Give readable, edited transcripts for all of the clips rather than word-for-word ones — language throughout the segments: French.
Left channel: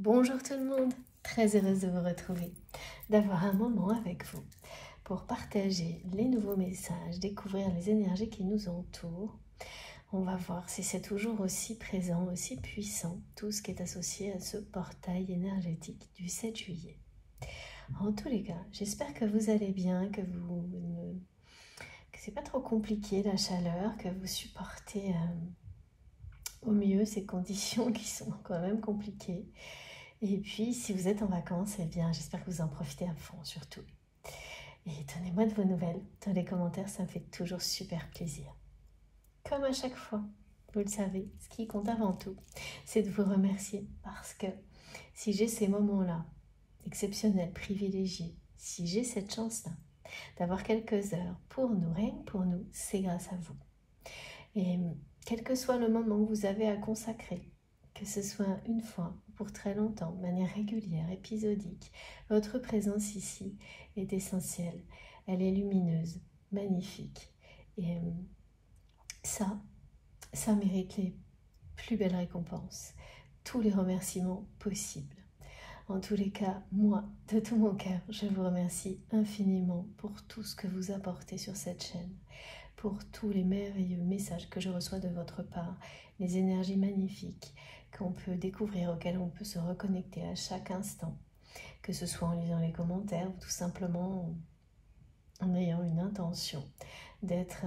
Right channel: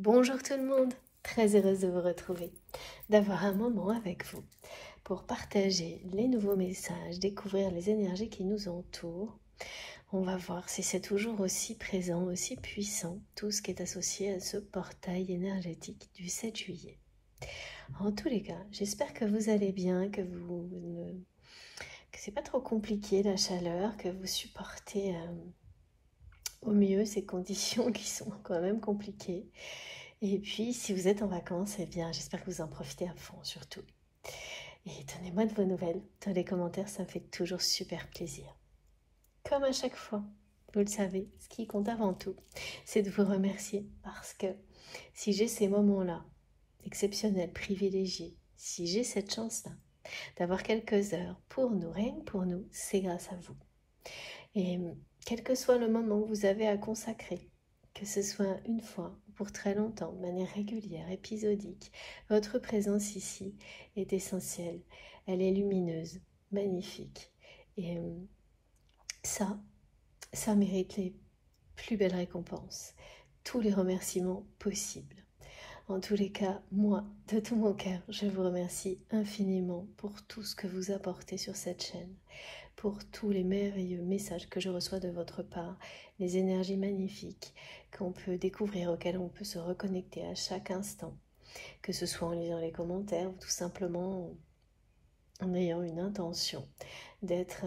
Bonjour tout le monde, très heureuse de vous retrouver, d'avoir un moment avec vous pour partager les nouveaux messages, découvrir les énergies qui nous entourent. On va voir si c'est toujours aussi présent, aussi puissant, tout ce qui est associé à ce portail énergétique du 7 juillet. En tous les cas, j'espère que vous allez bien, que c'est pas trop compliqué la chaleur, que vous supportez au mieux ces conditions qui sont quand même compliquées. Et puis, si vous êtes en vacances, eh bien, j'espère que vous en profitez à fond, surtout. Et donnez-moi de vos nouvelles dans les commentaires, ça me fait toujours super plaisir. Comme à chaque fois, vous le savez, ce qui compte avant tout, c'est de vous remercier parce que si j'ai ces moments-là, exceptionnels, privilégiés, si j'ai cette chance-là d'avoir quelques heures pour nous, rien que pour nous, c'est grâce à vous. Et quel que soit le moment que vous avez à consacrer, que ce soit une fois, pour très longtemps, de manière régulière, épisodique, votre présence ici est essentielle. Elle est lumineuse, magnifique. Et ça mérite les plus belles récompenses, tous les remerciements possibles. En tous les cas, moi, de tout mon cœur, je vous remercie infiniment pour tout ce que vous apportez sur cette chaîne, pour tous les merveilleux messages que je reçois de votre part, les énergies magnifiques qu'on peut découvrir, auxquelles on peut se reconnecter à chaque instant, que ce soit en lisant les commentaires ou tout simplement en ayant une intention d'être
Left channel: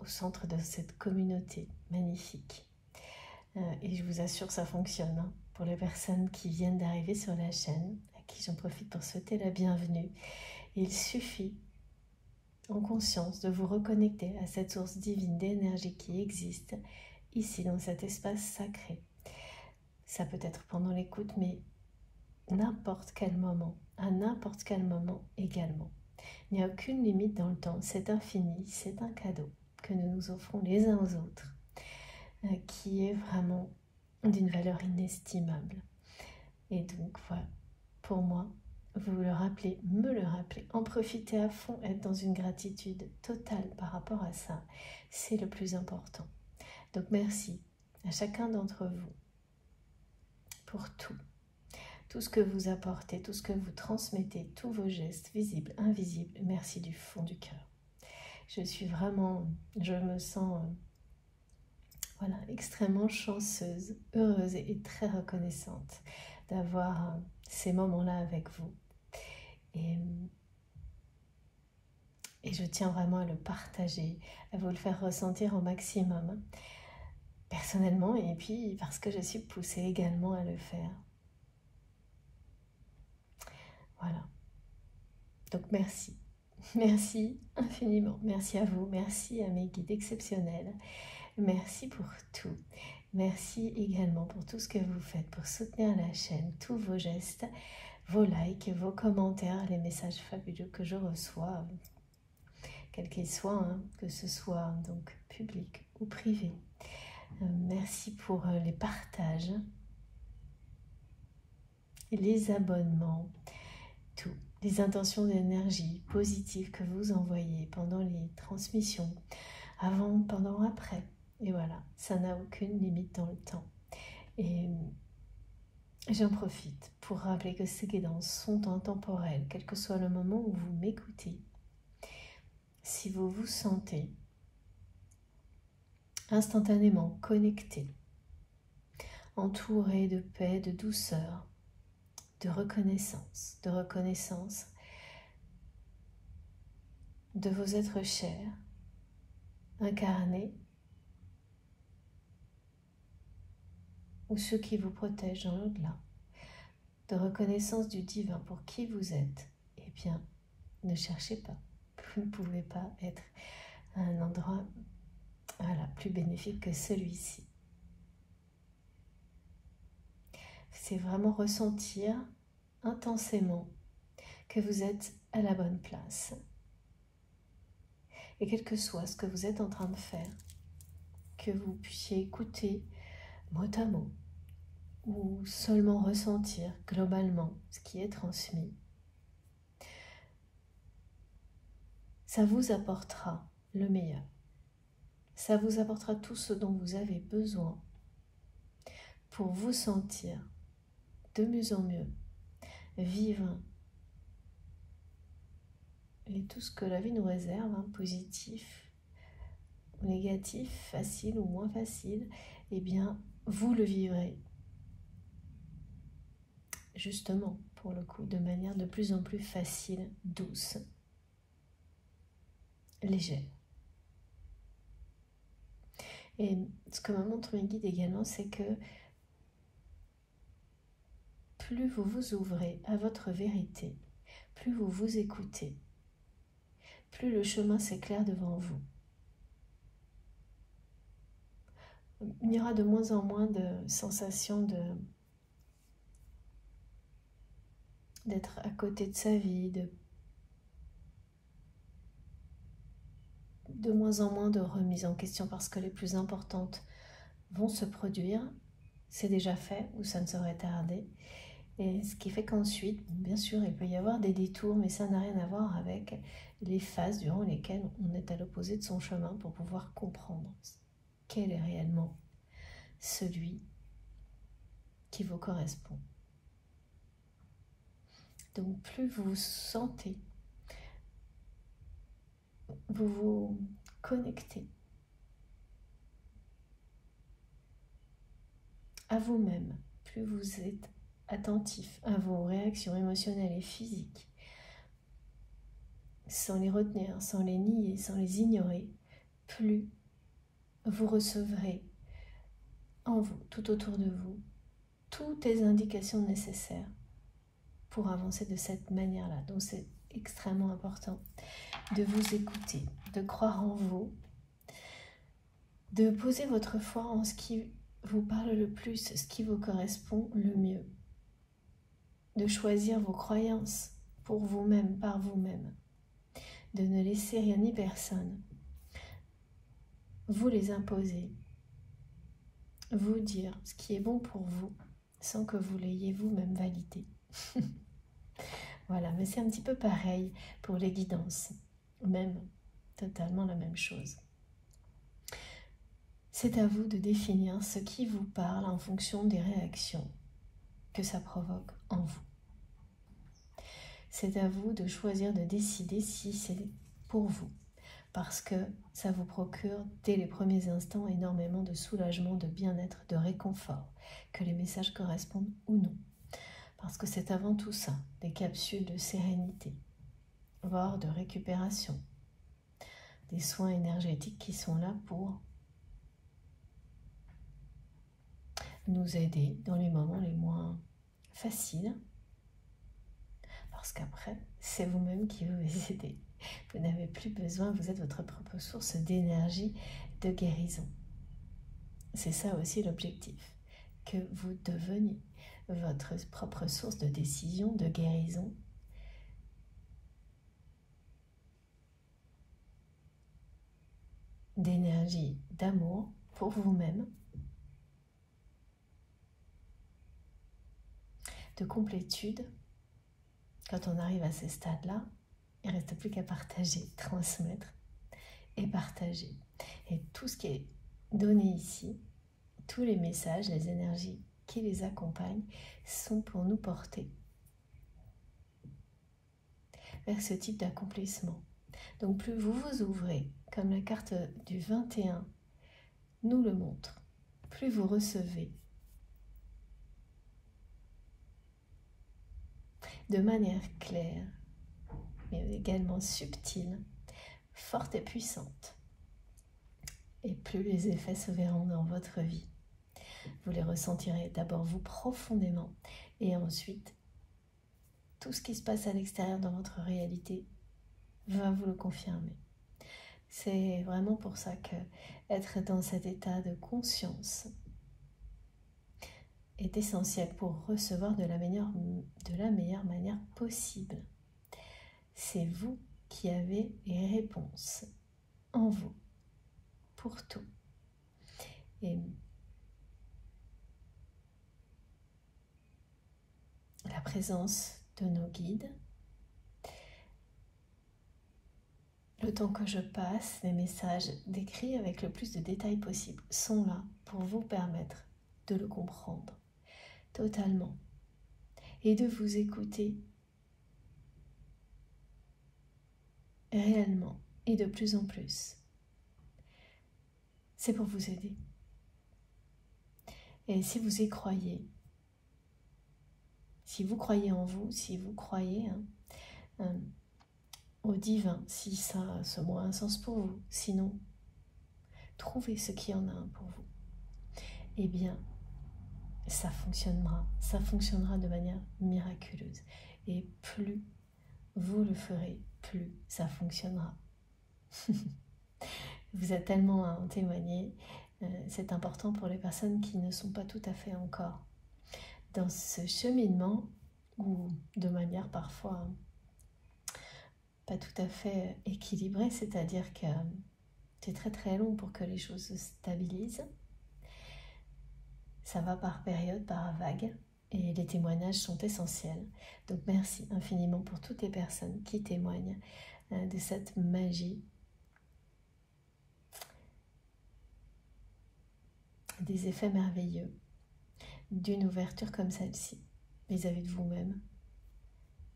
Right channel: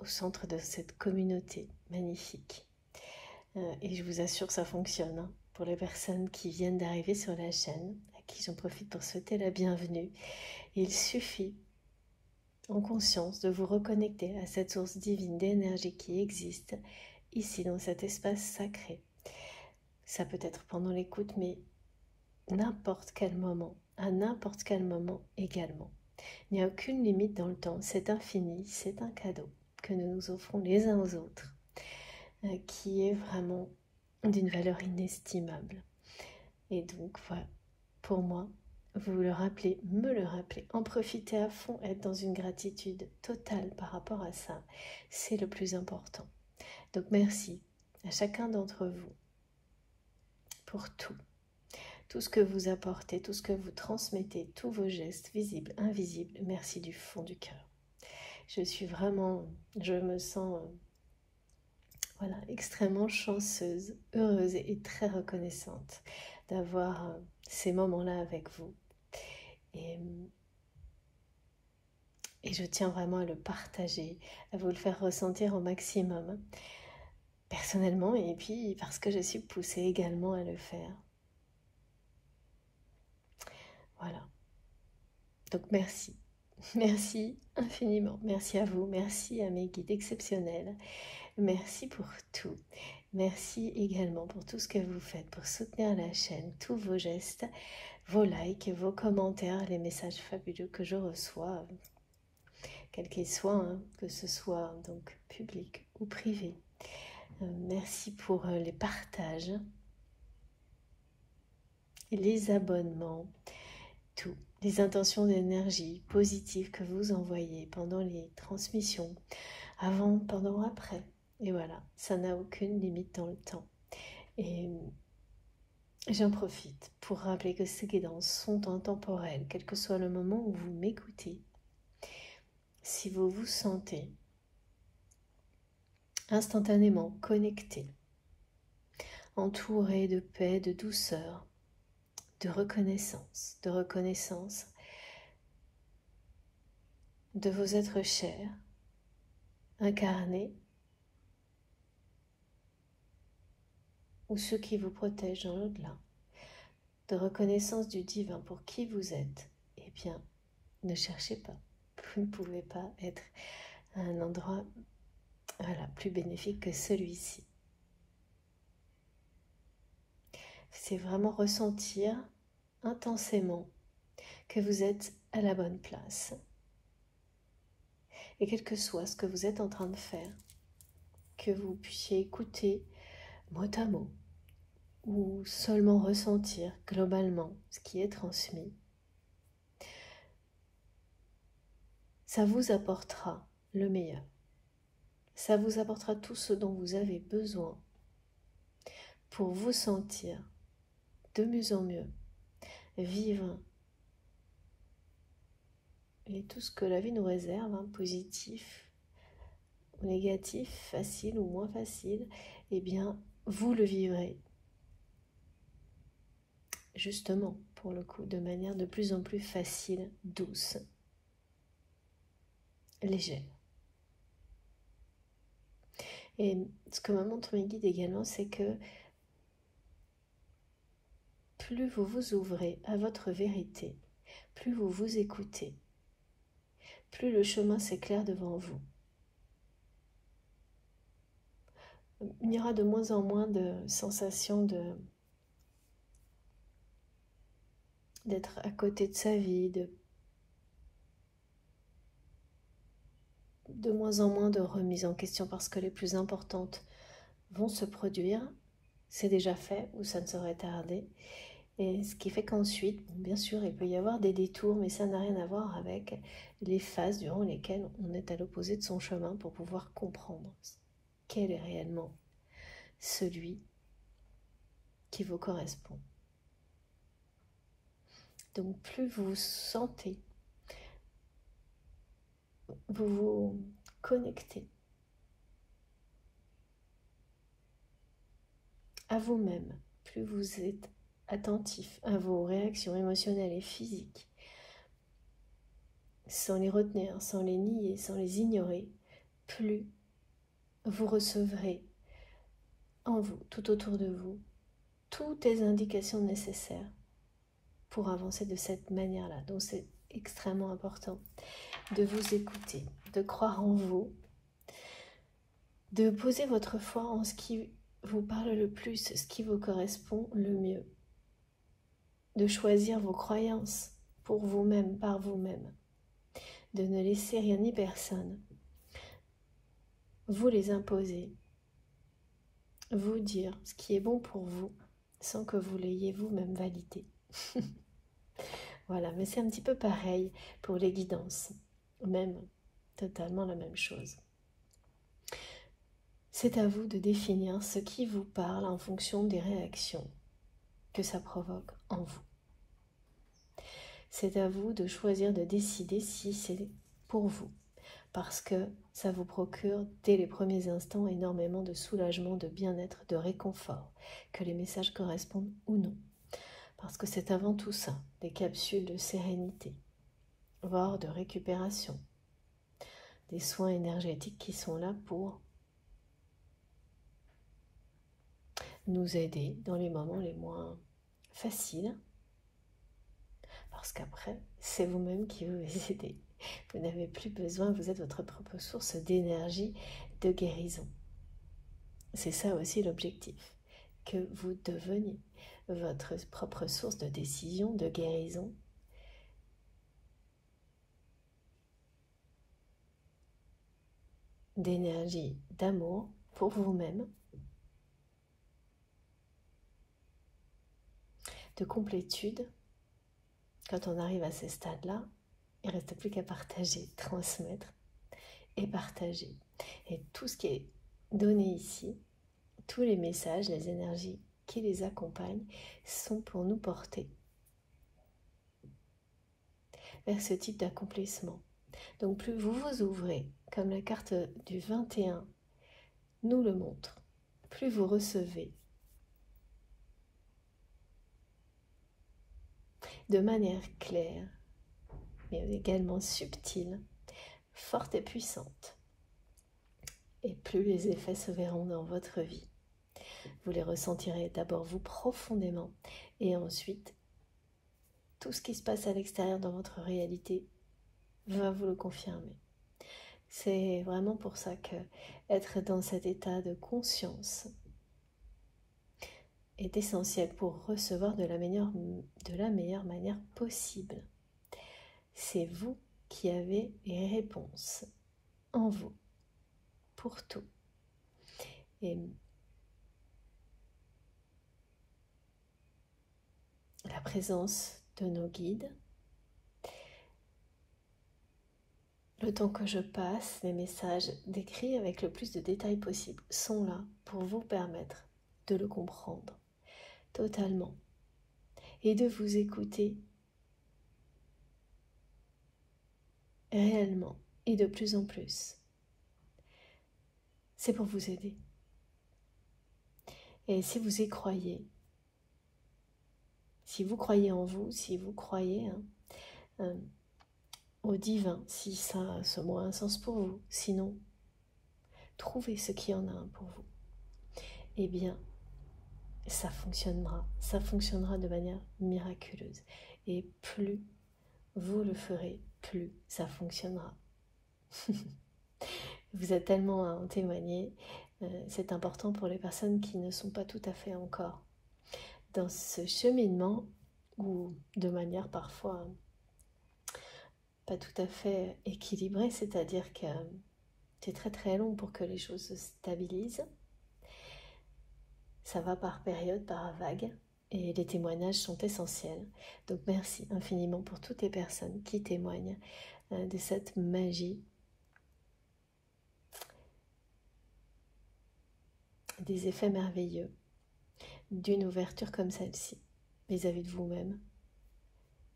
au centre de cette communauté magnifique. Et je vous assure que ça fonctionne, hein. Pour les personnes qui viennent d'arriver sur la chaîne, à qui j'en profite pour souhaiter la bienvenue, il suffit en conscience de vous reconnecter à cette source divine d'énergie qui existe ici dans cet espace sacré. Ça peut être pendant l'écoute, mais n'importe quel moment, à n'importe quel moment également. Il n'y a aucune limite dans le temps, c'est infini, c'est un cadeau que nous nous offrons les uns aux autres, qui est vraiment d'une valeur inestimable. Et donc voilà, pour moi, vous le rappelez, me le rappelez, en profiter à fond, être dans une gratitude totale par rapport à ça, c'est le plus important. Donc merci à chacun d'entre vous pour tout ce que vous apportez, tout ce que vous transmettez, tous vos gestes visibles, invisibles, merci du fond du cœur. Je me sens voilà, extrêmement chanceuse, heureuse et très reconnaissante d'avoir ces moments-là avec vous. Et je tiens vraiment à le partager, à vous le faire ressentir au maximum, personnellement, et puis parce que je suis poussée également à le faire. Voilà. Donc merci. Merci infiniment. Merci à vous. Merci à mes guides exceptionnels. Merci pour tout. Merci également pour tout ce que vous faites pour soutenir la chaîne, tous vos gestes, vos likes, vos commentaires, les messages fabuleux que je reçois, quels qu'ils soient, hein, que ce soit donc public ou privé. Merci pour les partages, les abonnements, tout, les intentions d'énergie positives que vous envoyez pendant les transmissions, avant, pendant, après. Et voilà, ça n'a aucune limite dans le temps. Et j'en profite pour rappeler que ces guidances sont intemporelles, quel que soit le moment où vous m'écoutez. Si vous vous sentez instantanément connecté, entouré de paix, de douceur, de reconnaissance de vos êtres chers, incarnés, ou ceux qui vous protègent dans l'au-delà, de reconnaissance du divin pour qui vous êtes, eh bien, ne cherchez pas. Vous ne pouvez pas être à un endroit plus bénéfique que celui-ci. C'est vraiment ressentir intensément que vous êtes à la bonne place. Et quel que soit ce que vous êtes en train de faire, que vous puissiez écouter mot à mot, ou seulement ressentir globalement ce qui est transmis, ça vous apportera le meilleur. Ça vous apportera tout ce dont vous avez besoin pour vous sentir de mieux en mieux vivre et tout ce que la vie nous réserve, hein, positif, négatif, facile ou moins facile, eh bien, vous le vivrez justement, pour le coup, de manière de plus en plus facile, douce, légère. Et ce que me montrent mes guides également, c'est que plus vous vous ouvrez à votre vérité, plus vous vous écoutez, plus le chemin s'éclaire devant vous. Il y aura de moins en moins de sensations d'être à côté de sa vie, de moins en moins de remises en question parce que les plus importantes vont se produire. C'est déjà fait ou ça ne saurait tarder. Et ce qui fait qu'ensuite, bien sûr, il peut y avoir des détours, mais ça n'a rien à voir avec les phases durant lesquelles on est à l'opposé de son chemin pour pouvoir comprendre quel est réellement celui qui vous correspond. Donc plus vous vous sentez, vous vous connectez à vous-même, plus vous êtes attentif à vos réactions émotionnelles et physiques, sans les retenir, sans les nier, sans les ignorer, plus vous recevrez en vous, tout autour de vous, toutes les indications nécessaires pour avancer de cette manière-là. Donc c'est extrêmement important de vous écouter, de croire en vous, de poser votre foi en ce qui vous parle le plus, ce qui vous correspond le mieux, de choisir vos croyances pour vous-même, par vous-même, de ne laisser rien ni personne vous les imposer, vous dire ce qui est bon pour vous sans que vous l'ayez vous-même validé. Voilà, mais c'est un petit peu pareil pour les guidances, même totalement la même chose. C'est à vous de définir ce qui vous parle en fonction des réactions que ça provoque en vous. C'est à vous de choisir, de décider si c'est pour vous, parce que ça vous procure dès les premiers instants énormément de soulagement, de bien-être, de réconfort, que les messages correspondent ou non. Parce que c'est avant tout ça, des capsules de sérénité, voire de récupération, des soins énergétiques qui sont là pour nous aider dans les moments les moins faciles, parce qu'après, c'est vous-même qui vous aidez. Vous n'avez plus besoin, vous êtes votre propre source d'énergie, de guérison. C'est ça aussi l'objectif, que vous deveniez votre propre source de décision, de guérison, d'énergie, d'amour pour vous-même, de complétude. Quand on arrive à ces stades-là, il ne reste plus qu'à partager, transmettre et partager. Et tout ce qui est donné ici, tous les messages, les énergies qui les accompagnent, sont pour nous porter vers ce type d'accomplissement. Donc plus vous vous ouvrez, comme la carte du 21 nous le montre, plus vous recevez de manière claire, mais également subtile, forte et puissante. Et plus les effets se verront dans votre vie. Vous les ressentirez d'abord vous profondément, et ensuite tout ce qui se passe à l'extérieur dans votre réalité va vous le confirmer. C'est vraiment pour ça que être dans cet état de conscience est essentiel pour recevoir de la meilleure manière possible. C'est vous qui avez les réponses en vous pour tout. Et la présence de nos guides, le temps que je passe, les messages décrits avec le plus de détails possible sont là pour vous permettre de le comprendre totalement, et de vous écouter réellement et de plus en plus. C'est pour vous aider. Et si vous y croyez, si vous croyez en vous, si vous croyez au divin, si ça a ce mot a un sens pour vous, sinon, trouvez ce qui en a un pour vous. Eh bien, ça fonctionnera de manière miraculeuse. Et plus vous le ferez, plus ça fonctionnera. Vous êtes tellement à en témoigner, c'est important pour les personnes qui ne sont pas tout à fait encore dans ce cheminement, ou de manière parfois pas tout à fait équilibrée, c'est-à-dire que c'est très très long pour que les choses se stabilisent. Ça va par période, par vague, et les témoignages sont essentiels. Donc merci infiniment pour toutes les personnes qui témoignent de cette magie, des effets merveilleux d'une ouverture comme celle-ci, vis-à-vis de vous-même,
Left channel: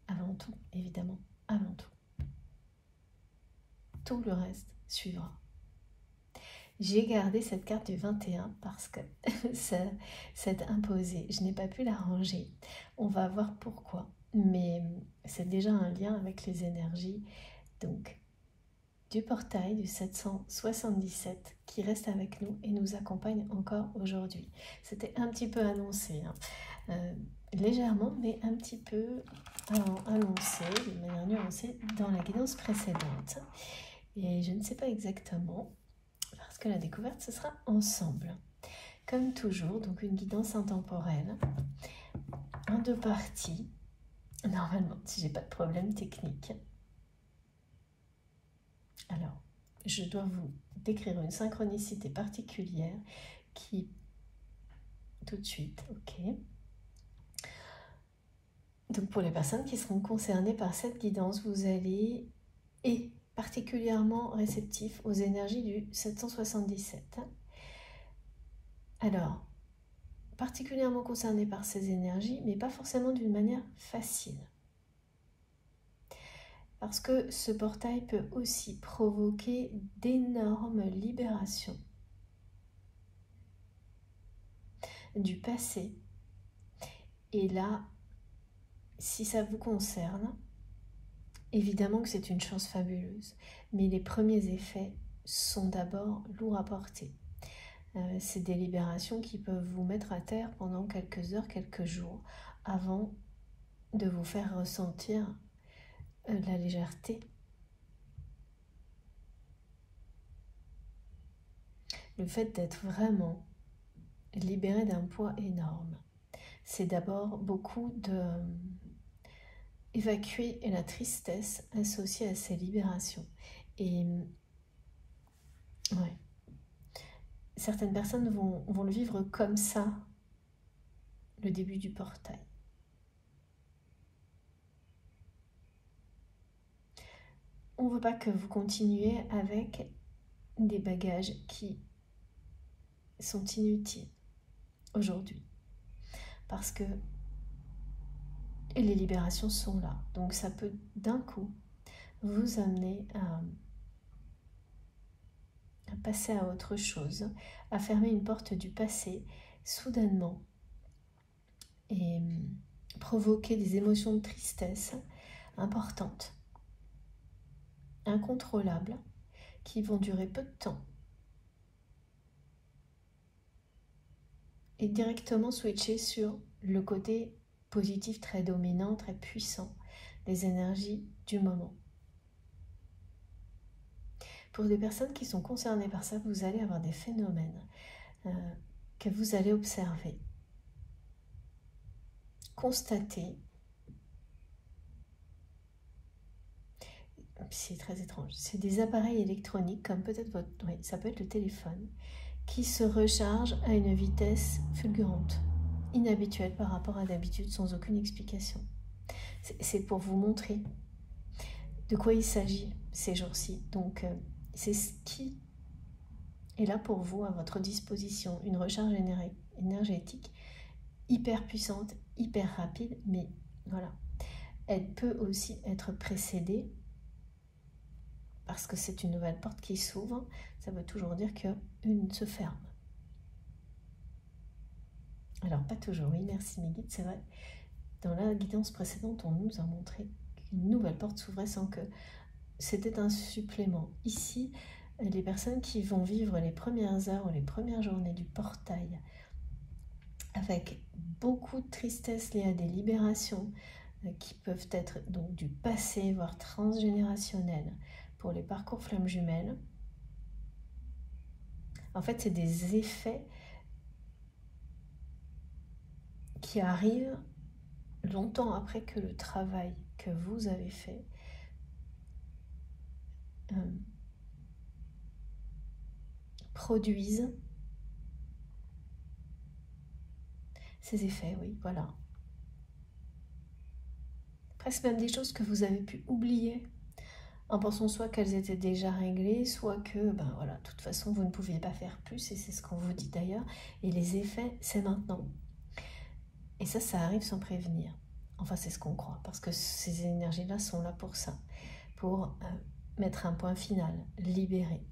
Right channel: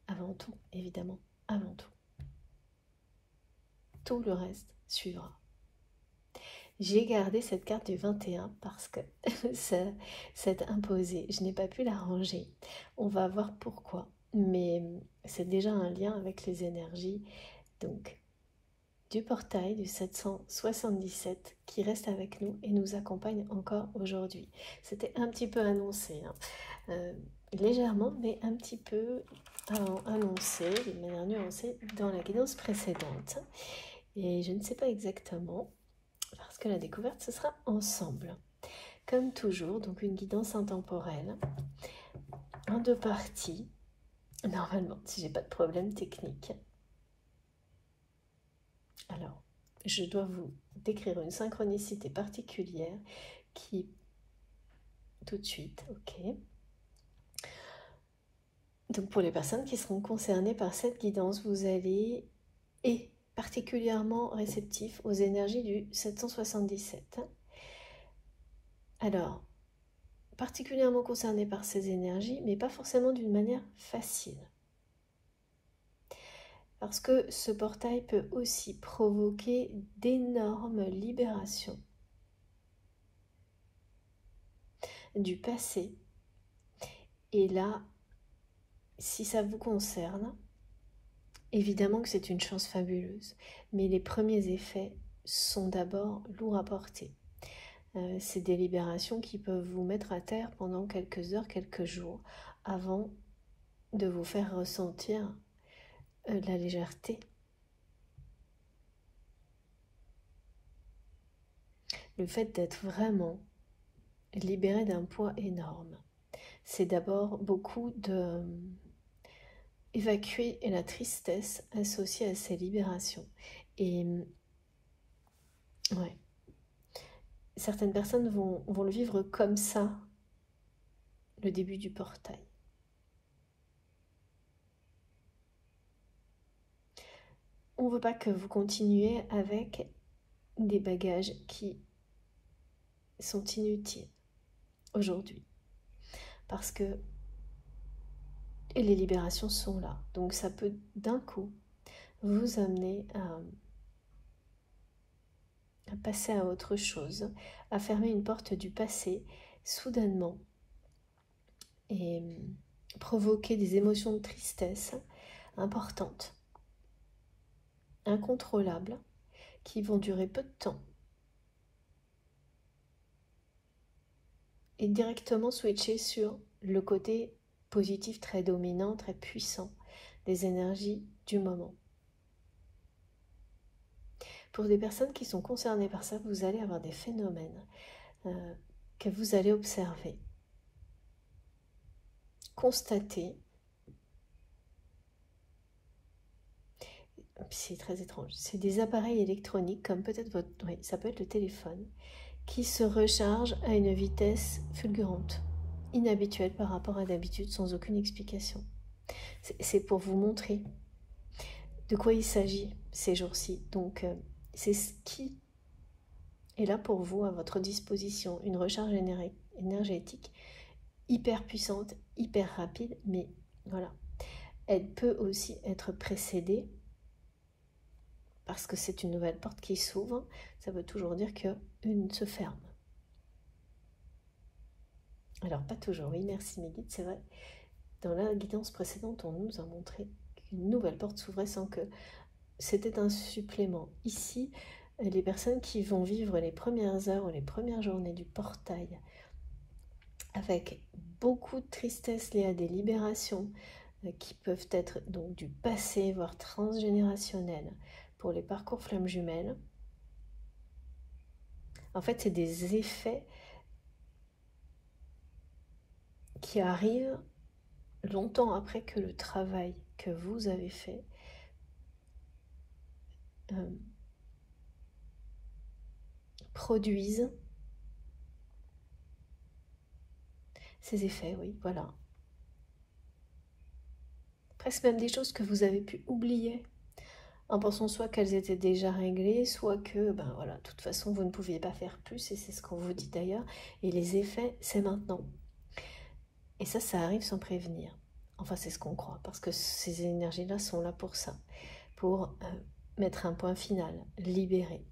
avant tout, évidemment, avant tout. Tout le reste suivra. J'ai gardé cette carte du 21 parce que ça s'est imposé. Je n'ai pas pu la ranger. On va voir pourquoi. Mais c'est déjà un lien avec les énergies. Donc, du portail du 777 qui reste avec nous et nous accompagne encore aujourd'hui. C'était un petit peu annoncé, légèrement, mais un petit peu annoncé, de manière nuancée, dans la guidance précédente. Et je ne sais pas exactement, parce que la découverte, ce sera ensemble. Comme toujours, donc une guidance intemporelle, en 2 parties, normalement, si j'ai pas de problème technique. Alors, je dois vous décrire une synchronicité particulière qui, tout de suite, ok. Donc pour les personnes qui seront concernées par cette guidance, vous allez être particulièrement réceptif aux énergies du 777. Alors, particulièrement concerné par ces énergies, mais pas forcément d'une manière facile. Parce que ce portail peut aussi provoquer d'énormes libérations du passé. Et là, si ça vous concerne, évidemment que c'est une chance fabuleuse. Mais les premiers effets sont d'abord lourds à porter. C'est des libérations qui peuvent vous mettre à terre pendant quelques heures, quelques jours, avant de vous faire ressentir la légèreté. Le fait d'être vraiment libéré d'un poids énorme, c'est d'abord beaucoup de évacuer la tristesse associée à ces libérations. Et ouais, certaines personnes vont le vivre comme ça, le début du portail. On ne veut pas que vous continuiez avec des bagages qui sont inutiles aujourd'hui. Parce que les libérations sont là. Donc ça peut d'un coup vous amener à passer à autre chose, à fermer une porte du passé soudainement et provoquer des émotions de tristesse importantes, incontrôlables, qui vont durer peu de temps et directement switcher sur le côté positif très dominant, très puissant des énergies du moment. Pour des personnes qui sont concernées par ça, vous allez avoir des phénomènes que vous allez observer, constater. C'est très étrange. C'est des appareils électroniques, comme peut-être votre... Oui, ça peut être le téléphone, qui se recharge à une vitesse fulgurante, inhabituelle par rapport à d'habitude, sans aucune explication. C'est pour vous montrer de quoi il s'agit ces jours-ci. Donc, c'est ce qui est là pour vous, à votre disposition, une recharge énergétique hyper puissante, hyper rapide, mais voilà. Elle peut aussi être précédée, parce que c'est une nouvelle porte qui s'ouvre, ça veut toujours dire qu'une se ferme. Alors pas toujours, oui, merci mes guides, c'est vrai. Dans la guidance précédente, on nous a montré qu'une nouvelle porte s'ouvrait sans que c'était un supplément. Ici, les personnes qui vont vivre les premières heures ou les premières journées du portail avec beaucoup de tristesse liée à des libérations qui peuvent être donc du passé, voire transgénérationnel pour les parcours flammes jumelles. En fait, c'est des effets qui arrivent longtemps après que le travail que vous avez fait produise ces effets, oui, voilà. Presque même des choses que vous avez pu oublier en pensant soit qu'elles étaient déjà réglées, soit que, ben voilà, de toute façon, vous ne pouviez pas faire plus, et c'est ce qu'on vous dit d'ailleurs, et les effets, c'est maintenant. Et ça arrive sans prévenir. Enfin, c'est ce qu'on croit, parce que ces énergies-là sont là pour ça, pour mettre un point final, libérer.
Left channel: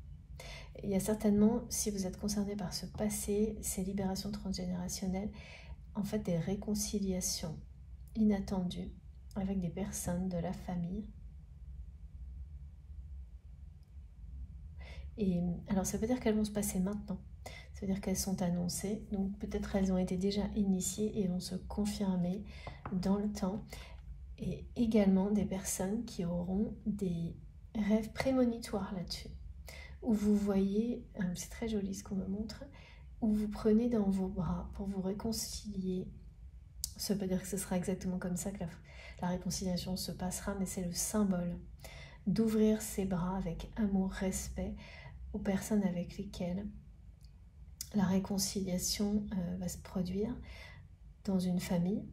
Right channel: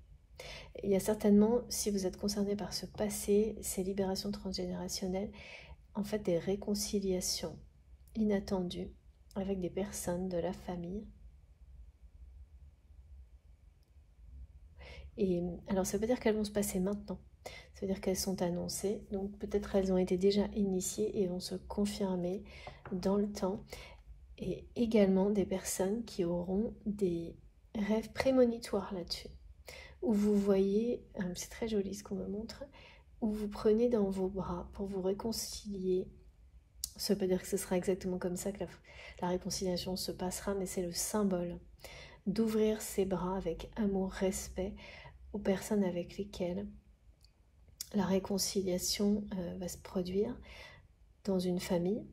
Il y a certainement, si vous êtes concerné par ce passé, ces libérations transgénérationnelles, en fait des réconciliations inattendues avec des personnes de la famille. Et alors ça veut dire qu'elles vont se passer maintenant, ça veut dire qu'elles sont annoncées, donc peut-être elles ont été déjà initiées et vont se confirmer dans le temps. Et également des personnes qui auront des rêves prémonitoires là-dessus, où vous voyez, c'est très joli ce qu'on me montre, où vous prenez dans vos bras pour vous réconcilier. Ça veut dire que ce sera exactement comme ça que la réconciliation se passera, mais c'est le symbole d'ouvrir ses bras avec amour, respect aux personnes avec lesquelles la réconciliation va se produire dans une famille.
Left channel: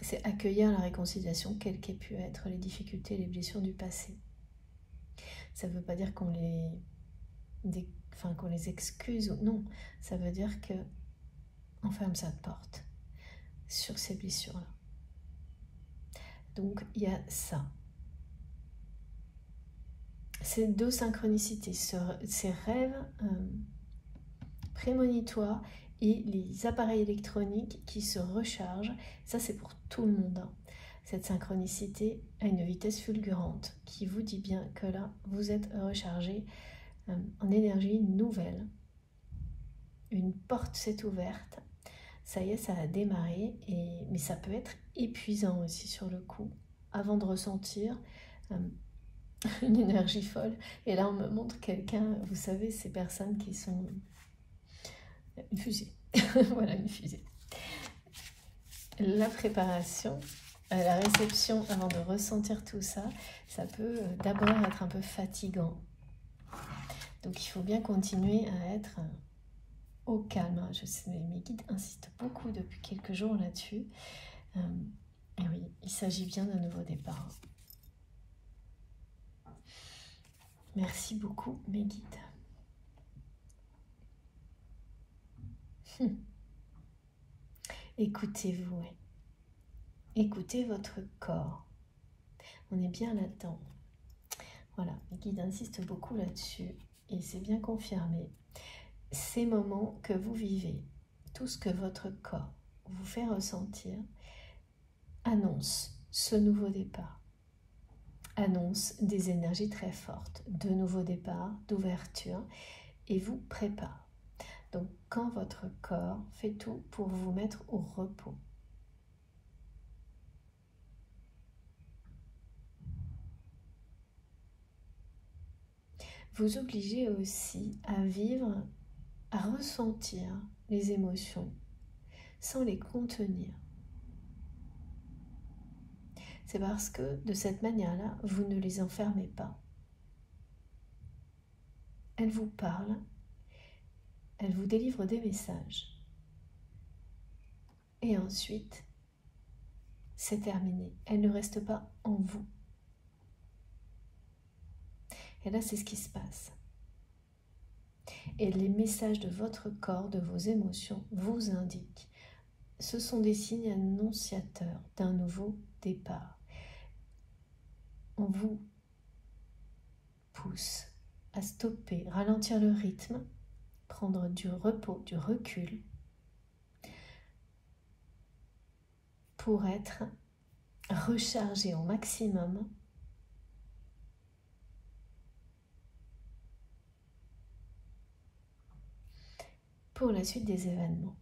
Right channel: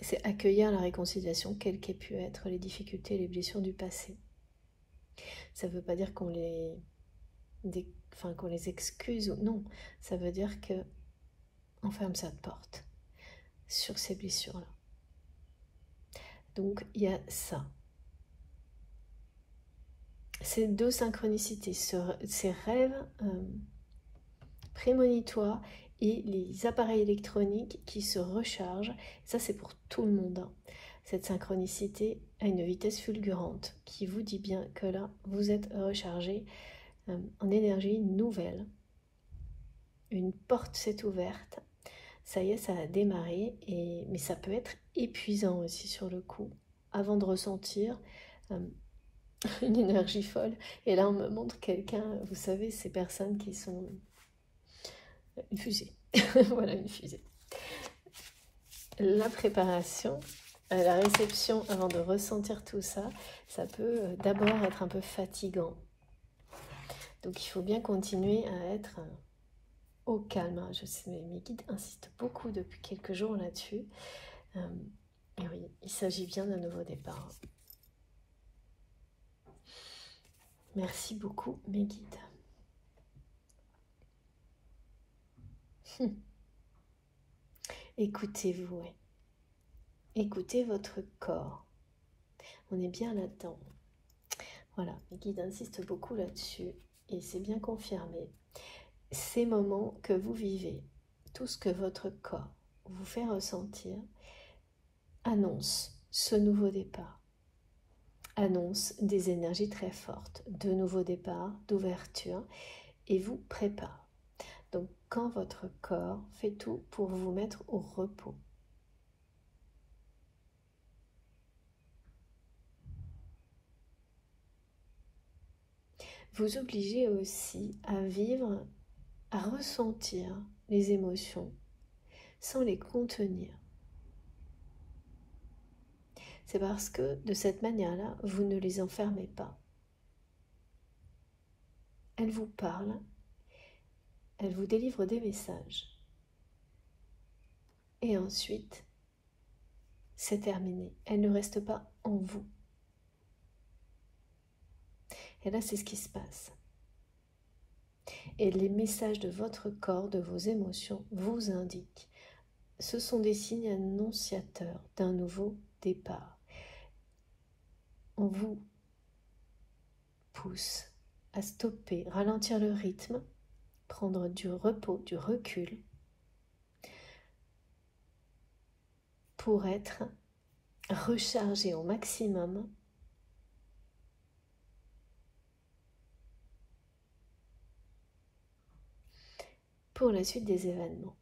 C'est accueillir la réconciliation, quelles qu'aient pu être les difficultés et les blessures du passé. Ça ne veut pas dire qu'on les excuse ou non, ça veut dire qu'on ferme sa porte sur ces blessures-là. Donc il y a ça. Ces deux synchronicités, ces rêves prémonitoires et les appareils électroniques qui se rechargent, ça c'est pour tout le monde. Hein. Cette synchronicité a une vitesse fulgurante qui vous dit bien que là, vous êtes rechargé en énergie nouvelle. Une porte s'est ouverte, ça y est, ça a démarré, mais ça peut être épuisant aussi sur le coup, avant de ressentir une énergie folle. Et là, on me montre quelqu'un, vous savez, ces personnes qui sont une fusée. Voilà, une fusée. La préparation, la réception avant de ressentir tout ça, ça peut d'abord être un peu fatigant. Donc il faut bien continuer à être au calme. Je sais, mes guides insistent beaucoup depuis quelques jours là-dessus. Et oui, il s'agit bien d'un nouveau départ. Merci beaucoup, mes guides. Écoutez-vous, écoutez votre corps. On est bien là-dedans. Voilà, mes guides insistent beaucoup là-dessus et c'est bien confirmé. Ces moments que vous vivez, tout ce que votre corps vous fait ressentir, annonce ce nouveau départ. Annonce des énergies très fortes, de nouveaux départs, d'ouverture et vous prépare. Donc quand votre corps fait tout pour vous mettre au repos. Vous obligez aussi à vivre, à ressentir les émotions sans les contenir. C'est parce que de cette manière-là, vous ne les enfermez pas. Elles vous parlent, elles vous délivrent des messages. Et ensuite, c'est terminé. Elles ne restent pas en vous. Et là, c'est ce qui se passe. Et les messages de votre corps, de vos émotions, vous indiquent ce sont des signes annonciateurs d'un nouveau départ. On vous pousse à stopper, ralentir le rythme, prendre du repos, du recul, pour être rechargé au maximum pour la suite des événements.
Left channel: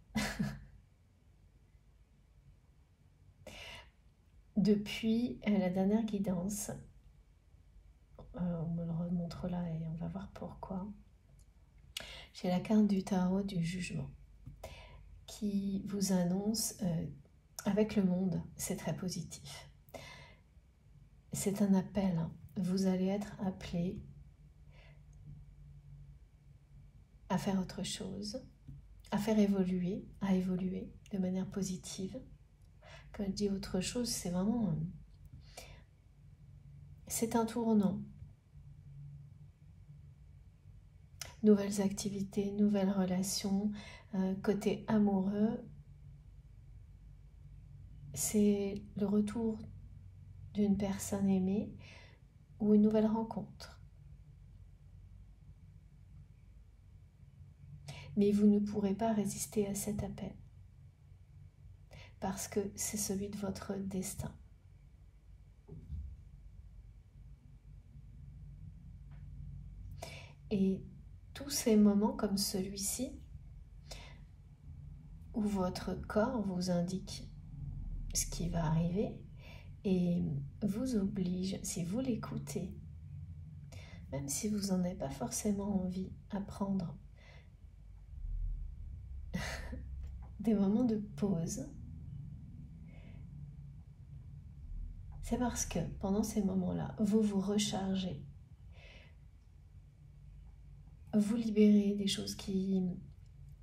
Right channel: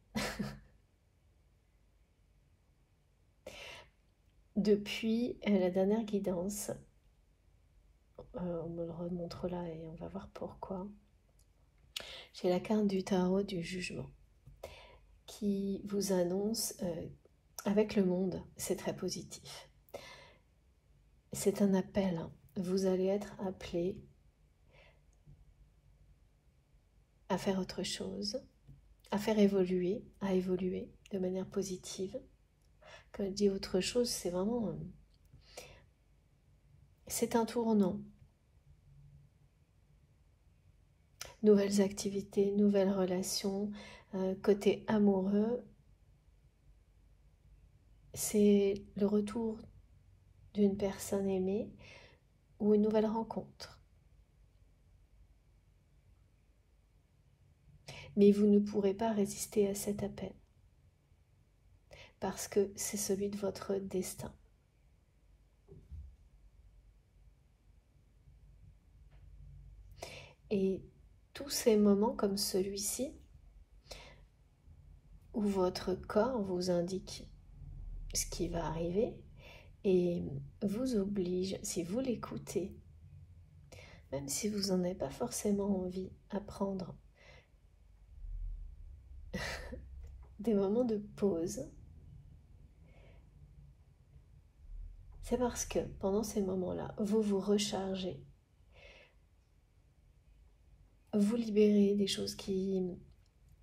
Depuis la dernière guidance, on me le remontre là et on va voir pourquoi. J'ai la carte du tarot du jugement qui vous annonce avec le monde, c'est très positif. C'est un appel, hein. Vous allez être appelé à faire autre chose, à faire évoluer, à évoluer de manière positive. Quand je dis autre chose, c'est vraiment... c'est un tournant. Nouvelles activités, nouvelles relations, côté amoureux, c'est le retour d'une personne aimée ou une nouvelle rencontre. Mais vous ne pourrez pas résister à cet appel parce que c'est celui de votre destin. Et tous ces moments comme celui-ci, où votre corps vous indique ce qui va arriver et vous oblige, si vous l'écoutez, même si vous n'en avez pas forcément envie, à prendre des moments de pause, c'est parce que pendant ces moments-là, vous vous rechargez, vous libérez des choses qui...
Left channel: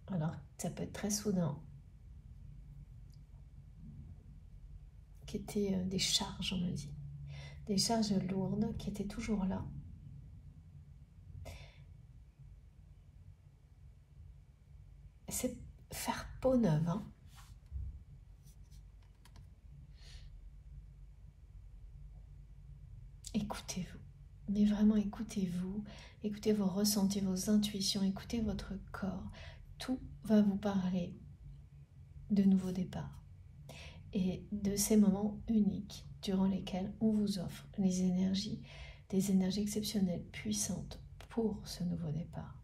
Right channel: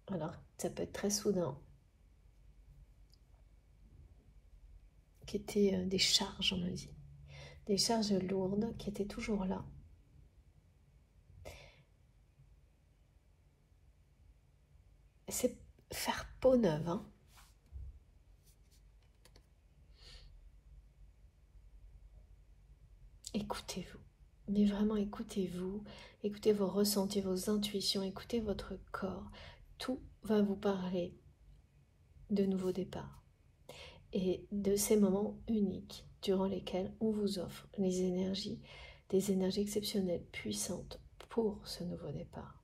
alors, ça peut être très soudain, qui étaient des charges, on me dit, des charges lourdes qui étaient toujours là. C'est faire peau neuve, hein. Écoutez-vous, mais vraiment écoutez-vous, écoutez vos ressentis, vos intuitions, écoutez votre corps. Tout va vous parler de nouveaux départs et de ces moments uniques durant lesquels on vous offre les énergies, des énergies exceptionnelles, puissantes pour ce nouveau départ.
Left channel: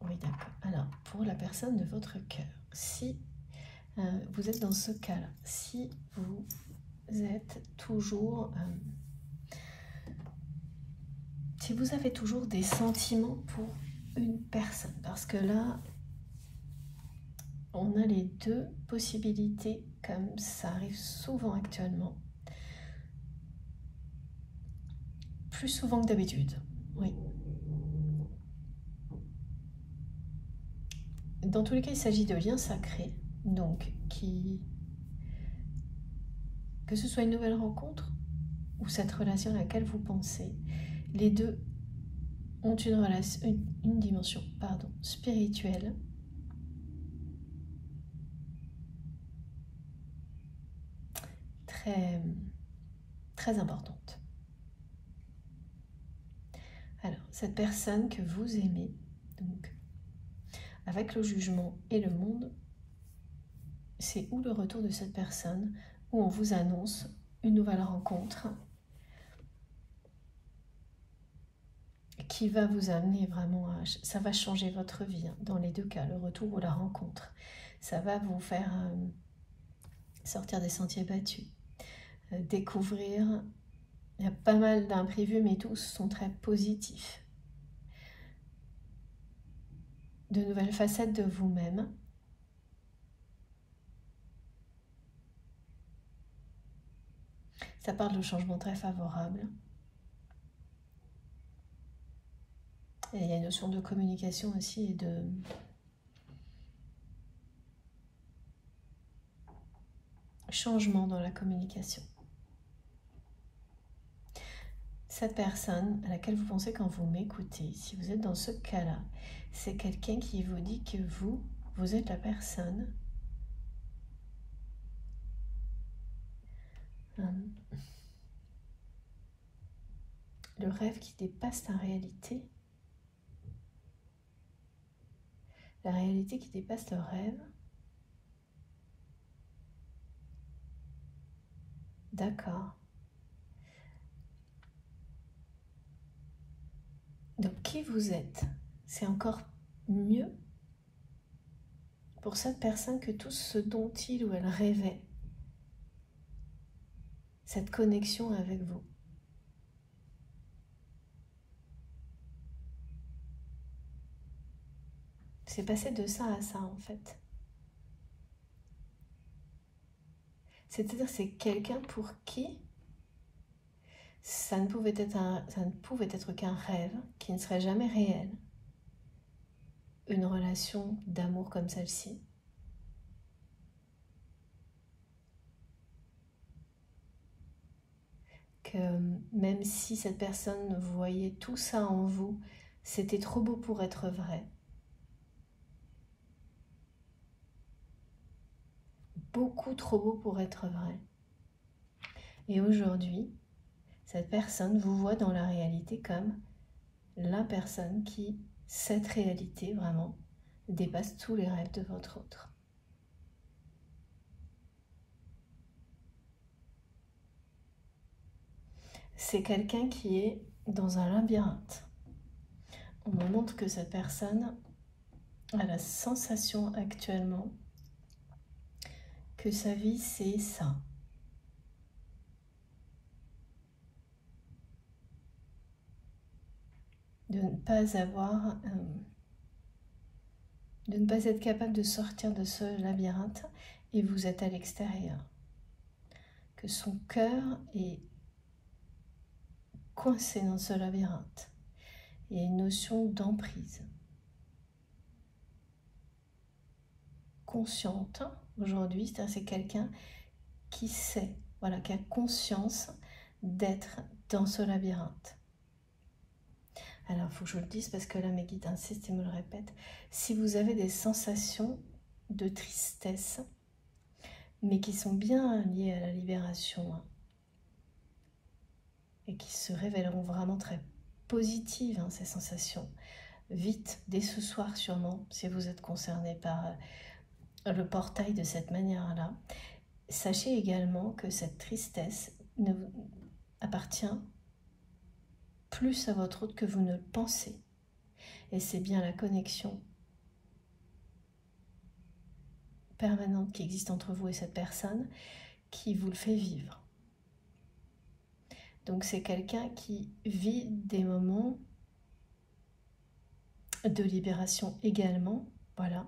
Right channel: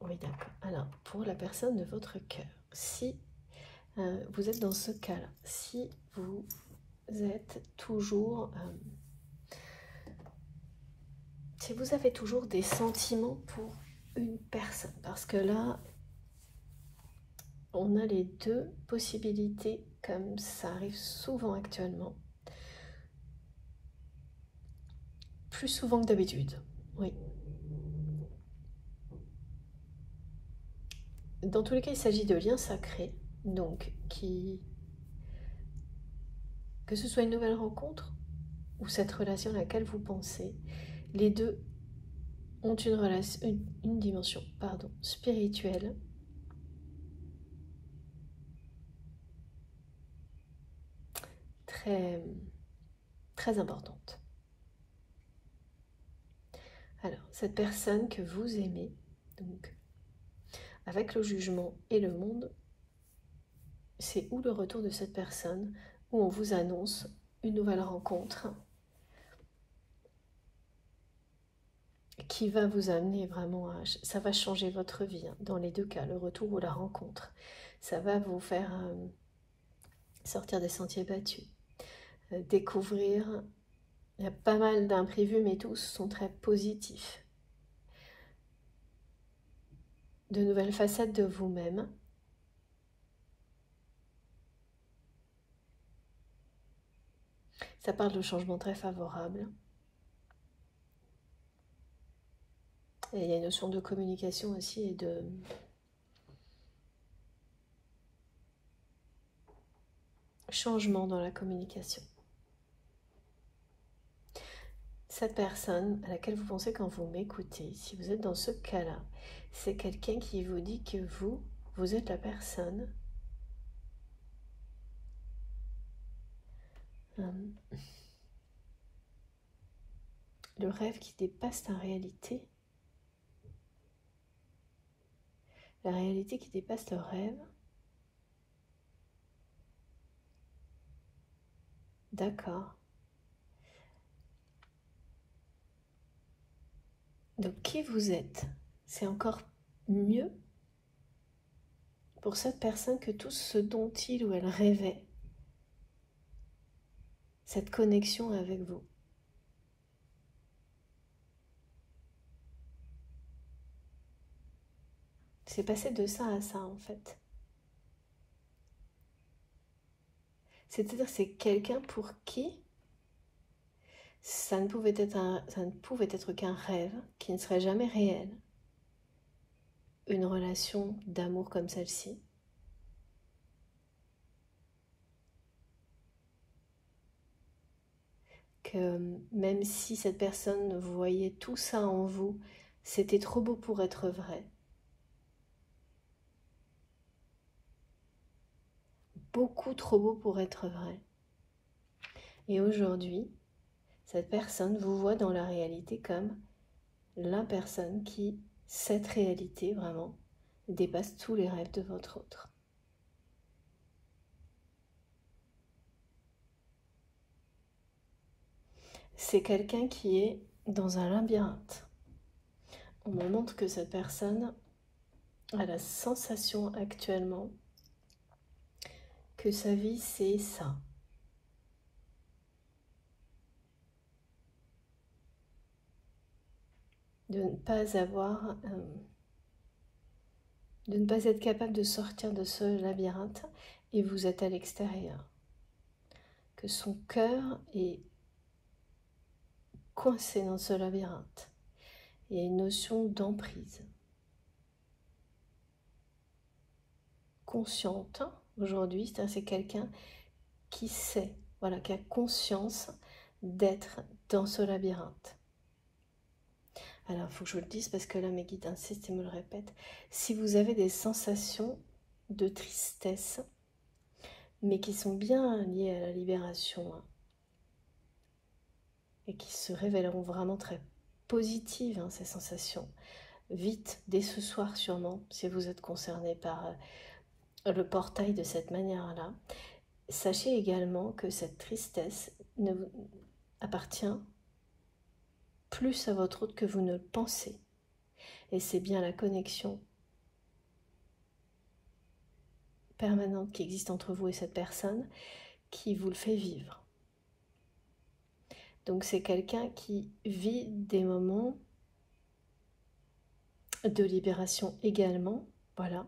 Oui, d'accord. Alors, pour la personne de votre cœur, si vous êtes dans ce cas-là, si vous êtes toujours... si vous avez toujours des sentiments pour une personne, parce que là, on a les deux possibilités, comme ça arrive souvent actuellement, plus souvent que d'habitude, oui. Dans tous les cas, il s'agit de liens sacrés, donc que ce soit une nouvelle rencontre ou cette relation à laquelle vous pensez, les deux ont une dimension spirituelle très, très importante. Alors, cette personne que vous aimez, donc, avec le jugement et le monde, c'est où le retour de cette personne, où on vous annonce une nouvelle rencontre qui va vous amener vraiment à... ça va changer votre vie, hein, dans les deux cas, le retour ou la rencontre. Ça va vous faire sortir des sentiers battus, découvrir... Il y a pas mal d'imprévus, mais tous sont très positifs. De nouvelles facettes de vous-même. Ça parle de changements très favorables. Et il y a une notion de communication aussi et de... changement dans la communication. cette personne à laquelle vous pensez quand vous m'écoutez, si vous êtes dans ce cas-là, c'est quelqu'un qui vous dit que vous êtes la personne le rêve qui dépasse la réalité qui dépasse le rêve. D'accord. Donc qui vous êtes, c'est encore mieux pour cette personne que tout ce dont il ou elle rêvait, cette connexion avec vous. C'est passé de ça à ça en fait. C'est-à-dire c'est quelqu'un pour qui ça ne pouvait être qu'un rêve qui ne serait jamais réel. Une relation d'amour comme celle-ci. Que même si cette personne voyait tout ça en vous, c'était trop beau pour être vrai. Beaucoup trop beau pour être vrai. Et aujourd'hui, cette personne vous voit dans la réalité comme la personne qui, cette réalité vraiment, dépasse tous les rêves de votre autre. C'est quelqu'un qui est dans un labyrinthe. On me montre que cette personne a la sensation actuellement que sa vie c'est ça. De ne pas avoir, de ne pas être capable de sortir de ce labyrinthe et vous êtes à l'extérieur. Que son cœur est coincé dans ce labyrinthe. Il y a une notion d'emprise. Consciente aujourd'hui, c'est quelqu'un qui sait, voilà, qui a conscience d'être dans ce labyrinthe. Alors, il faut que je vous le dise parce que là, mes guides insistent et me le répètent. Si vous avez des sensations de tristesse, mais qui sont bien liées à la libération, et qui se révéleront vraiment très positives, ces sensations, vite, dès ce soir sûrement, si vous êtes concerné par le portail de cette manière-là, sachez également que cette tristesse ne appartient plus à votre autre que vous ne le pensez. Et c'est bien la connexion permanente qui existe entre vous et cette personne qui vous le fait vivre. Donc c'est quelqu'un qui vit des moments de libération également, voilà.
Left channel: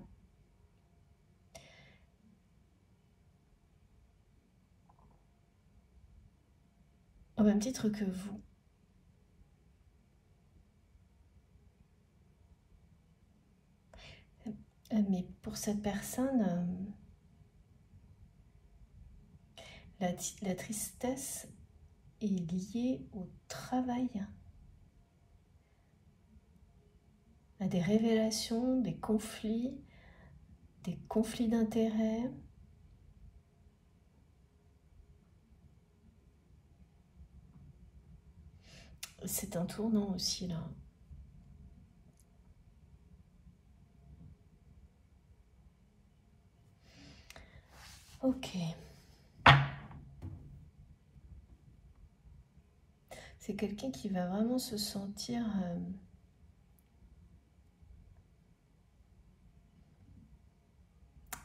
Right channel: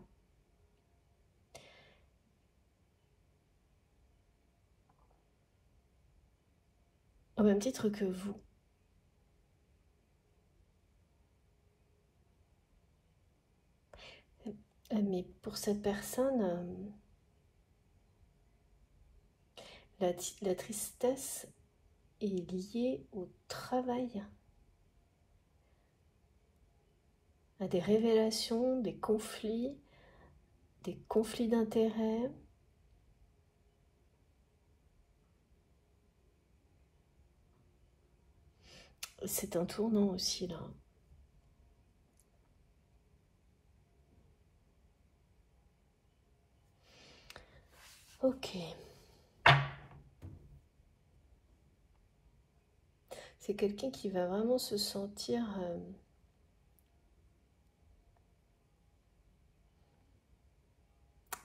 Au même titre que vous. Mais pour cette personne, la tristesse est liée au travail, à des révélations, des conflits d'intérêts. C'est un tournant aussi là. Ok. C'est quelqu'un qui va vraiment se sentir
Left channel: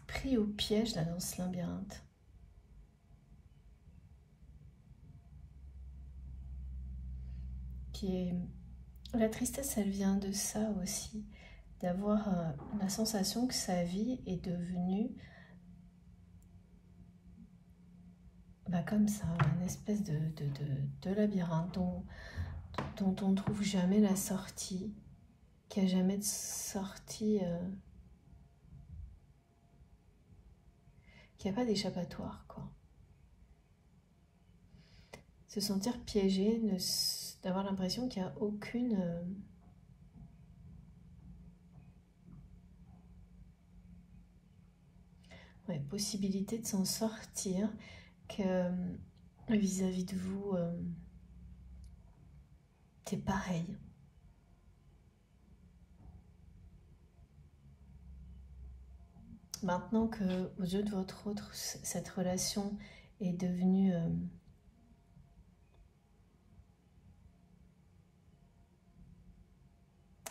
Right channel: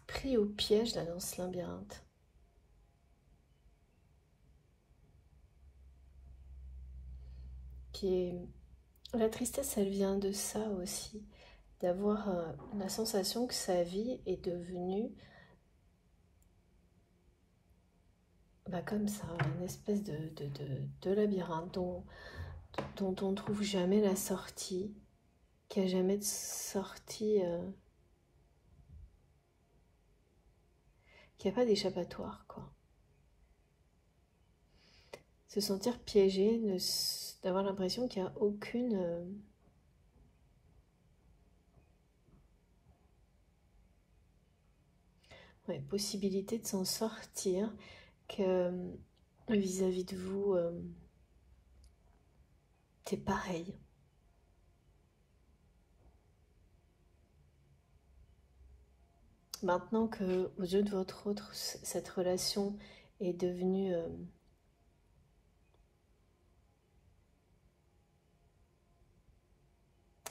pris au piège là, dans ce labyrinthe. La tristesse, elle vient de ça aussi, d'avoir la sensation que sa vie est devenue comme ça, une espèce de labyrinthe dont on ne trouve jamais la sortie, qui n'a jamais de sortie, qui n'a pas d'échappatoire, quoi. Se sentir piégé, d'avoir l'impression qu'il n'y a aucune possibilité de s'en sortir, que vis-à-vis de vous, c'est pareil. Maintenant que aux yeux de votre autre, cette relation est devenue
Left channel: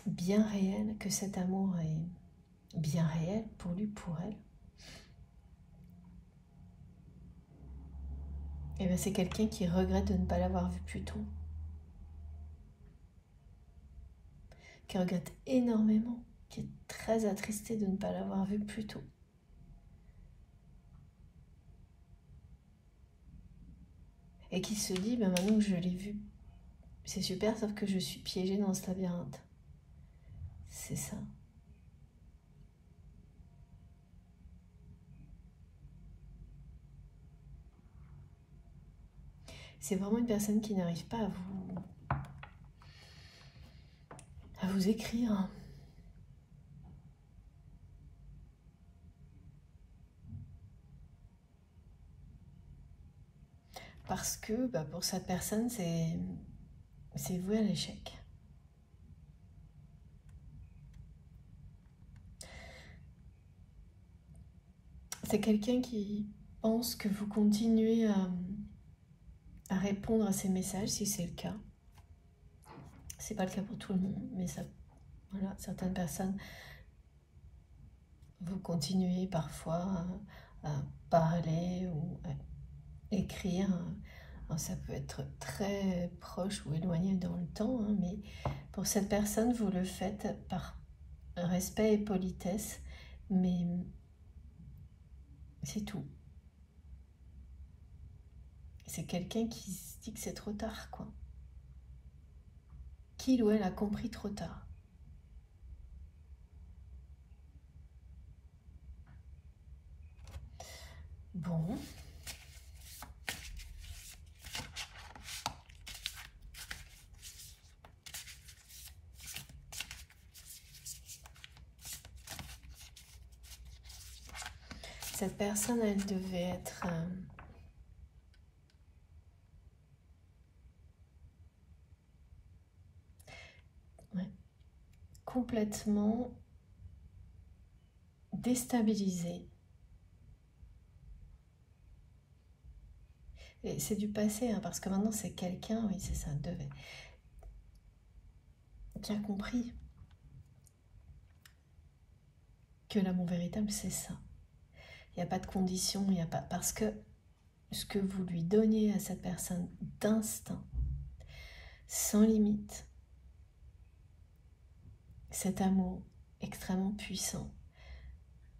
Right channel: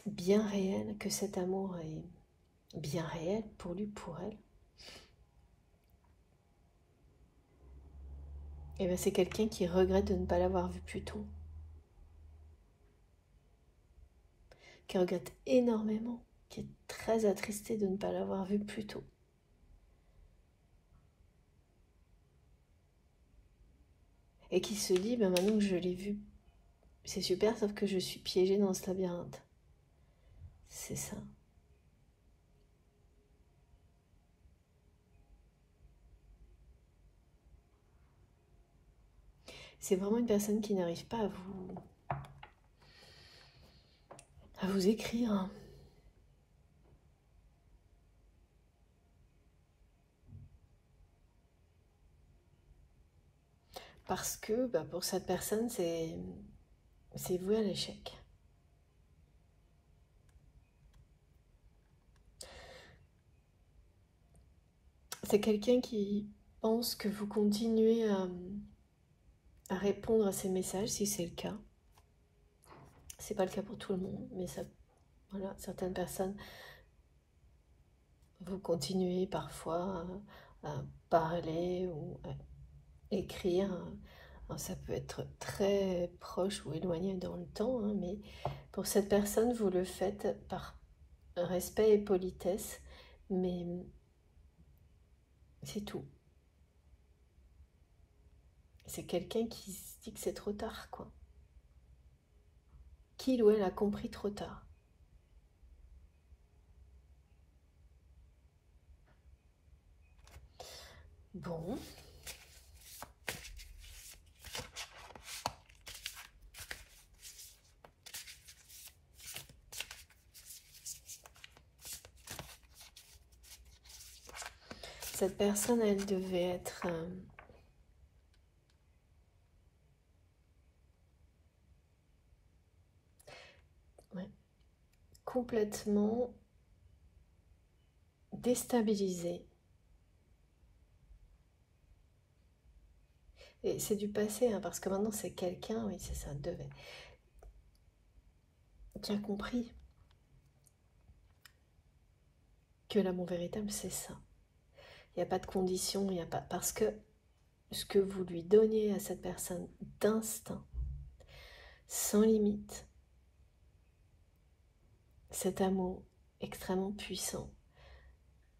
bien réelle, que cet amour est bien réel pour lui, pour elle, et bien c'est quelqu'un qui regrette de ne pas l'avoir vu plus tôt, qui regrette énormément, qui est très attristé de ne pas l'avoir vu plus tôt. Et qui se dit, ben maintenant que je l'ai vu, c'est super, sauf que je suis piégée dans ce labyrinthe. C'est ça. C'est vraiment une personne qui n'arrive pas à vous écrire. Parce que pour cette personne, c'est voué à l'échec. C'est quelqu'un qui pense que vous continuez à répondre à ses messages, si c'est le cas. C'est pas le cas pour tout le monde, mais ça, voilà, certaines personnes, vous continuez parfois à parler ou à écrire. Alors, ça peut être très proche ou éloigné dans le temps, hein, mais pour cette personne, vous le faites par respect et politesse, mais c'est tout. C'est quelqu'un qui se dit que c'est trop tard, quoi. Qu'il ou elle a compris trop tard. Bon. Cette personne, elle devait être complètement déstabilisée. Et c'est du passé, hein, parce que maintenant c'est quelqu'un, oui c'est ça, devait, qui a compris que l'amour véritable c'est ça. Il n'y a pas de condition, il n'y a pas... Parce que ce que vous lui donnez à cette personne d'instinct, sans limite, cet amour extrêmement puissant,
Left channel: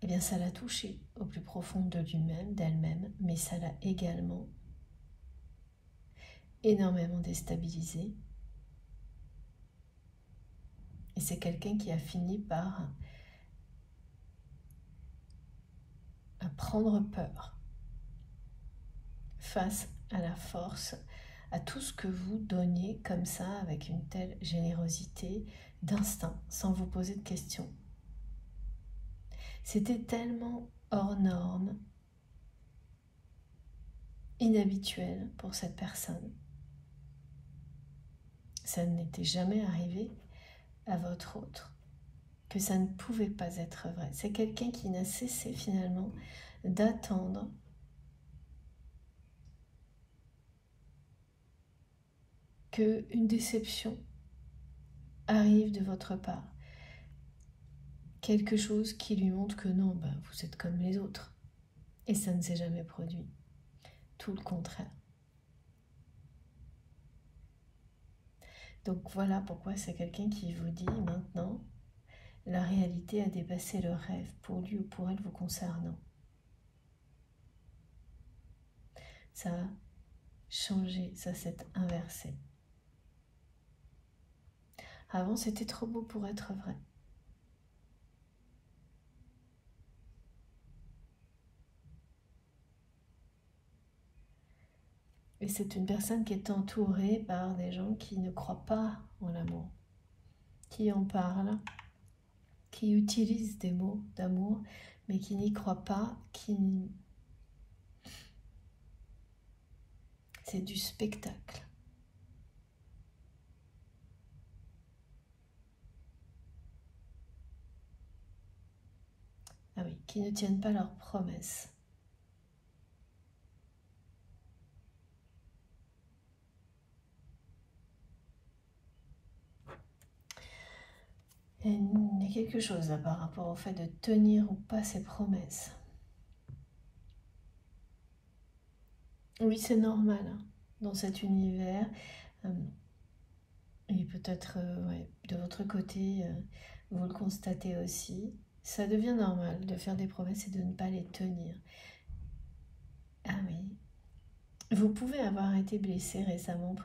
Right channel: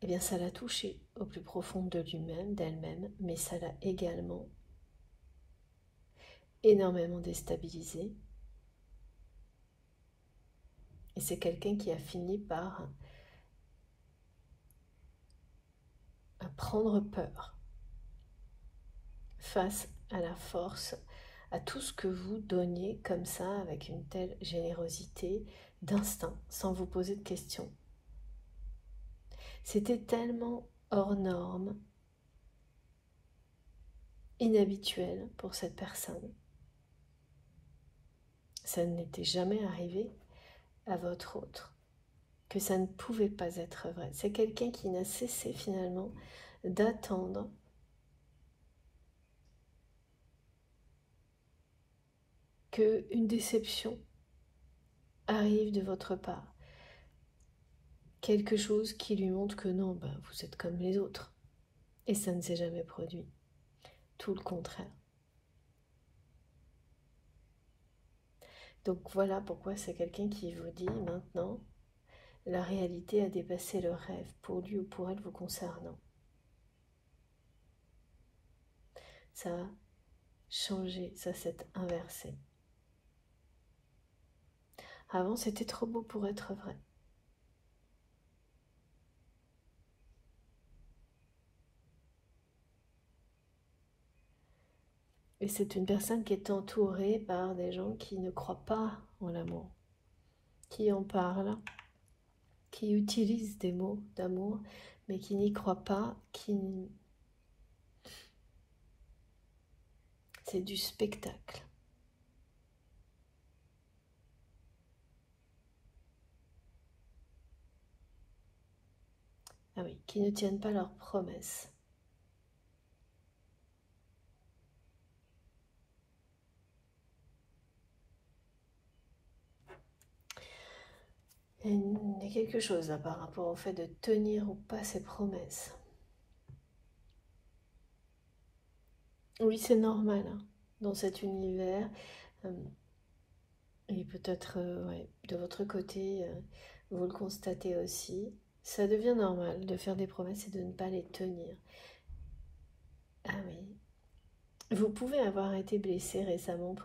eh bien ça l'a touché au plus profond de lui-même, d'elle-même, mais ça l'a également énormément déstabilisé. Et c'est quelqu'un qui a fini par prendre peur face à la force, à tout ce que vous donniez comme ça, avec une telle générosité, d'instinct, sans vous poser de questions. C'était tellement hors norme, inhabituel pour cette personne. Ça n'était jamais arrivé à votre autre, que ça ne pouvait pas être vrai. C'est quelqu'un qui n'a cessé finalement d'attendre qu'une déception arrive de votre part. Quelque chose qui lui montre que non, vous êtes comme les autres. Et ça ne s'est jamais produit. Tout le contraire. Donc voilà pourquoi c'est quelqu'un qui vous dit maintenant, la réalité a dépassé le rêve pour lui ou pour elle vous concernant. Ça a changé, ça s'est inversé. Avant, c'était trop beau pour être vrai. Et c'est une personne qui est entourée par des gens qui ne croient pas en l'amour, qui en parlent, qui utilisent des mots d'amour, mais qui n'y croient pas, c'est du spectacle. Ah oui, qui ne tiennent pas leurs promesses. Et il y a quelque chose là par rapport au fait de tenir ou pas ses promesses. Oui, c'est normal hein, dans cet univers. Et peut-être ouais, de votre côté, vous le constatez aussi. Ça devient normal de faire des promesses et de ne pas les tenir. Ah oui. Vous pouvez avoir été blessé récemment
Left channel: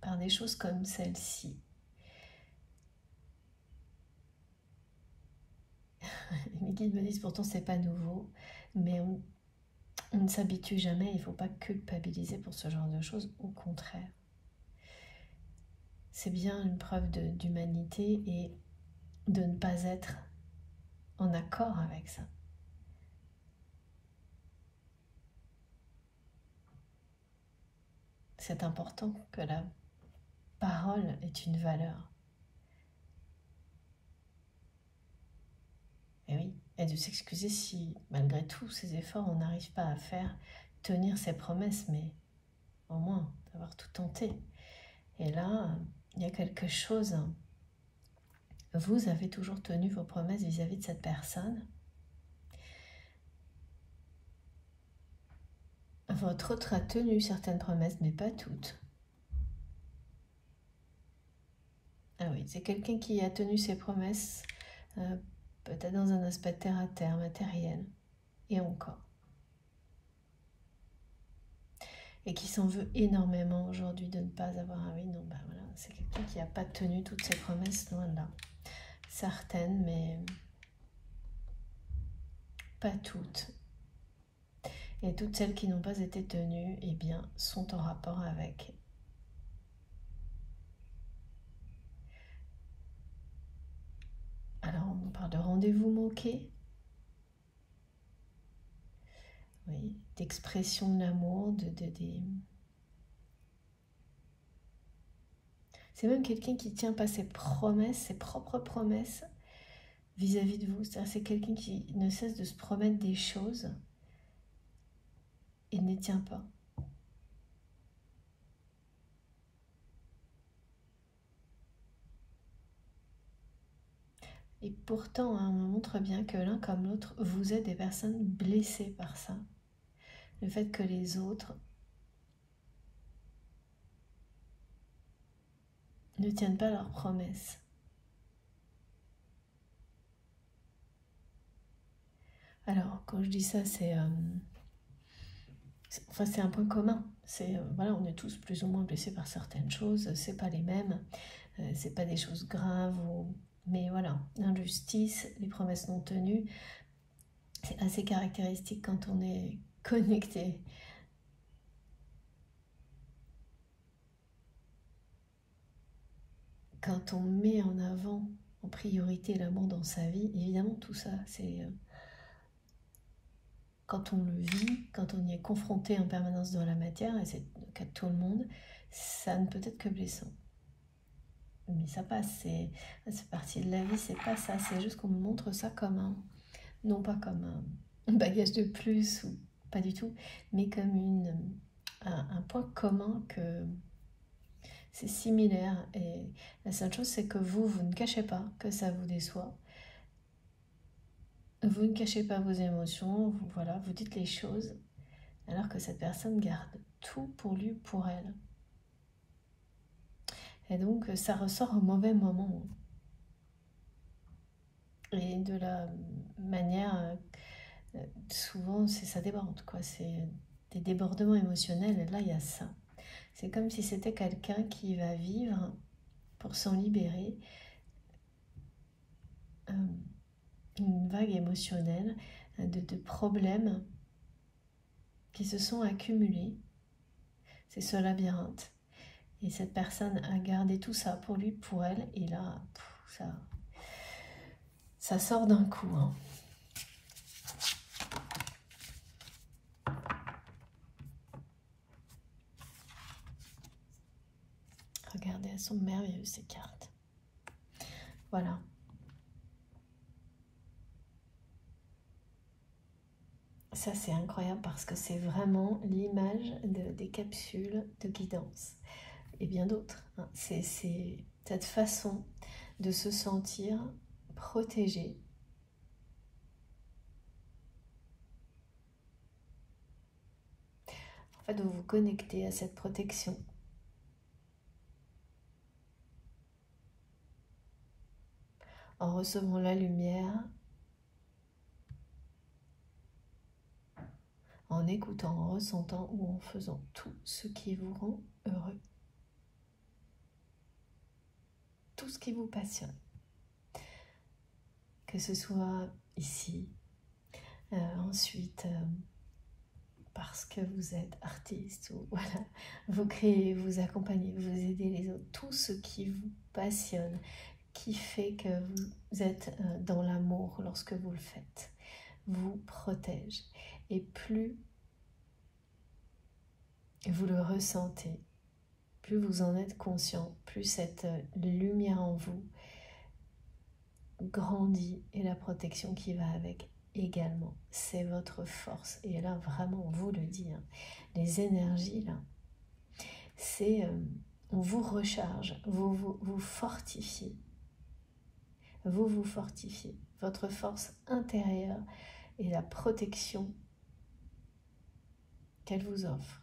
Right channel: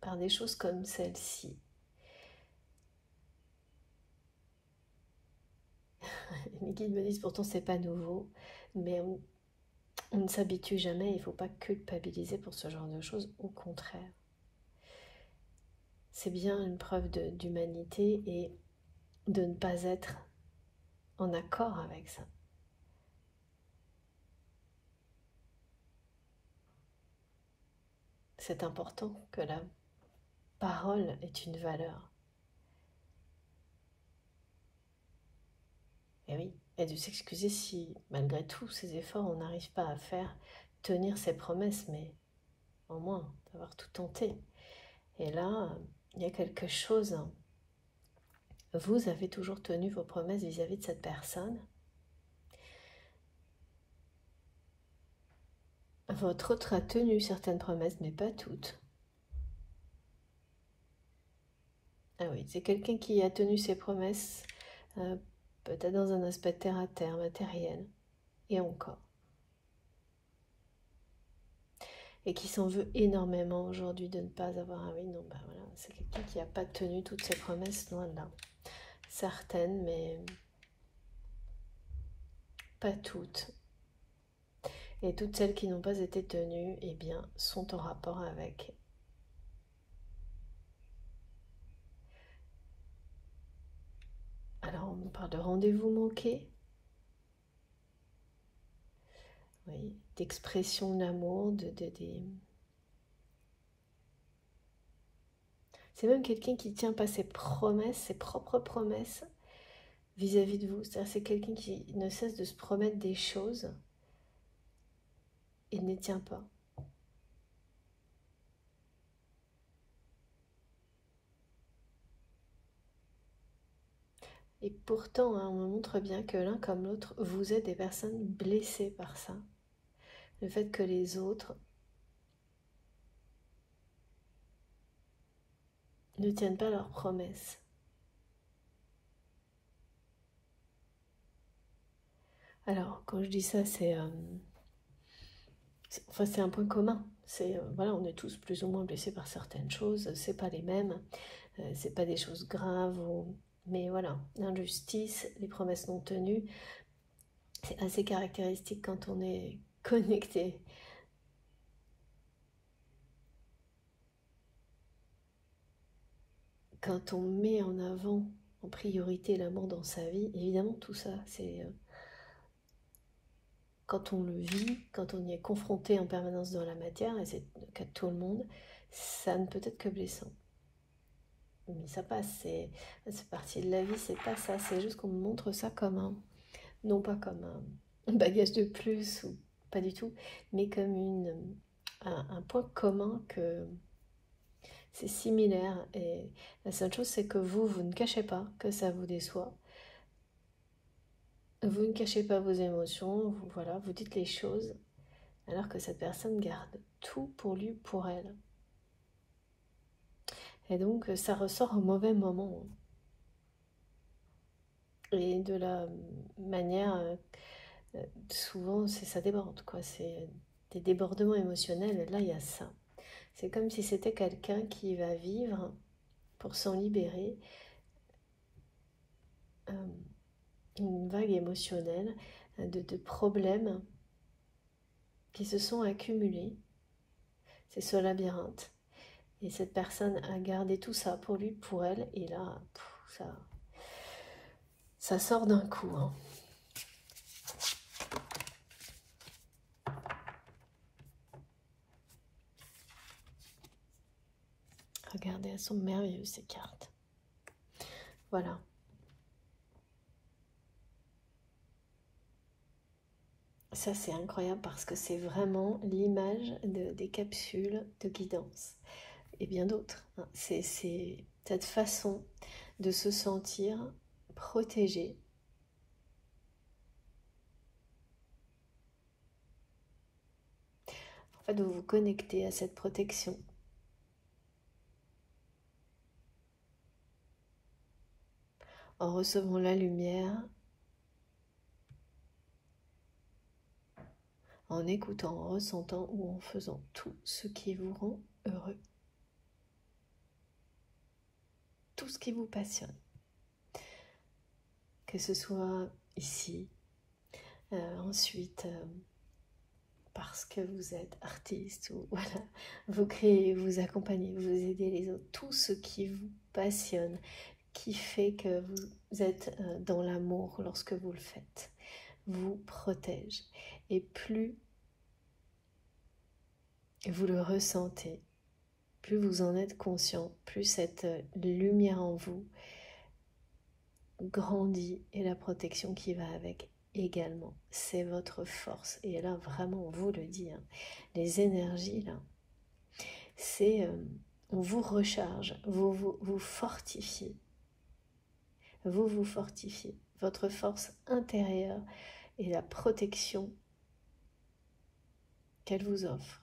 par des choses comme celle-ci. Les guides me disent pourtant c'est pas nouveau, mais on ne s'habitue jamais, il ne faut pas culpabiliser pour ce genre de choses, au contraire. C'est bien une preuve d'humanité et de ne pas être en accord avec ça. C'est important que la parole ait une valeur. Et oui, et de s'excuser si, malgré tous ces efforts, on n'arrive pas à faire tenir ses promesses, mais au moins d'avoir tout tenté. Et là, il y a quelque chose. Vous avez toujours tenu vos promesses vis-à-vis de cette personne. Votre autre a tenu certaines promesses, mais pas toutes. Ah oui, c'est quelqu'un qui a tenu ses promesses, peut-être dans un aspect terre-à-terre, matériel, et encore. Et qui s'en veut énormément aujourd'hui de ne pas avoir... Ah oui, non, bah voilà, c'est quelqu'un qui n'a pas tenu toutes ses promesses, loin de là. Certaines, mais pas toutes. Et toutes celles qui n'ont pas été tenues, eh bien, sont en rapport avec. Alors, on parle de rendez-vous manqués. Oui, d'expression d'amour, C'est même quelqu'un qui ne tient pas ses promesses, ses propres promesses vis-à-vis de vous. C'est quelqu'un qui ne cesse de se promettre des choses et ne les tient pas. Et pourtant, hein, on montre bien que l'un comme l'autre, vous êtes des personnes blessées par ça. Le fait que les autres ne tiennent pas leurs promesses. Alors, quand je dis ça, c'est un point commun. Voilà, on est tous plus ou moins blessés par certaines choses. C'est pas les mêmes. C'est pas des choses graves. Mais voilà, l'injustice, les promesses non tenues, c'est assez caractéristique quand on est connecté. Quand on met en avant, en priorité, l'amour dans sa vie, évidemment, tout ça, c'est... quand on le vit, quand on y est confronté en permanence dans la matière, et c'est le cas de tout le monde, ça ne peut être que blessant. Mais ça passe, c'est partie de la vie, c'est pas ça, c'est juste qu'on montre ça comme non pas comme un bagage de plus, ou pas du tout, mais comme un point commun que c'est similaire. Et la seule chose, c'est que vous ne cachez pas que ça vous déçoit. Vous ne cachez pas vos émotions, voilà, vous dites les choses, alors que cette personne garde tout pour lui, pour elle. Et donc, ça ressort au mauvais moment. Et de la manière, souvent, ça déborde, quoi. C'est des débordements émotionnels, et là, il y a ça. C'est comme si c'était quelqu'un qui va vivre, pour s'en libérer, une vague émotionnelle de problèmes qui se sont accumulés. c'est ce labyrinthe. Et cette personne a gardé tout ça pour lui, pour elle, et là, ça sort d'un coup. Hein. Regardez, elles sont merveilleuses ces cartes. Voilà. Ça, c'est incroyable parce que c'est vraiment l'image des capsules de guidance. Et bien d'autres. Hein. C'est cette façon de se sentir protégé. En fait, de vous connecter à cette protection. En recevant la lumière, en écoutant, en ressentant ou en faisant tout ce qui vous rend heureux. Tout ce qui vous passionne. Que ce soit ici, ensuite, parce que vous êtes artiste, ou voilà, vous créez, vous accompagnez, vous aidez les autres. Tout ce qui vous passionne, qui fait que vous êtes dans l'amour lorsque vous le faites, vous protège. Et plus vous le ressentez, plus vous en êtes conscient, plus cette lumière en vous grandit et la protection qui va avec également. C'est votre force. Et là, vraiment, on vous le dit, hein, les énergies, là, c'est... on vous recharge, vous fortifiez. Vous fortifiez. Votre force intérieure et la protection qu'elle vous offre.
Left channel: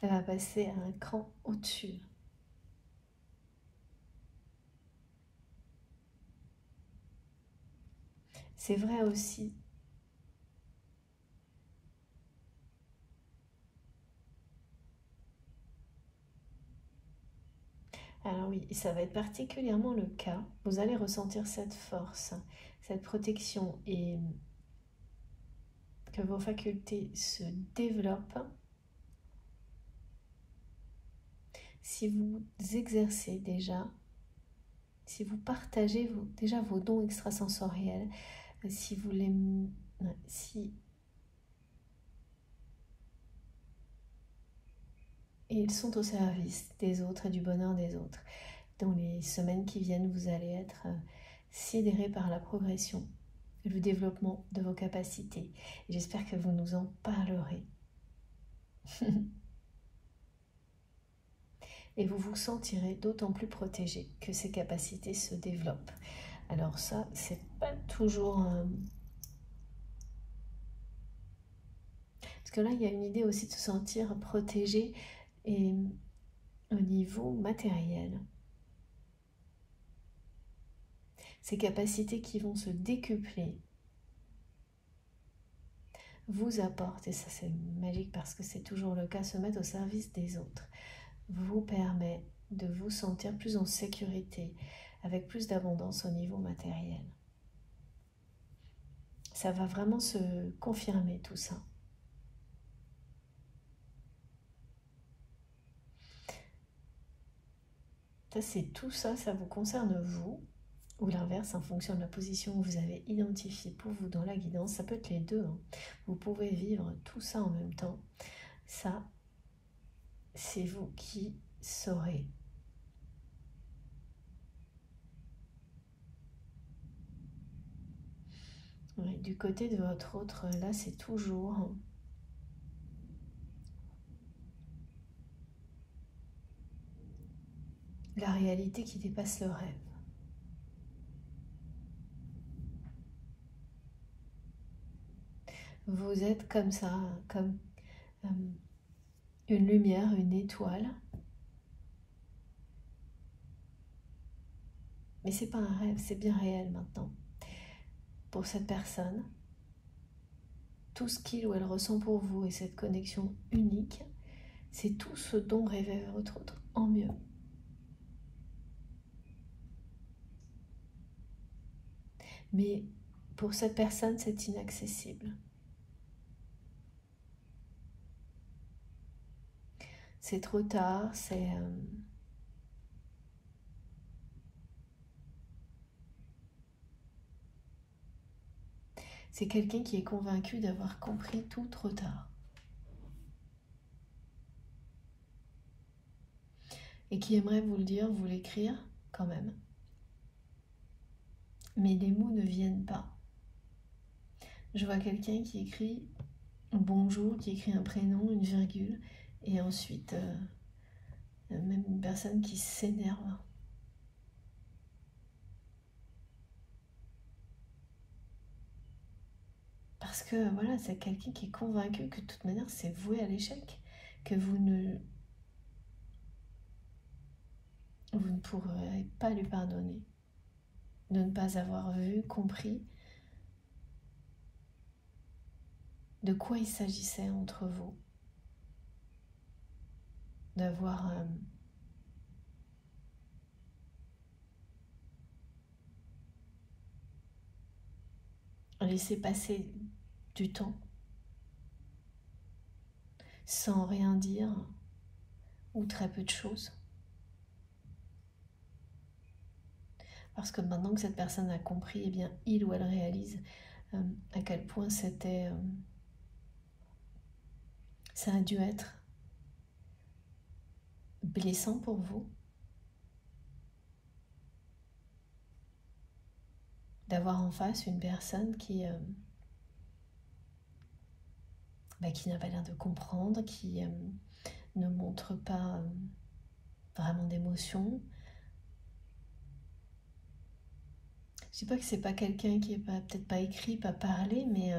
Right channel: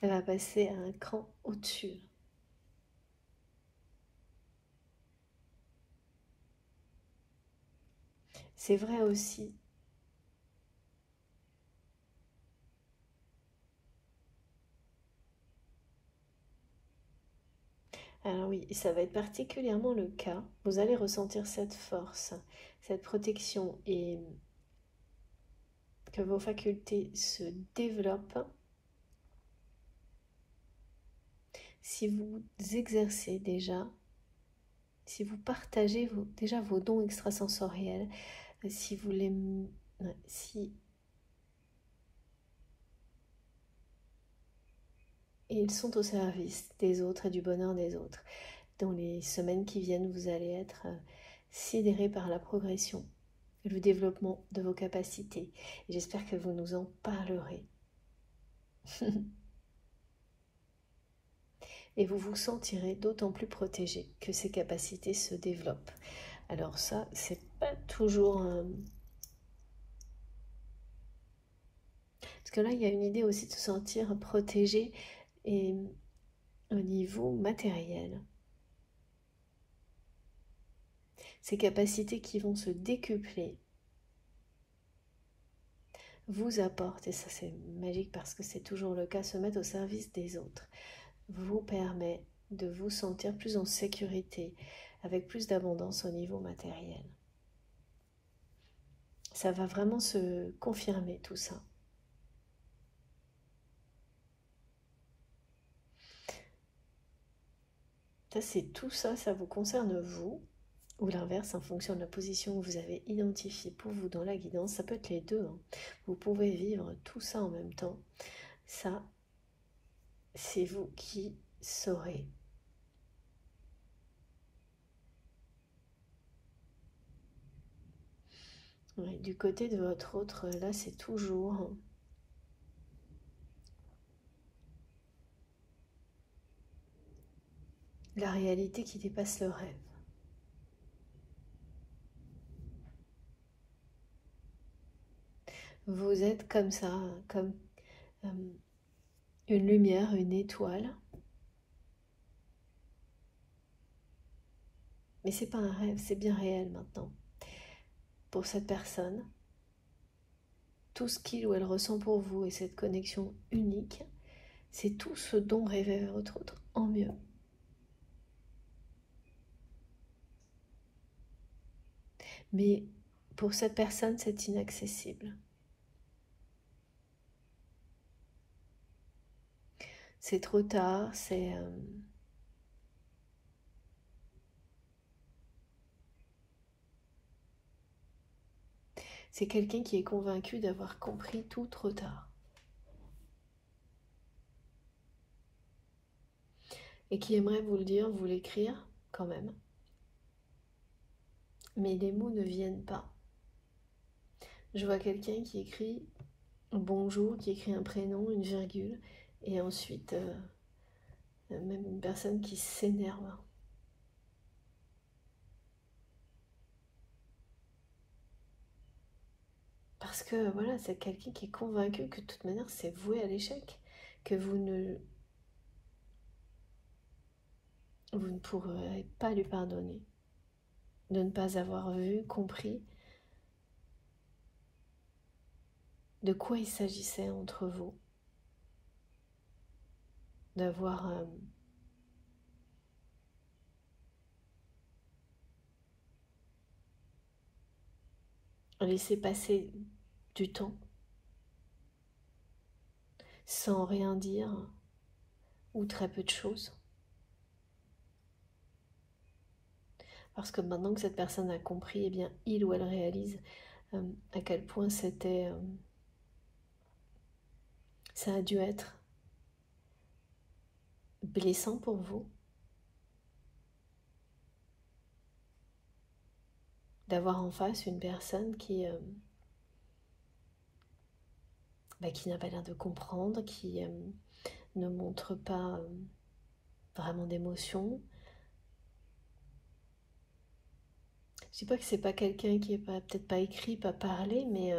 Elle va passer à un cran au-dessus. C'est vrai aussi. Alors oui, ça va être particulièrement le cas. Vous allez ressentir cette force, cette protection et que vos facultés se développent si vous exercez déjà, si vous partagez déjà vos dons extrasensoriels, si vous les... si et ils sont au service des autres et du bonheur des autres. Dans les semaines qui viennent, vous allez être sidérés par la progression et le développement de vos capacités. Et j'espère que vous nous en parlerez. Et vous vous sentirez d'autant plus protégé que ces capacités se développent. Alors ça, c'est pas toujours... Parce que là, il y a une idée aussi de se sentir protégé et au niveau matériel. Ces capacités qui vont se décupler vous apportent, et ça c'est magique parce que c'est toujours le cas, se mettre au service des autres, vous permet de vous sentir plus en sécurité, avec plus d'abondance au niveau matériel. Ça va vraiment se confirmer tout ça. Ça c'est tout ça, ça vous concerne vous, ou l'inverse en fonction de la position que vous avez identifiée pour vous dans la guidance. Ça peut être les deux. Hein. Vous pouvez vivre tout ça en même temps. Ça, c'est vous qui saurez. Oui, du côté de votre autre, là, c'est toujours la réalité qui dépasse le rêve. Vous êtes comme ça, comme une lumière, une étoile. Mais c'est pas un rêve, c'est bien réel maintenant. Pour cette personne, tout ce qu'il ou elle ressent pour vous et cette connexion unique, c'est tout ce dont rêvait votre autre en mieux. Mais pour cette personne, c'est inaccessible. c'est trop tard, c'est quelqu'un qui est convaincu d'avoir compris tout trop tard. Et qui aimerait vous le dire, vous l'écrire quand même. Mais les mots ne viennent pas. Je vois quelqu'un qui écrit bonjour, qui écrit un prénom, une virgule, et ensuite même une personne qui s'énerve. Parce que voilà, c'est quelqu'un qui est convaincu que de toute manière c'est voué à l'échec, que vous ne pourrez pas lui pardonner, de ne pas avoir vu, compris de quoi il s'agissait entre vous, d'avoir laissé passer du temps sans rien dire ou très peu de choses. Parce que maintenant que cette personne a compris, eh bien, il ou elle réalise à quel point ça a dû être blessant pour vous, d'avoir en face une personne qui n'a pas l'air de comprendre, qui ne montre pas vraiment d'émotion. Je dis pas que c'est pas quelqu'un qui est peut-être pas écrit, pas parlé, mais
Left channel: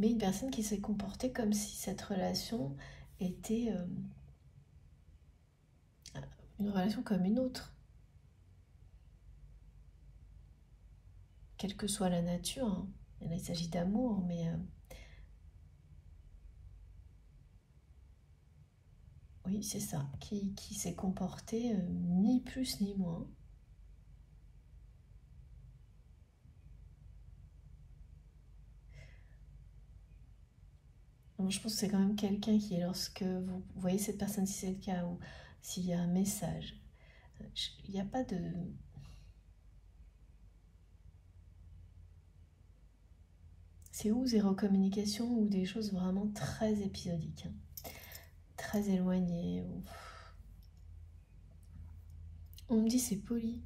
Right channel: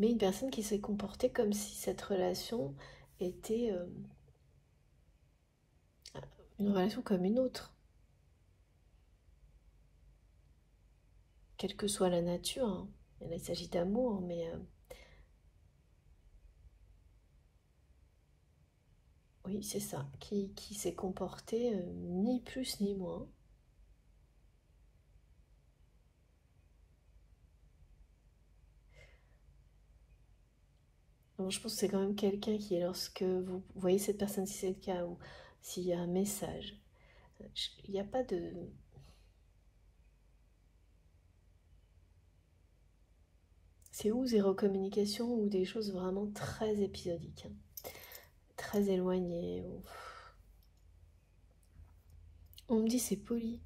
une personne qui s'est comportée comme si cette relation était une relation comme une autre. Quelle que soit la nature, hein. Il s'agit d'amour, mais oui, c'est ça, qui s'est comporté ni plus ni moins. Donc, je pense que c'est quand même quelqu'un qui, lorsque vous voyez cette personne, si c'est le cas, ou s'il y a un message, il n'y a pas de... C'est ou zéro communication ou des choses vraiment très épisodiques, hein, très éloignées. On me dit c'est poli.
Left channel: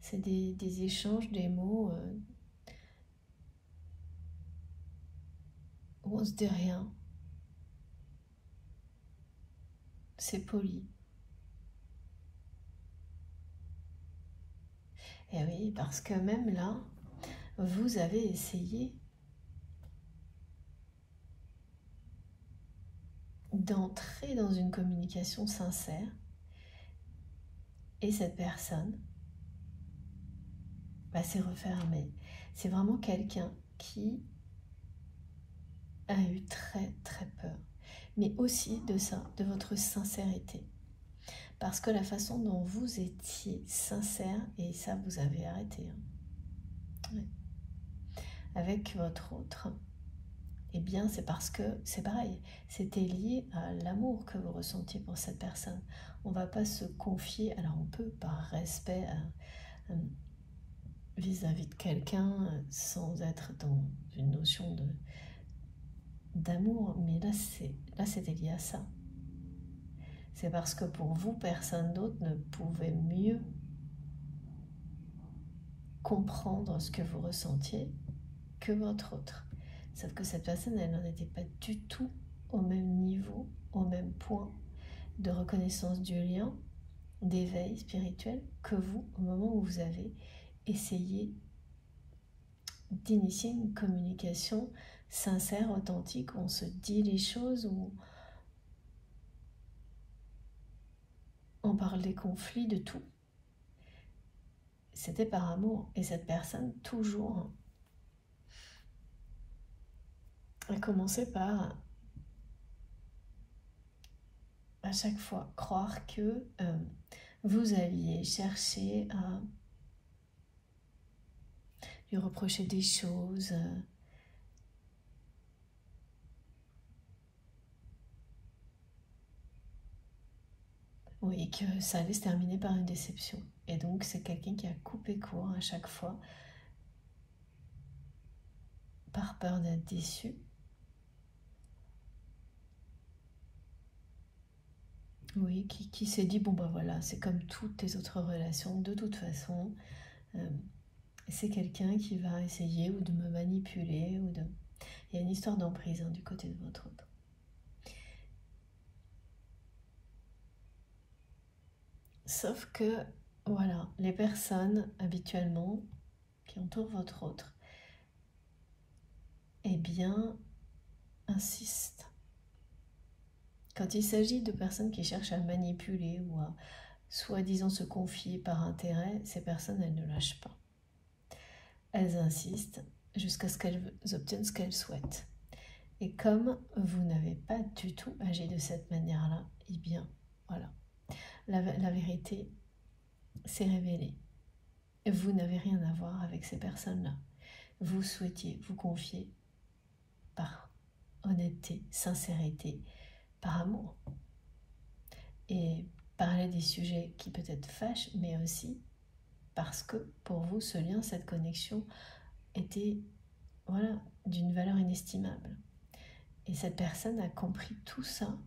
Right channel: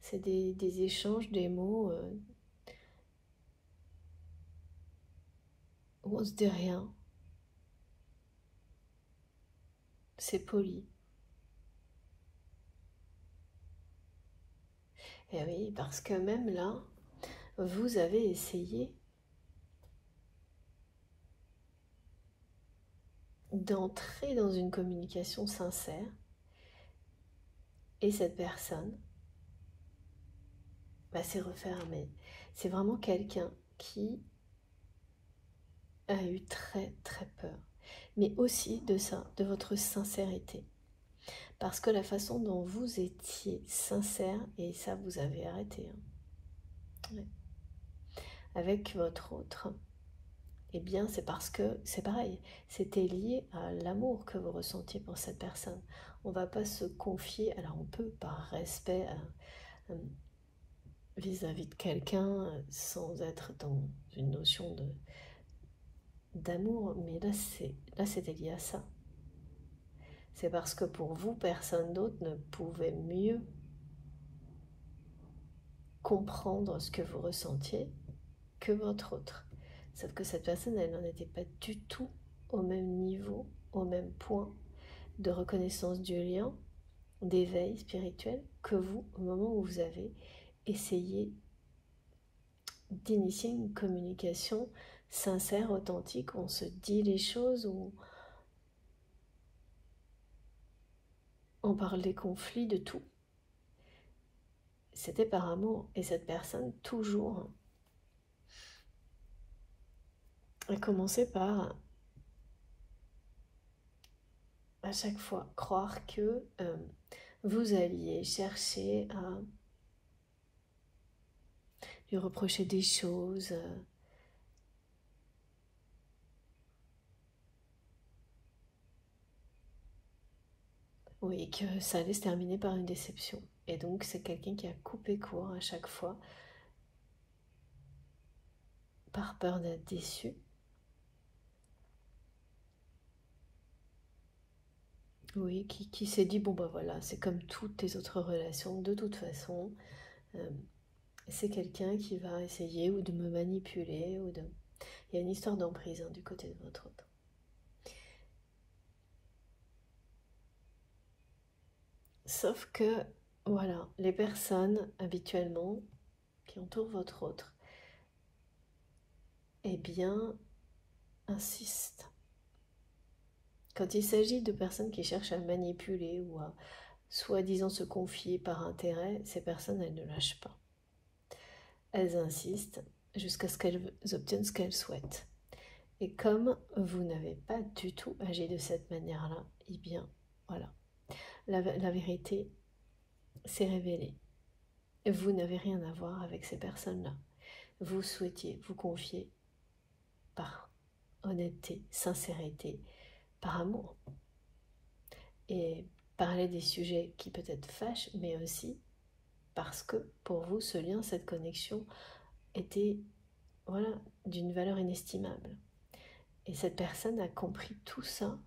C'est des échanges, des mots où on se dit rien. C'est poli. Et oui, parce que même là, vous avez essayé d'entrer dans une communication sincère et cette personne s'est refermée. C'est vraiment quelqu'un qui a eu très très peur, mais aussi de ça, de votre sincérité. Parce que la façon dont vous étiez sincère, et ça vous avez arrêté, hein, ouais, avec votre autre, eh bien c'est parce que c'est pareil, c'était lié à l'amour que vous ressentiez pour cette personne. On ne va pas se confier, alors on peut par respect vis-à-vis de quelqu'un sans être dans une notion d'amour, mais là c'était lié à ça. C'est parce que pour vous, personne d'autre ne pouvait mieux comprendre ce que vous ressentiez que votre autre. Sauf que cette personne, elle n'en était pas du tout au même niveau, au même point de reconnaissance du lien, d'éveil spirituel que vous, au moment où vous avez essayé d'initier une communication sincère, authentique, où on se dit les choses, où on parle des conflits, de tout. C'était par amour, et cette personne, toujours, a commencé par, à chaque fois, croire que vous alliez chercher à lui reprocher des choses. Oui, que ça allait se terminer par une déception. Et donc, c'est quelqu'un qui a coupé court à chaque fois par peur d'être déçu. Oui, qui s'est dit, bon bah voilà, c'est comme toutes les autres relations, de toute façon, c'est quelqu'un qui va essayer ou de me manipuler, ou de... Il y a une histoire d'emprise du côté de votre autre. Sauf que, voilà, les personnes habituellement qui entourent votre autre, eh bien, insistent. Quand il s'agit de personnes qui cherchent à manipuler ou à soi-disant se confier par intérêt, ces personnes, elles ne lâchent pas. Elles insistent jusqu'à ce qu'elles obtiennent ce qu'elles souhaitent. Et comme vous n'avez pas du tout agi de cette manière-là, eh bien, voilà, la vérité s'est révélée. Vous n'avez rien à voir avec ces personnes-là. Vous souhaitiez vous confier par honnêteté, sincérité, par amour. Et parler des sujets qui peut-être fâchent, mais aussi parce que pour vous, ce lien, cette connexion était voilà, d'une valeur inestimable. Et cette personne a compris tout ça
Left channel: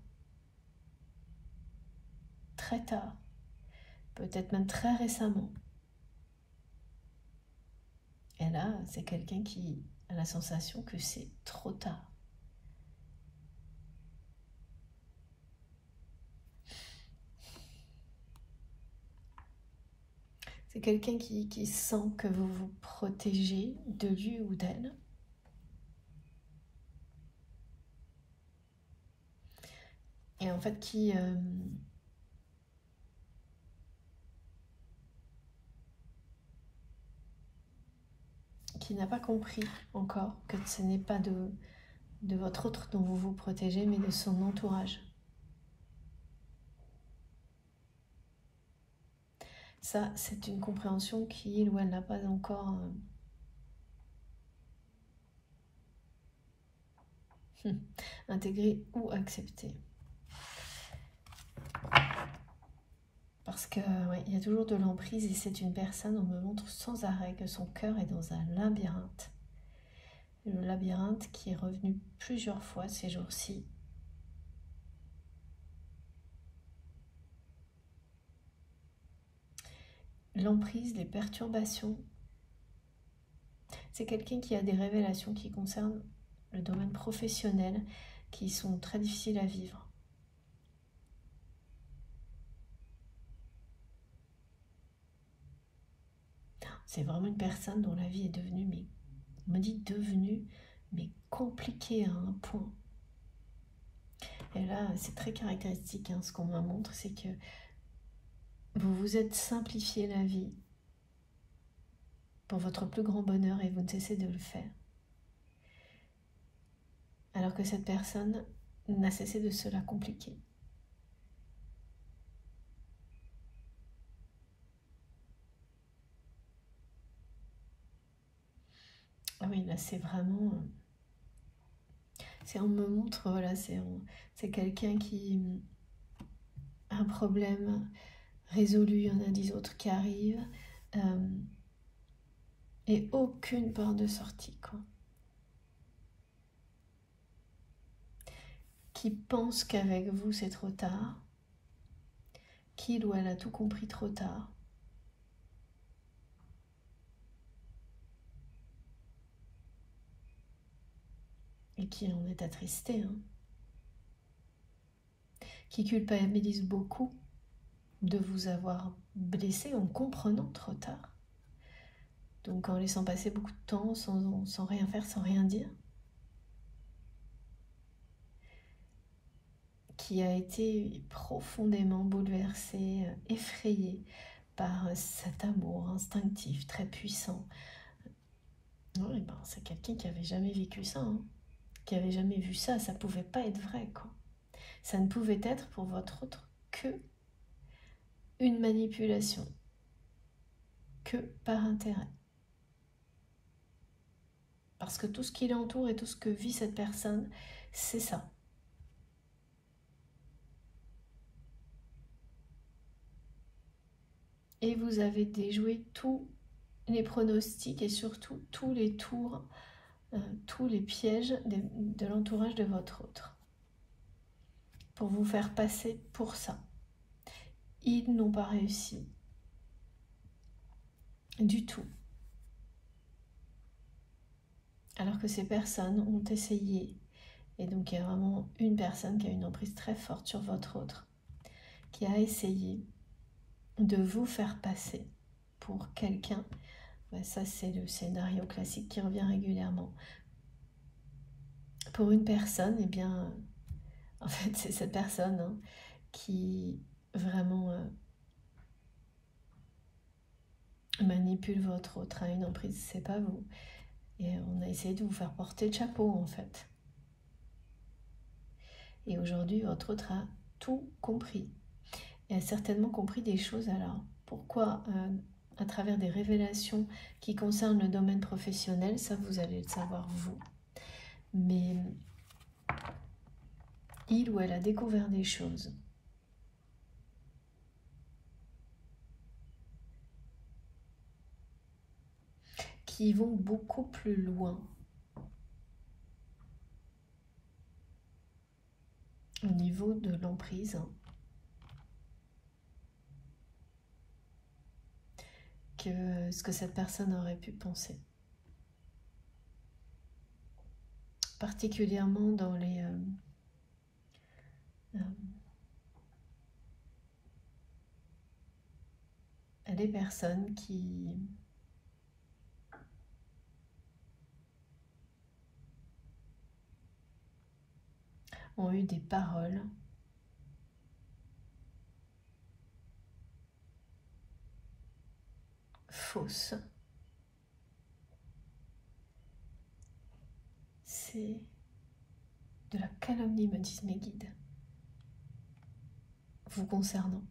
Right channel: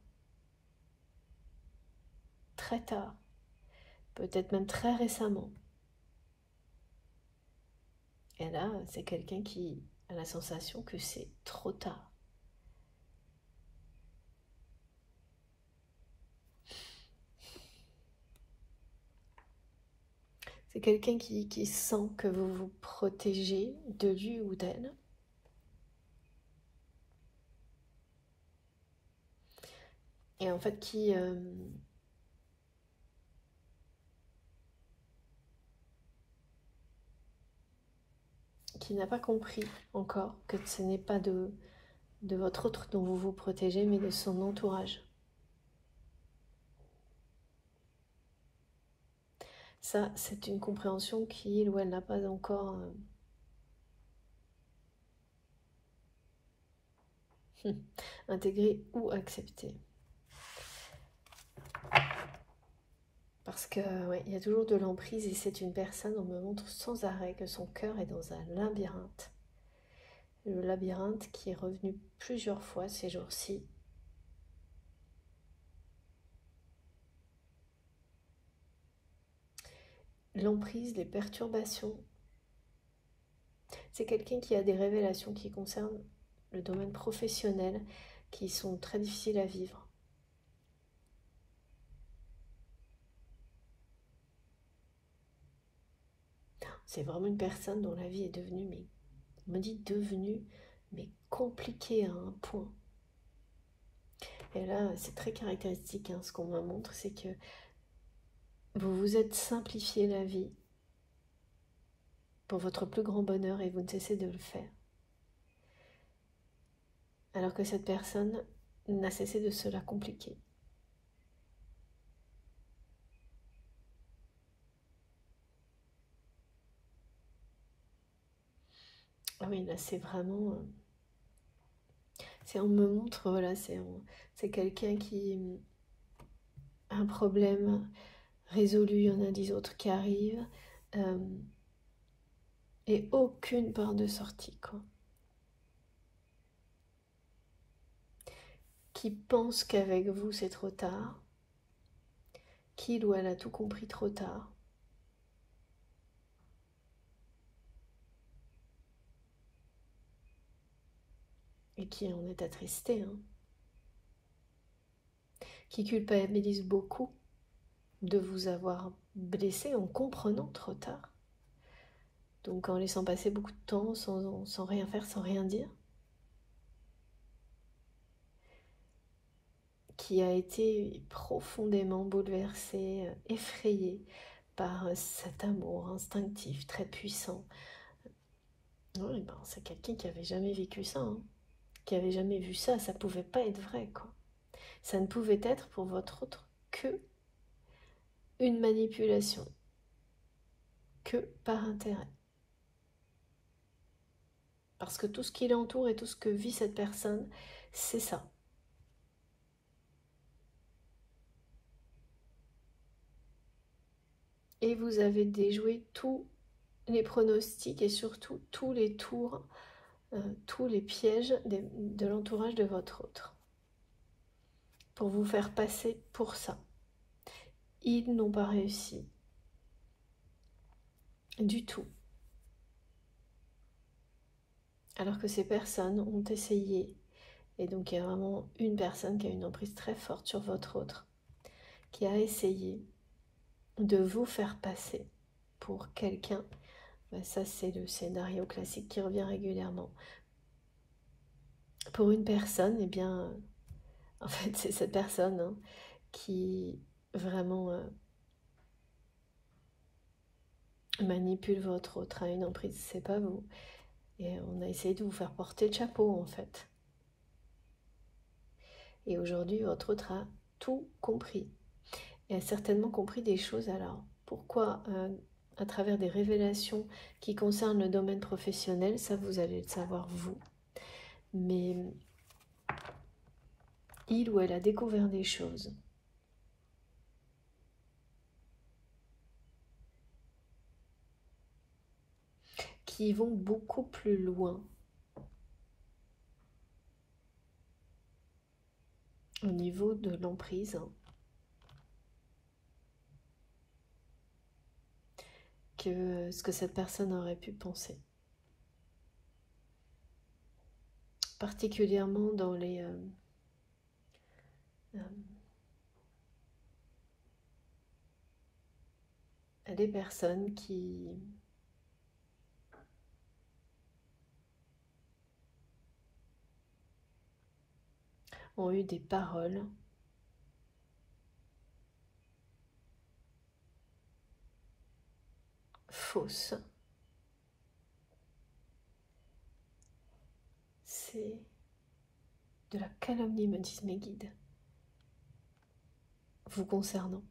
très tard, peut-être même très récemment. Et là, c'est quelqu'un qui a la sensation que c'est trop tard. C'est quelqu'un qui sent que vous vous protégez de lui ou d'elle. Et en fait, qui n'a pas compris encore que ce n'est pas de votre autre dont vous vous protégez, mais de son entourage. Ça, c'est une compréhension qu'il ou elle n'a pas encore intégrée ou acceptée. Parce que ouais, y a toujours de l'emprise et c'est une personne, on me montre sans arrêt que son cœur est dans un labyrinthe. Le labyrinthe qui est revenu plusieurs fois ces jours-ci. L'emprise, les perturbations. C'est quelqu'un qui a des révélations qui concernent le domaine professionnel qui sont très difficiles à vivre. C'est vraiment une personne dont la vie est devenue, mais on me dit devenue, mais compliquée à un point. Et là, c'est très caractéristique, ce qu'on me montre, c'est que vous vous êtes simplifié la vie pour votre plus grand bonheur et vous ne cessez de le faire. Alors que cette personne n'a cessé de se la compliquer. Ah oui, là c'est vraiment... on me montre, voilà, c'est quelqu'un qui a un problème résolu, il y en a 10 autres qui arrivent, et aucune porte de sortie, quoi. Qui pense qu'avec vous c'est trop tard, qu'il ou elle a tout compris trop tard. Et qui en est attristé, qui culpabilise beaucoup de vous avoir blessé en comprenant trop tard. Donc en laissant passer beaucoup de temps sans rien faire, sans rien dire. Qui a été profondément bouleversé, effrayé par cet amour instinctif, très puissant. Oui, ben, c'est quelqu'un qui n'avait jamais vécu ça, qui n'avait jamais vu ça, ça ne pouvait pas être vrai, quoi. Ça ne pouvait être pour votre autre que une manipulation, que par intérêt. Parce que tout ce qui l'entoure et tout ce que vit cette personne, c'est ça. Et vous avez déjoué tous les pronostics et surtout tous les tours, tous les pièges de l'entourage de votre autre. Pour vous faire passer pour ça. Ils n'ont pas réussi. Du tout. Alors que ces personnes ont essayé. Et donc il y a vraiment une personne qui a une emprise très forte sur votre autre, qui a essayé de vous faire passer pour quelqu'un. Ça c'est le scénario classique qui revient régulièrement. Pour une personne, eh bien, en fait c'est cette personne hein, qui vraiment manipule votre autre, a une emprise, c'est pas vous. Et on a essayé de vous faire porter le chapeau en fait. Et aujourd'hui, votre autre a tout compris. Et a certainement compris des choses. Alors, pourquoi à travers des révélations qui concernent le domaine professionnel, ça vous allez le savoir vous. Mais il ou elle a découvert des choses qui vont beaucoup plus loin au niveau de l'emprise que ce que cette personne aurait pu penser. Particulièrement dans les personnes qui ont eu des paroles fausses. C'est de la calomnie, me disent mes guides, vous concernant.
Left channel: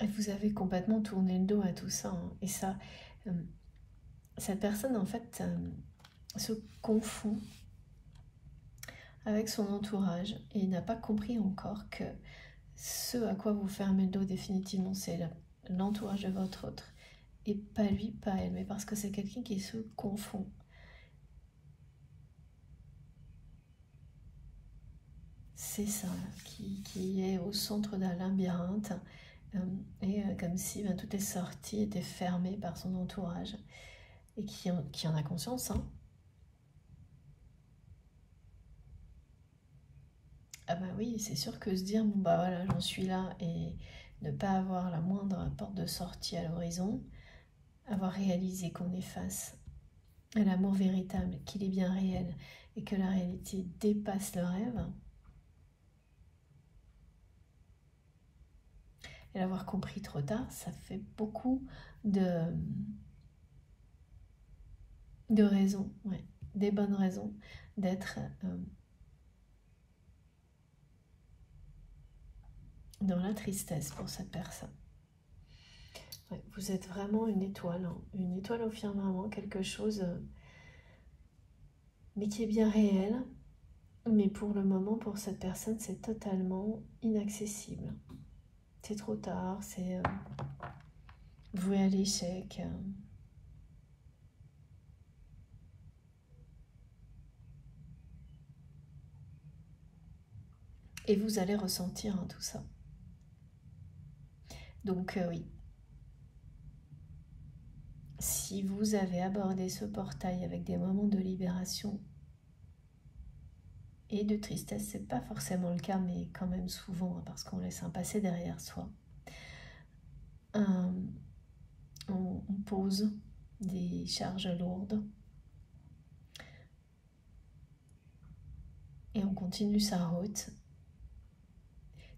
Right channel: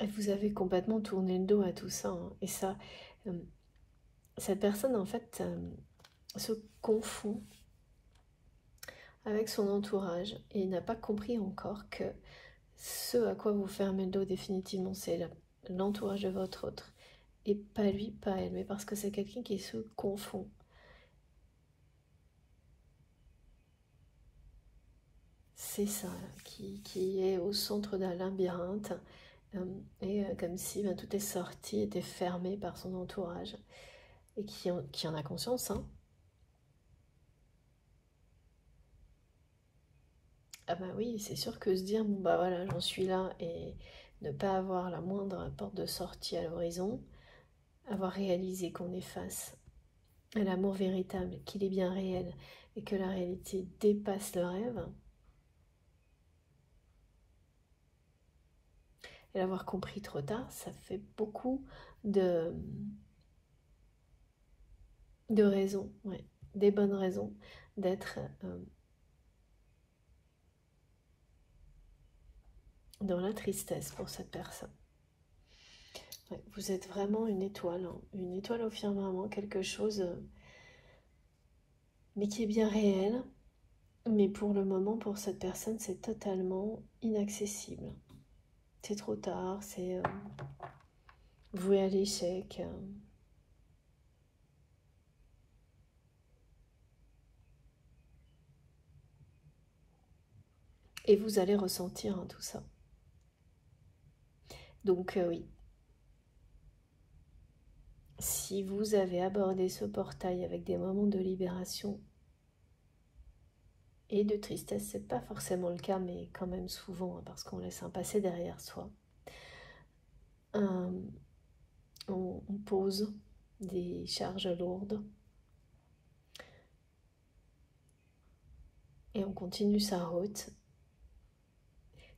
Et vous avez complètement tourné le dos à tout ça. Hein. Et ça, cette personne, en fait, se confond avec son entourage et n'a pas compris encore que ce à quoi vous fermez le dos définitivement, c'est l'entourage de votre autre. Et pas lui, pas elle, mais parce que c'est quelqu'un qui se confond. C'est ça, qui est au centre d'un labyrinthe, et comme si tout est sorti, était fermé par son entourage, et qui en a conscience. Hein. Ah bah oui, c'est sûr que se dire, bon bah voilà, j'en suis là, et ne pas avoir la moindre porte de sortie à l'horizon, avoir réalisé qu'on est face à l'amour véritable, qu'il est bien réel, et que la réalité dépasse le rêve, et l'avoir compris trop tard, ça fait beaucoup de raisons, ouais, des bonnes raisons d'être dans la tristesse pour cette personne. Ouais, vous êtes vraiment une étoile au firmament, quelque chose, mais qui est bien réel, mais pour le moment, pour cette personne, c'est totalement inaccessible. C'est trop tard, c'est voué à l'échec. Et vous allez ressentir tout ça. Donc oui, si vous avez abordé ce portail avec des moments de libération et de tristesse, c'est pas forcément le cas, mais quand même souvent, hein, parce qu'on laisse un passé derrière soi. On pose des charges lourdes et on continue sa route.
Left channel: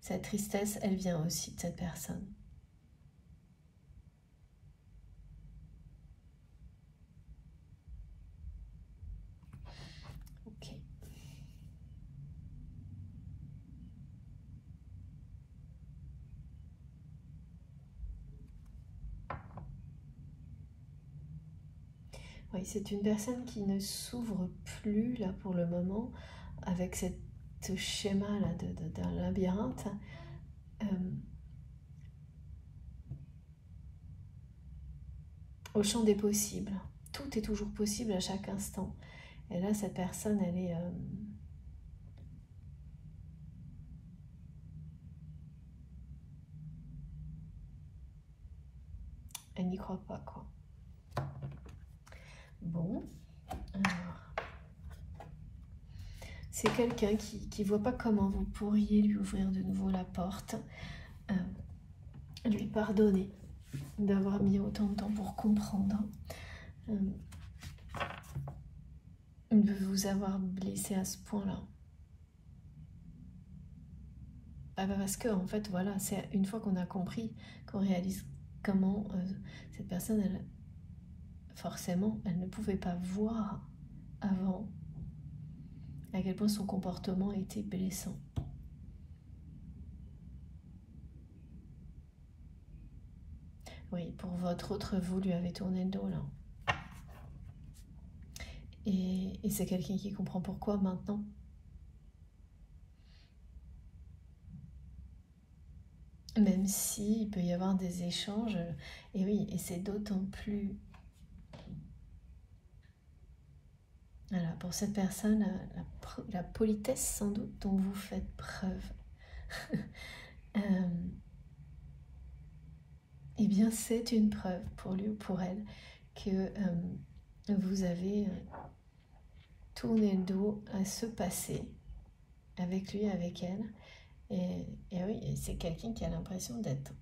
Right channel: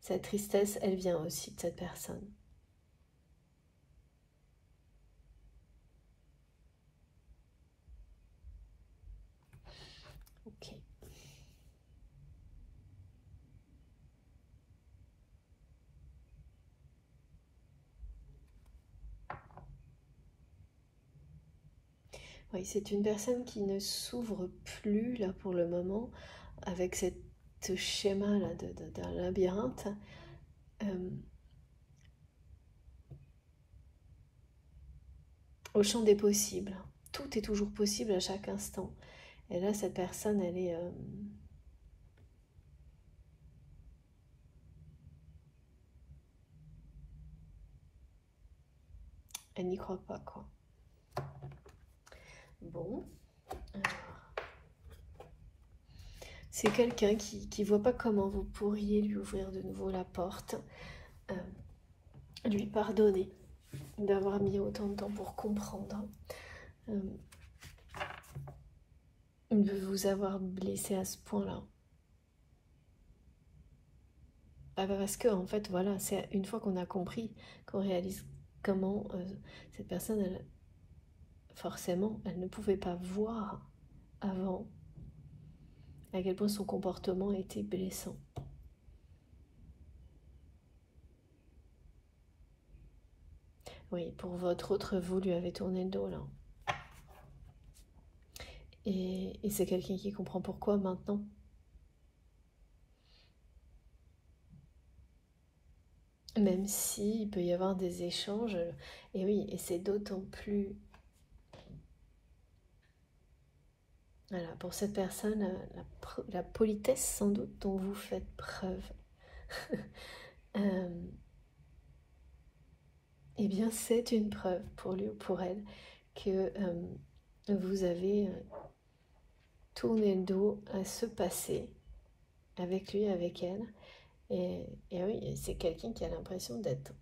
Cette tristesse, elle vient aussi de cette personne. Ok. Oui, c'est une personne qui ne s'ouvre plus là pour le moment avec ce schéma là d'un labyrinthe. Au champ des possibles. Tout est toujours possible à chaque instant. Et là, cette personne, elle n'y croit pas, quoi. Bon. C'est quelqu'un qui voit pas comment vous pourriez lui ouvrir de nouveau la porte, lui pardonner d'avoir mis autant de temps pour comprendre, de vous avoir blessé à ce point-là. Parce que, en fait, voilà, c'est une fois qu'on a compris, qu'on réalise comment cette personne, forcément, elle ne pouvait pas voir avant à quel point son comportement était blessant. Oui, pour votre autre, vous lui avez tourné le dos, là. Et c'est quelqu'un qui comprend pourquoi maintenant. Même s'il peut y avoir des échanges, et oui, et c'est d'autant plus... Voilà, pour cette personne, la politesse sans doute dont vous faites preuve, eh bien c'est une preuve pour lui ou pour elle que vous avez tourné le dos à ce passé avec lui, avec elle. Et oui, c'est quelqu'un qui a l'impression d'être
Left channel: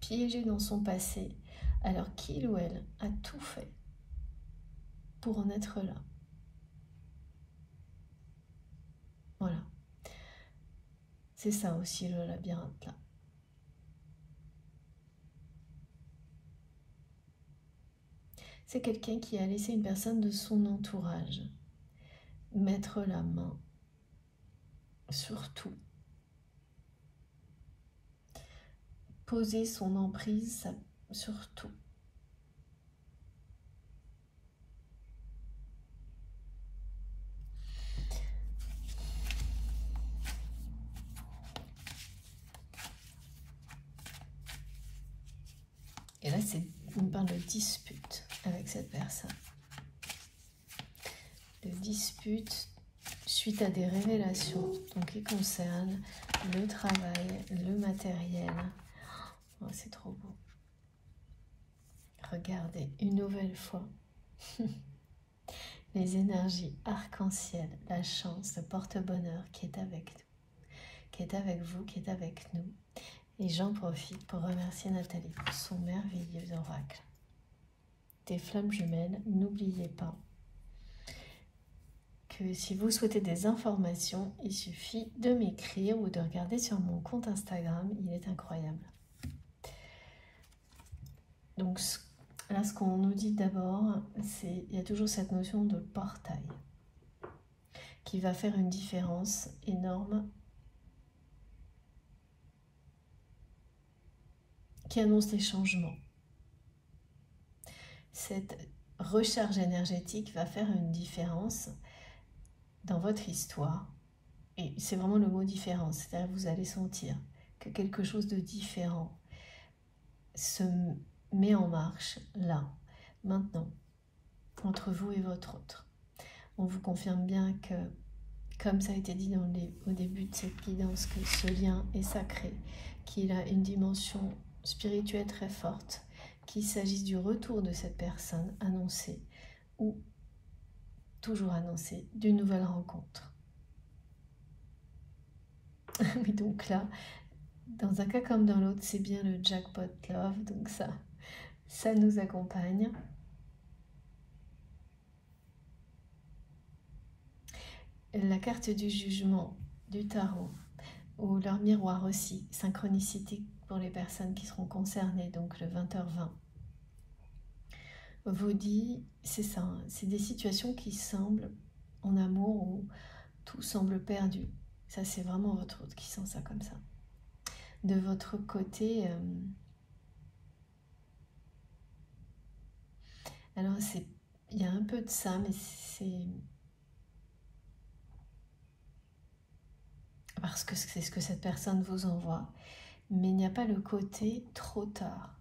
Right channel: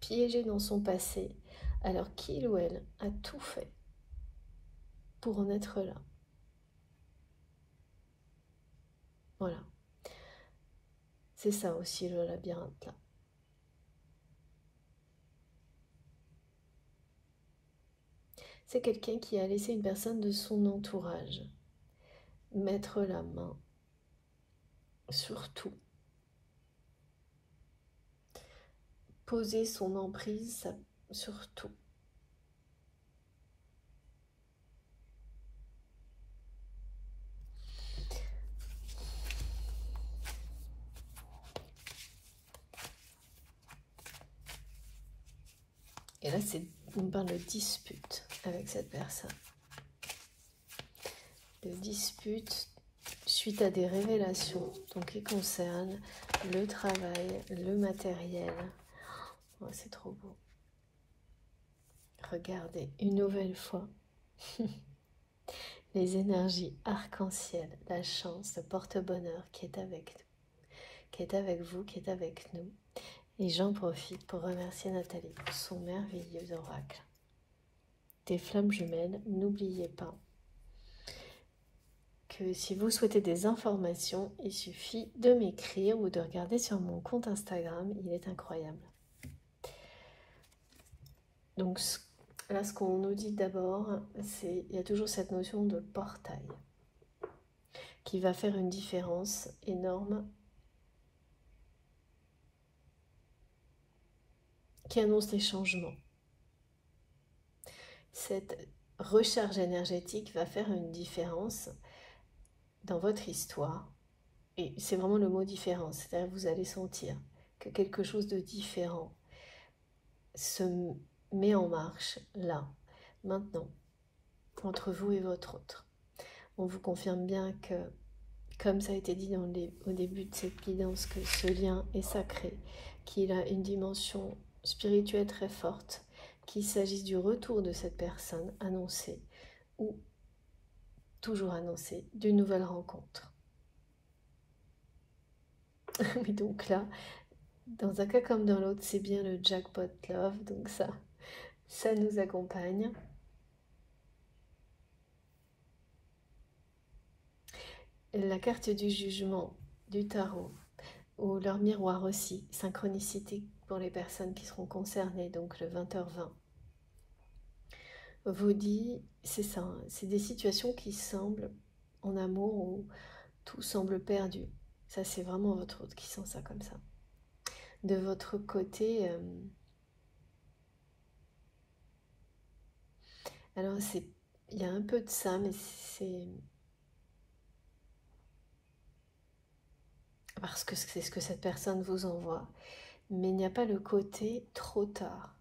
piégé dans son passé, alors qu'il ou elle a tout fait pour en être là. Voilà. C'est ça aussi le labyrinthe là. C'est quelqu'un qui a laissé une personne de son entourage mettre la main sur tout. Poser son emprise sur tout. Et là, on parle de dispute avec cette personne. De dispute suite à des révélations donc, qui concernent le travail, le matériel. Oh, c'est trop beau. Regardez une nouvelle fois les énergies arc-en-ciel, la chance, le porte-bonheur qui est avec nous, qui est avec vous, qui est avec nous. Et j'en profite pour remercier Nathalie pour son merveilleux oracle. Des flammes jumelles, n'oubliez pas que si vous souhaitez des informations, il suffit de m'écrire ou de regarder sur mon compte Instagram, il est incroyable. Donc là, ce qu'on nous dit d'abord, c'est qu'il y a toujours cette notion de portail qui va faire une différence énorme, qui annonce les changements. Cette recharge énergétique va faire une différence dans votre histoire. Et c'est vraiment le mot différence, c'est-à-dire que vous allez sentir que quelque chose de différent se met en marche là, maintenant, entre vous et votre autre. On vous confirme bien que, comme ça a été dit au début de cette guidance, que ce lien est sacré, qu'il a une dimension spirituelle très forte, qu'il s'agisse du retour de cette personne annoncée ou toujours annoncée d'une nouvelle rencontre. Oui, donc là, dans un cas comme dans l'autre, c'est bien le jackpot love, donc ça nous accompagne. La carte du jugement du tarot, ou leur miroir aussi, synchronicité pour les personnes qui seront concernées, donc le 20h20, vous dit, c'est ça, c'est des situations qui semblent en amour où tout semble perdu. Ça, c'est vraiment votre autre qui sent ça comme ça. De votre côté, Alors, il y a un peu de ça, mais c'est parce que c'est ce que cette personne vous envoie. Mais il n'y a pas le côté trop tard.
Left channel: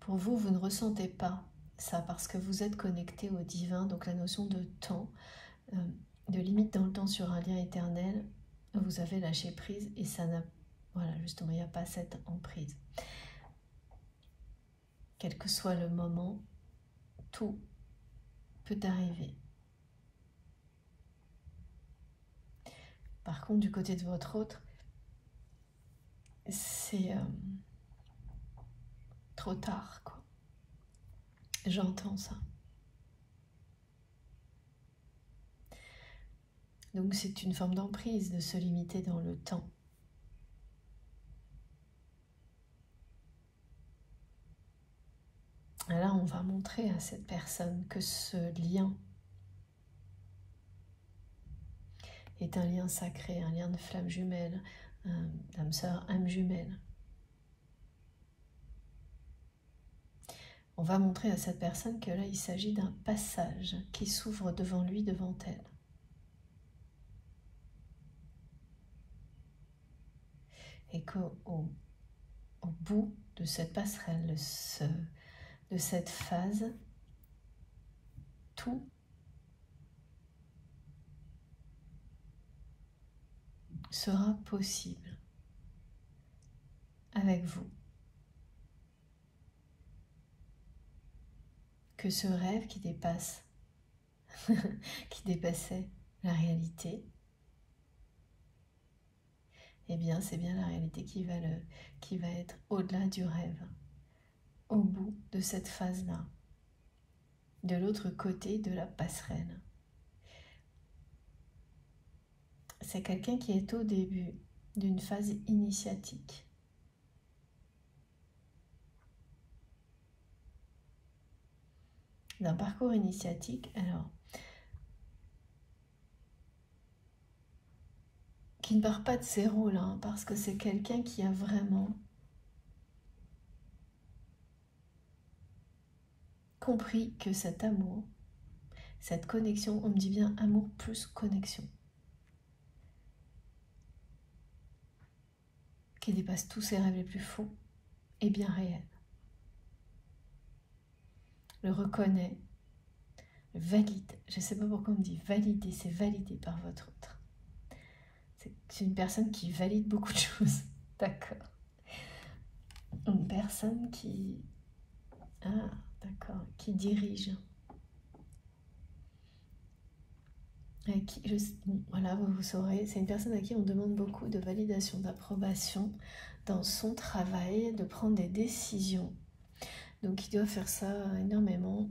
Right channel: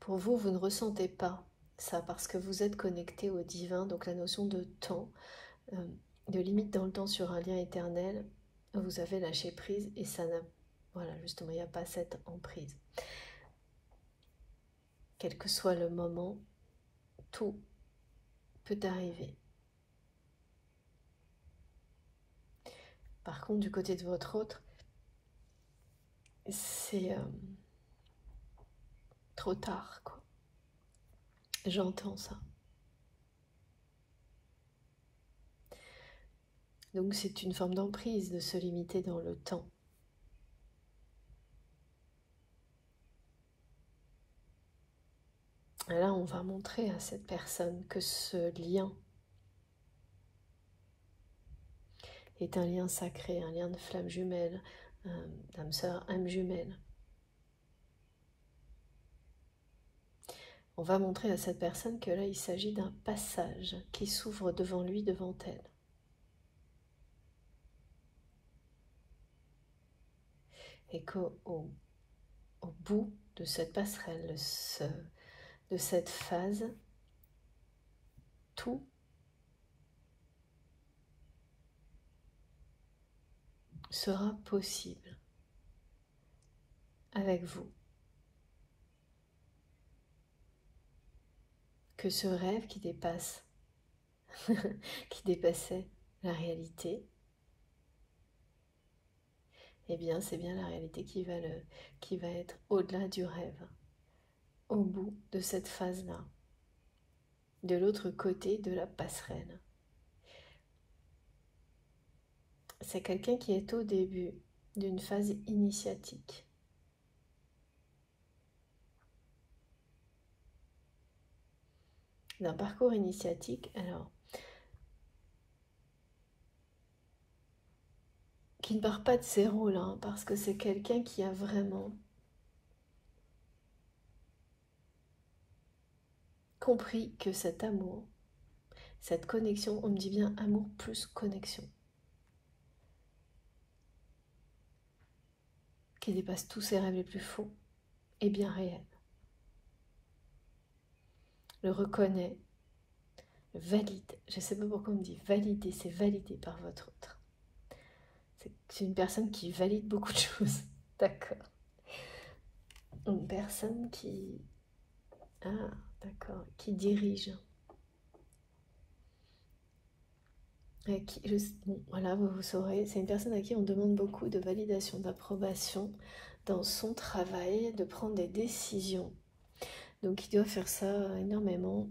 Pour vous, vous ne ressentez pas ça parce que vous êtes connecté au divin, donc la notion de temps, de limite dans le temps sur un lien éternel, vous avez lâché prise et ça n'a... Voilà, justement, il n'y a pas cette emprise. Quel que soit le moment, tout peut arriver. Par contre, du côté de votre autre, c'est trop tard, quoi. J'entends ça. Donc c'est une forme d'emprise de se limiter dans le temps. Là, on va montrer à cette personne que ce lien est un lien sacré, un lien de flamme jumelle, d'âme sœur, âme jumelle. On va montrer à cette personne que là, il s'agit d'un passage qui s'ouvre devant lui, devant elle. Et qu'au bout de cette passerelle, de cette phase, tout sera possible avec vous. Que ce rêve qui dépasse, qui dépassait la réalité, eh bien c'est bien la réalité qui va être au-delà du rêve, au bout de cette phase-là, de l'autre côté de la passerelle. C'est quelqu'un qui est au début d'une phase initiatique. D'un parcours initiatique, alors, qui ne part pas de zéro là, hein, parce que c'est quelqu'un qui a vraiment compris que cet amour, cette connexion, on me dit bien amour plus connexion, qui dépasse tous ses rêves les plus fous, est bien réel. Le reconnaît, le valide. Je ne sais pas pourquoi on me dit valider, c'est validé par votre autre. C'est une personne qui valide beaucoup de choses. D'accord. Une personne qui... Ah, d'accord. Qui dirige. Bon, voilà, vous saurez. C'est une personne à qui on demande beaucoup de validation, d'approbation dans son travail, de prendre des décisions. Donc il doit faire ça énormément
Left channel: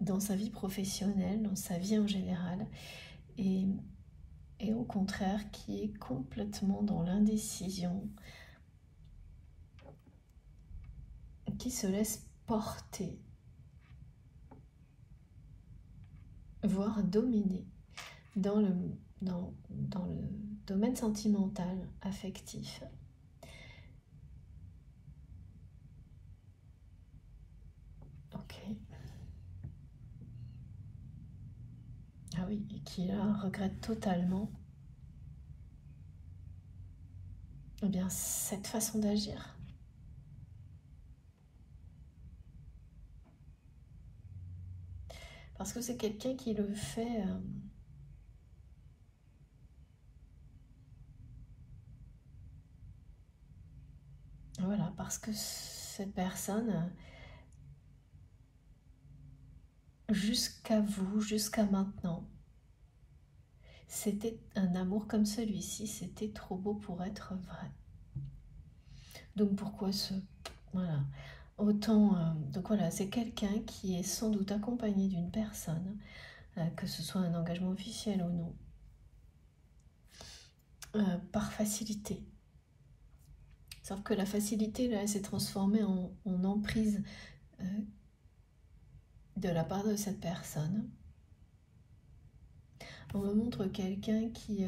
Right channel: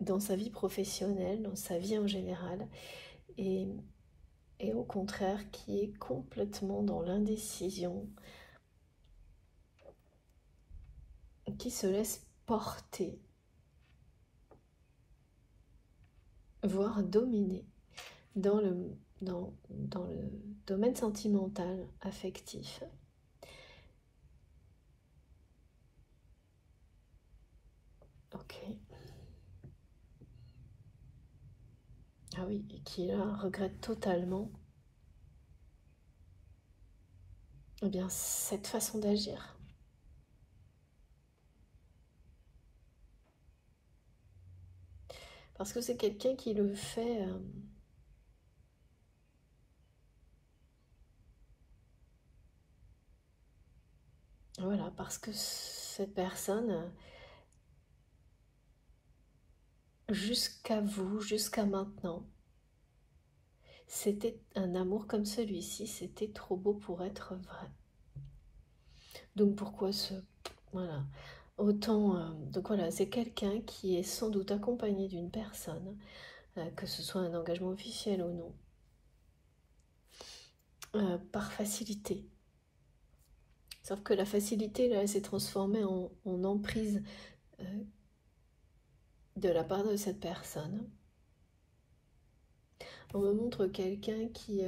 dans sa vie professionnelle, dans sa vie en général. Et au contraire, qui est complètement dans l'indécision, qui se laisse porter, voire dominer dans le domaine sentimental, affectif. Ok. Ah oui, et qui là regrette totalement eh bien, cette façon d'agir. Parce que c'est quelqu'un qui le fait voilà, parce que cette personne, jusqu'à vous, jusqu'à maintenant, c'était un amour comme celui-ci, c'était trop beau pour être vrai. Donc pourquoi ce... Voilà. Autant... donc voilà, c'est quelqu'un qui est sans doute accompagné d'une personne, que ce soit un engagement officiel ou non, par facilité. Sauf que la facilité, là, elle s'est transformée en emprise de la part de cette personne. On me montre quelqu'un qui...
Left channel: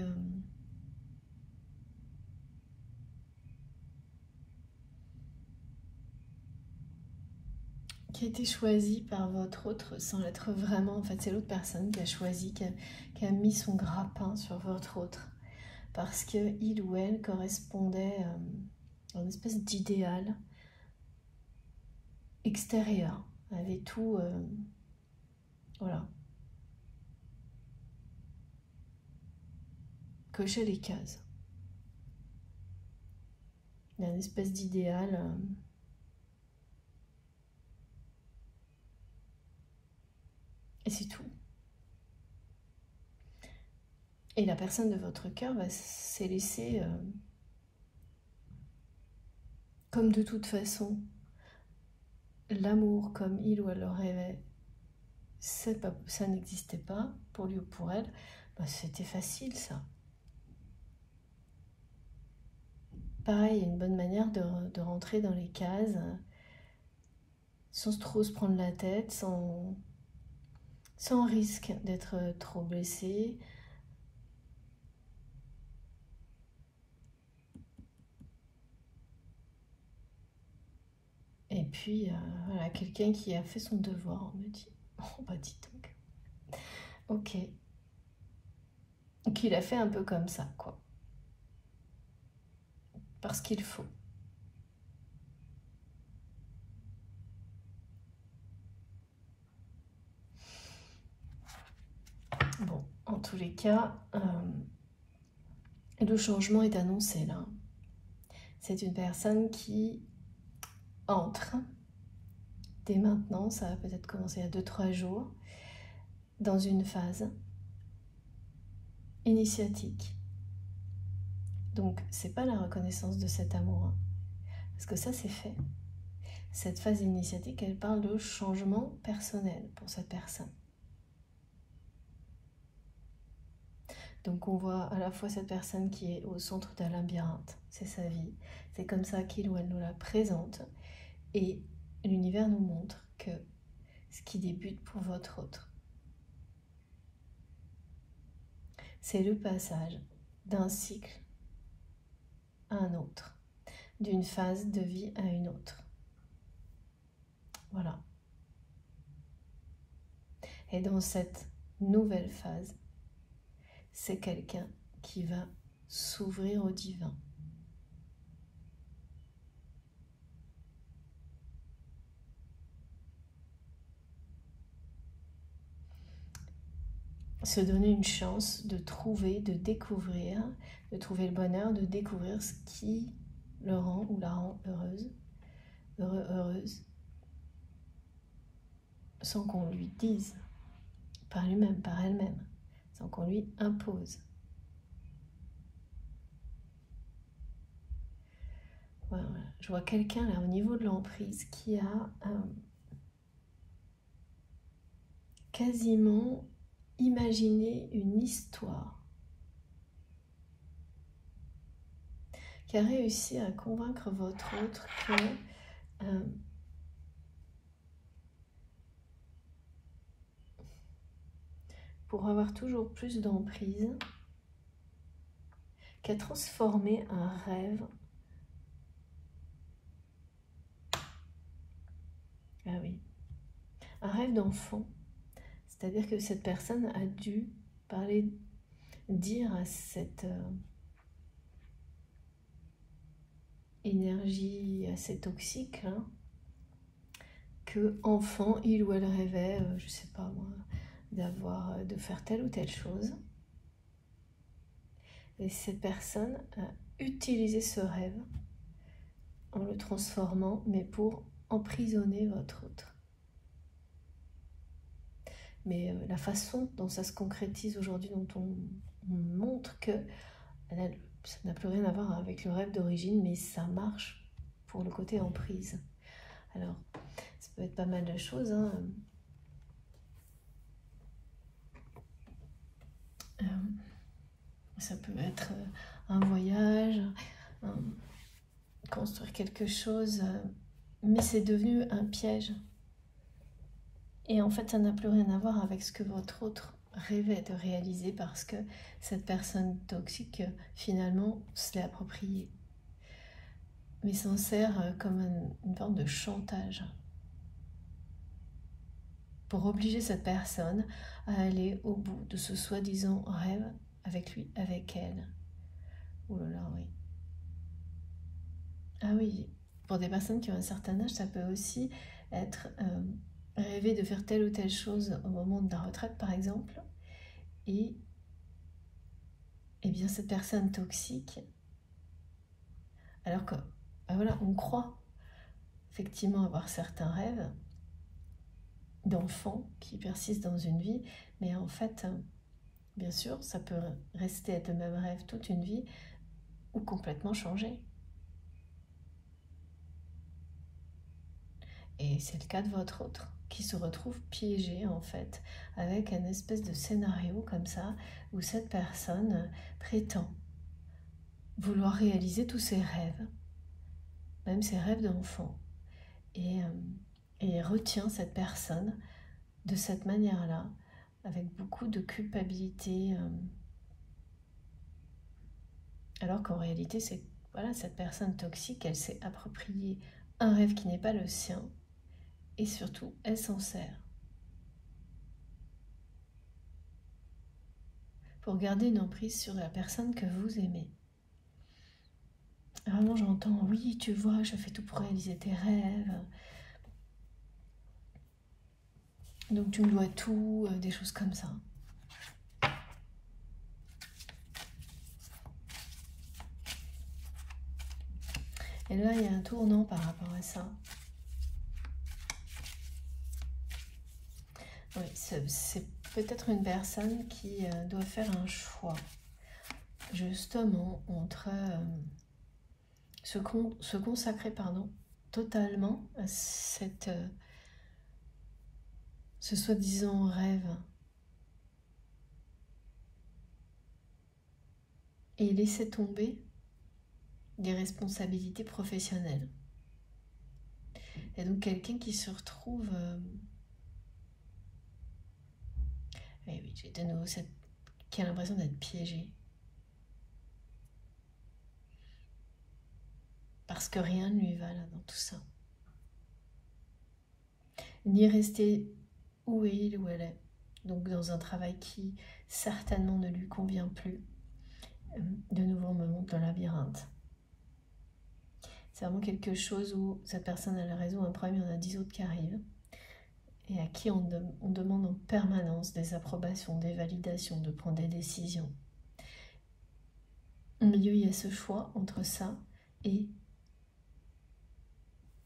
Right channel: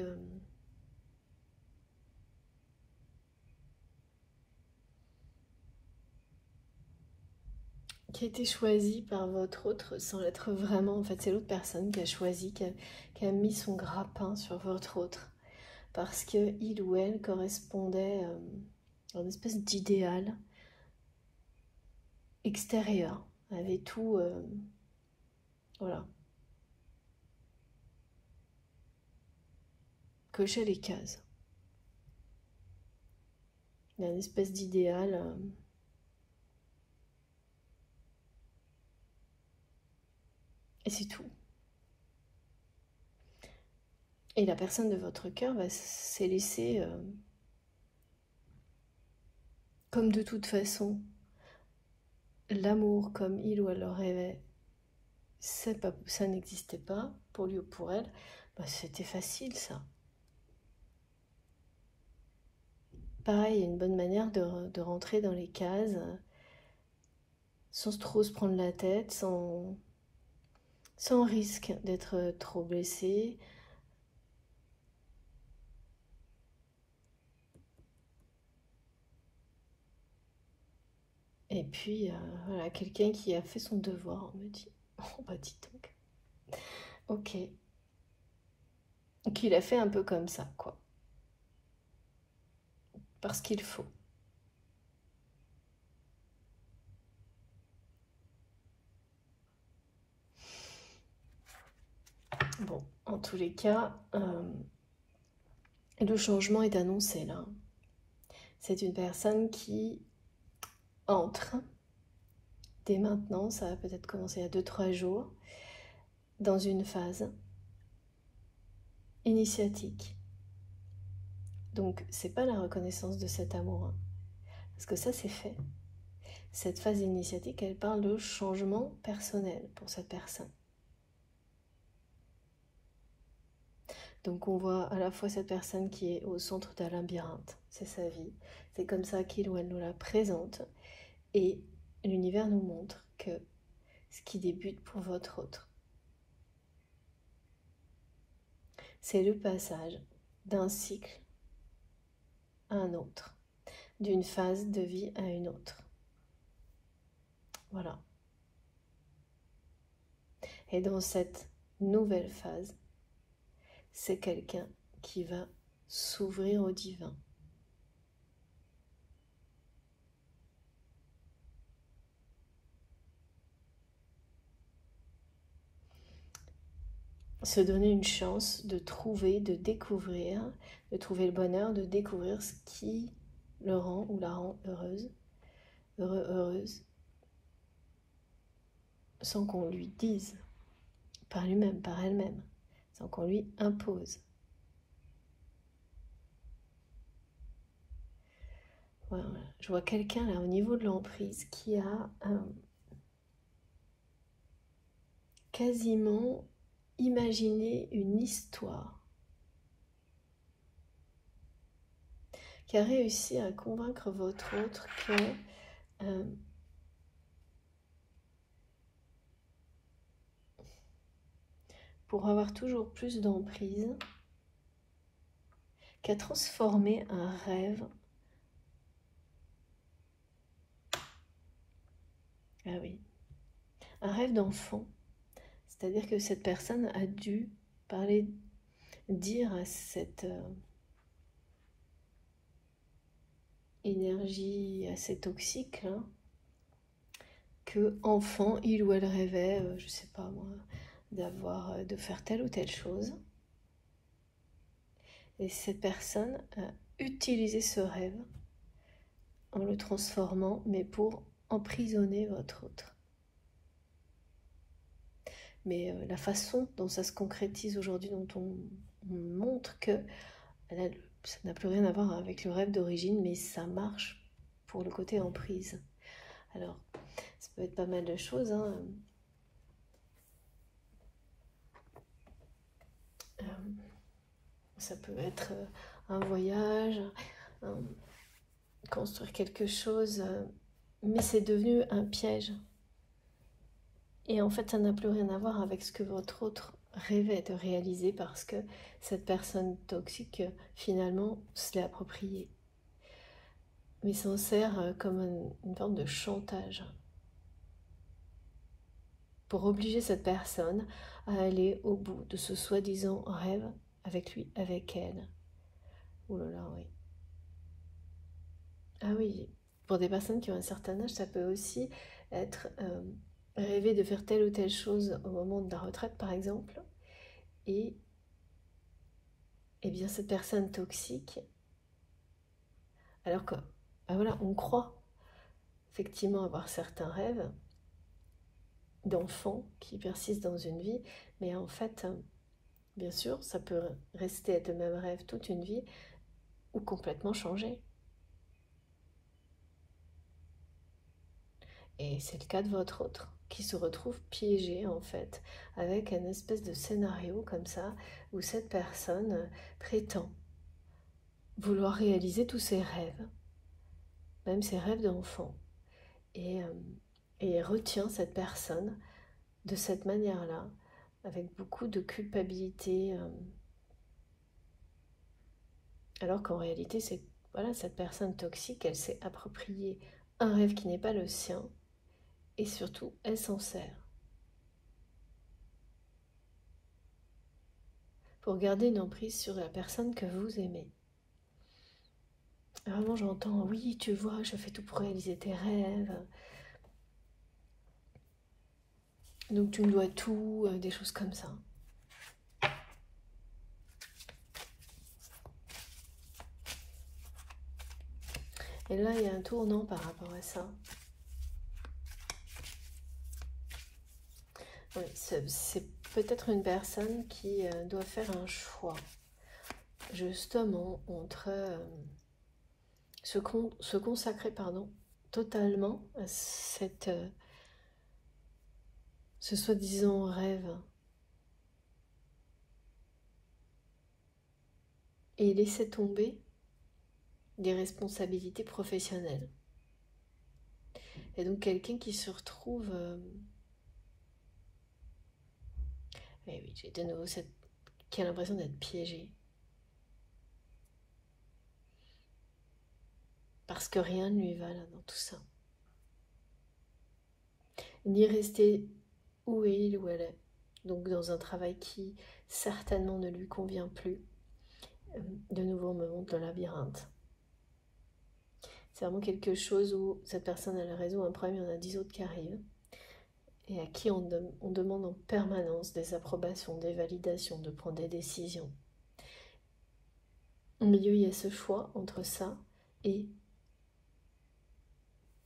qui a été choisi par votre autre sans l'être vraiment. En fait, c'est l'autre personne qui a choisi, qui a mis son grappin sur votre autre. Parce qu'il ou elle correspondait à une espèce d'idéal extérieur, avait tout, voilà, cochait les cases. Il y a une espèce d'idéal et c'est tout. Et la personne de votre cœur s'est laissée, comme de toute façon, l'amour comme il ou elle le rêvait, ça n'existait pas pour lui ou pour elle, bah, c'était facile ça. Pareil, une bonne manière de rentrer dans les cases sans trop se prendre la tête, sans risque d'être trop blessé. Et puis, voilà, quelqu'un qui a fait son devoir, on me dit. Oh, bah dis donc. Ok. Donc il a fait un peu comme ça, quoi. Parce qu'il faut. Bon, en tous les cas, le changement est annoncé là. C'est une personne qui entre dès maintenant, ça va peut-être commencer à 2-3 jours, dans une phase initiatique. Donc, c'est pas la reconnaissance de cet amour, hein, parce que ça, c'est fait. Cette phase initiatique, elle parle de changement personnel pour cette personne. Donc, on voit à la fois cette personne qui est au centre d'un labyrinthe, c'est sa vie, c'est comme ça qu'il ou elle nous la présente, et l'univers nous montre que ce qui débute pour votre autre, c'est le passage d'un cycle à un autre, d'une phase de vie à une autre. Voilà. Et dans cette nouvelle phase, c'est quelqu'un qui va s'ouvrir au divin. Se donner une chance de trouver, de découvrir, de trouver le bonheur, de découvrir ce qui le rend ou la rend heureuse, heureuse, sans qu'on lui dise, par lui-même, par elle-même, sans qu'on lui impose. Voilà. Je vois quelqu'un là au niveau de l'emprise qui a quasiment imaginé une histoire, qui a réussi à convaincre votre autre que pour avoir toujours plus d'emprise, qui a transformé un rêve. Ah oui, un rêve d'enfant. C'est-à-dire que cette personne a dû dire à cette énergie assez toxique, hein, que enfant, il ou elle rêvait, je sais pas moi, de faire telle ou telle chose. Et cette personne a utilisé ce rêve en le transformant, mais pour emprisonner votre autre. Mais la façon dont ça se concrétise aujourd'hui, dont on montre que ça n'a plus rien à voir avec le rêve d'origine, mais ça marche pour le côté emprise. Alors, ça peut être pas mal de choses, hein. Ça peut être un voyage, construire quelque chose, mais c'est devenu un piège. Et en fait, ça n'a plus rien à voir avec ce que votre autre rêvait de réaliser parce que cette personne toxique, finalement, se l'est appropriée. Mais s'en sert comme une forme de chantage. pour obliger cette personne à aller au bout de ce soi-disant rêve avec lui, avec elle. Oh là là, oui. Ah oui, pour des personnes qui ont un certain âge, ça peut aussi être rêver de faire telle ou telle chose au moment de la retraite, par exemple. Et bien cette personne toxique, alors que, ben voilà, on croit effectivement avoir certains rêves d'enfants qui persistent dans une vie, mais en fait, bien sûr, ça peut rester être le même rêve toute une vie ou complètement changer. Et c'est le cas de votre autre, qui se retrouve piégé en fait, avec un espèce de scénario comme ça, où cette personne prétend vouloir réaliser tous ses rêves, même ses rêves d'enfant, et retient cette personne de cette manière-là, avec beaucoup de culpabilité, alors qu'en réalité, c'est voilà, cette personne toxique, elle s'est appropriée un rêve qui n'est pas le sien, et surtout, elle s'en sert pour garder une emprise sur la personne que vous aimez. Vraiment, j'entends, oui, tu vois, je fais tout pour réaliser tes rêves, donc tu me dois tout, des choses comme ça. Et là, il y a un tournant par rapport à ça. C'est peut-être une personne qui doit faire un choix, justement, entre se consacrer totalement à ce soi-disant rêve et laisser tomber des responsabilités professionnelles. Et donc quelqu'un qui se retrouve... et oui, j'ai de nouveau qui a l'impression d'être piégé. Parce que rien ne lui va là dans tout ça. Ni rester où il ou elle est. Donc dans un travail qui certainement ne lui convient plus. De nouveau, on me montre le labyrinthe. C'est vraiment quelque chose où cette personne elle résout un problème, il y en a 10 autres qui arrivent. Et à qui on demande en permanence des approbations, des validations, de prendre des décisions. Au milieu, il y a ce choix entre ça et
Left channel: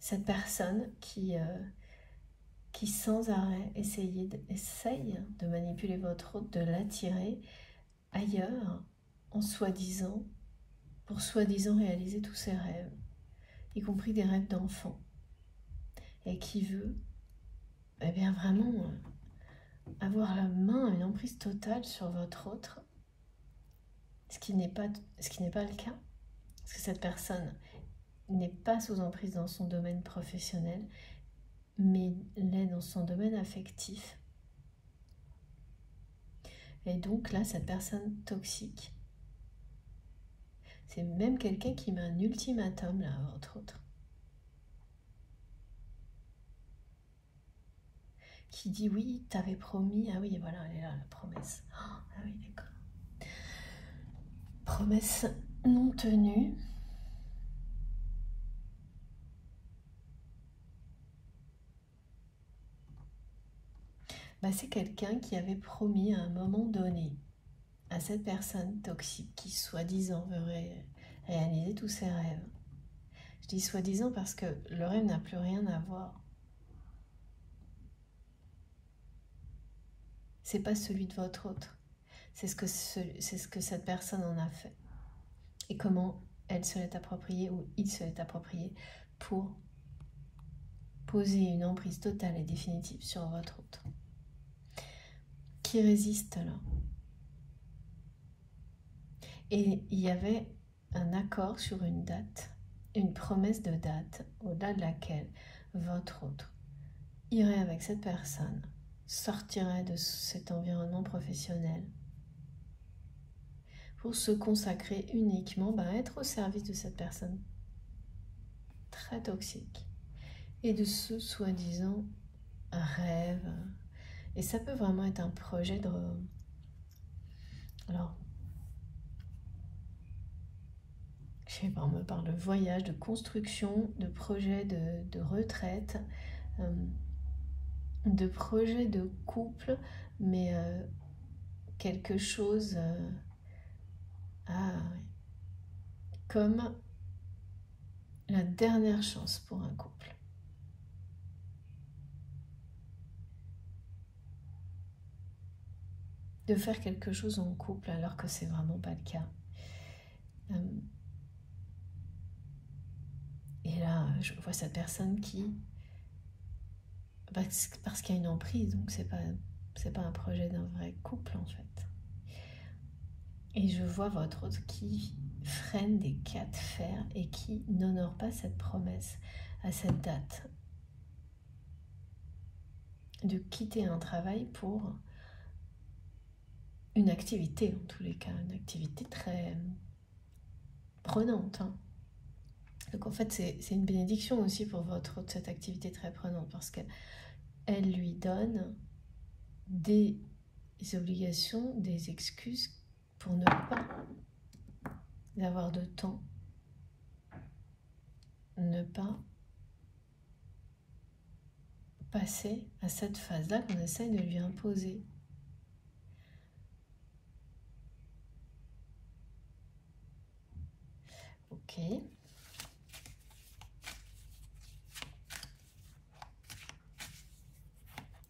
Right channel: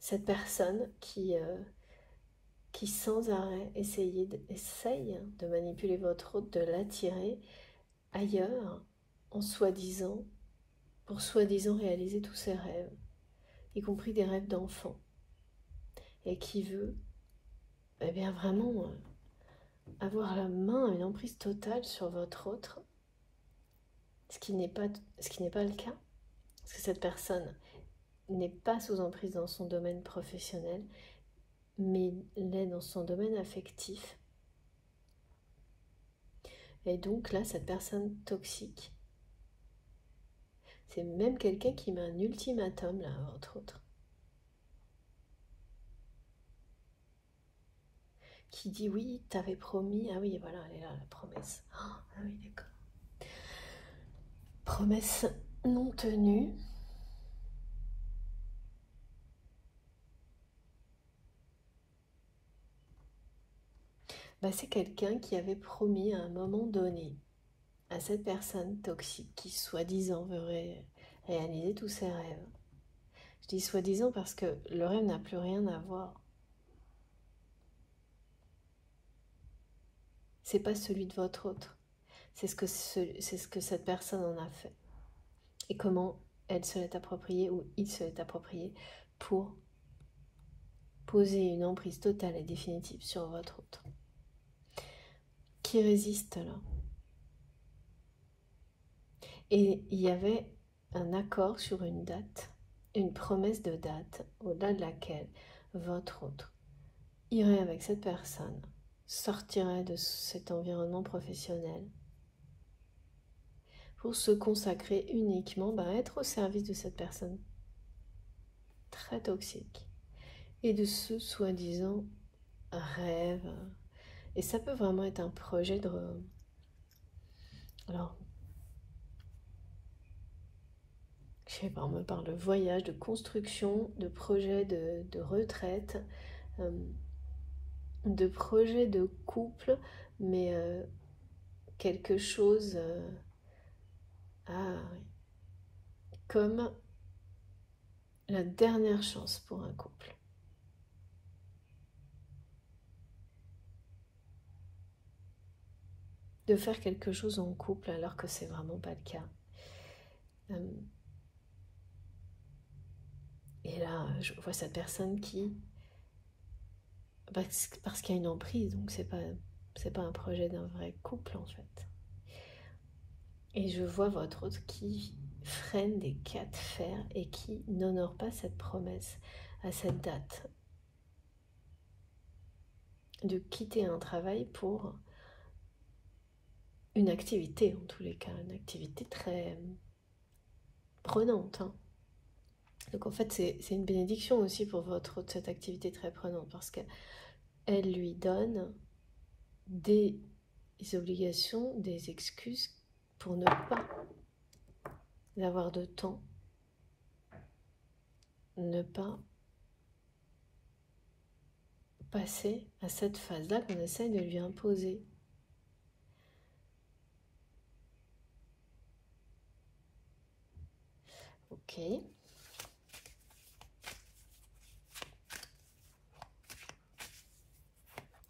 cette personne qui sans arrêt essaye de manipuler votre autre, de l'attirer ailleurs, en soi-disant, pour soi-disant réaliser tous ses rêves, y compris des rêves d'enfant, et qui veut eh bien vraiment avoir la main, une emprise totale sur votre autre, ce qui n'est pas le cas, parce que cette personne n'est pas sous emprise dans son domaine professionnel, mais l'est dans son domaine affectif. Et donc là, cette personne toxique, c'est même quelqu'un qui met un ultimatum, là, entre autres. Qui dit oui, t'avais promis, ah oui, voilà, elle est là, la promesse. Ah oui, d'accord. Promesse non tenue. Bah, c'est quelqu'un qui avait promis à un moment donné à cette personne toxique qui soi-disant veut réaliser tous ses rêves. Je dis soi-disant parce que le rêve n'a plus rien à voir. C'est pas celui de votre autre. C'est ce que cette personne en a fait. Et comment elle se l'est appropriée ou il se l'est approprié pour poser une emprise totale et définitive sur votre autre. Qui résiste là? Et il y avait un accord sur une date, une promesse de date, au-delà de laquelle votre autre irait avec cette personne, sortirait de cet environnement professionnel pour se consacrer uniquement à être au service de cette personne très toxique et de ce soi-disant rêve Et ça peut vraiment être un projet de... Alors, je sais pas, on me parle de voyage, de construction, de projet de retraite, de projet de couple, mais quelque chose... ah oui, comme la dernière chance pour un couple. De faire quelque chose en couple alors que c'est vraiment pas le cas. Et là, je vois cette personne qui... Parce qu'il y a une emprise, donc c'est pas un projet d'un vrai couple en fait. Et je vois votre autre qui freine des cas de fer et qui n'honore pas cette promesse à cette date de quitter un travail pour une activité, en tous les cas, une activité très prenante. Hein. Donc en fait, c'est une bénédiction aussi pour votre autre, cette activité très prenante, parce qu'elle lui donne des obligations, des excuses pour ne pas avoir de temps, ne pas passer à cette phase-là qu'on essaye de lui imposer. Ok.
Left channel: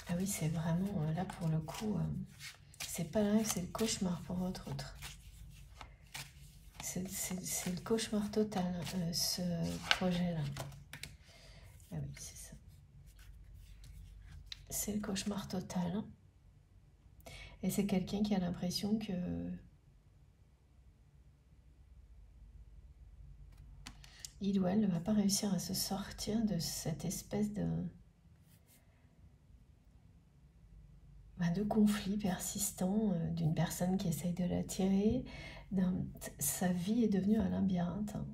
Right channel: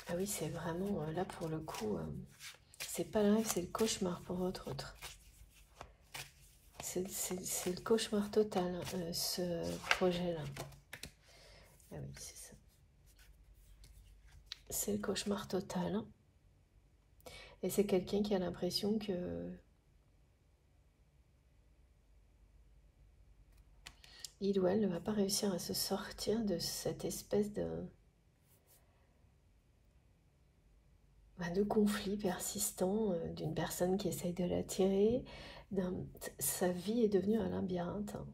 Ah oui, c'est vraiment, là pour le coup, c'est pas le rêve, c'est le cauchemar pour votre autre. C'est le cauchemar total, ce projet-là. Ah oui, c'est ça. C'est le cauchemar total. Et c'est quelqu'un qui a l'impression que il ou elle ne va pas réussir à se sortir de cette espèce de conflit persistant d'une personne qui essaye de l'attirer. Sa vie est devenue un labyrinthe, hein,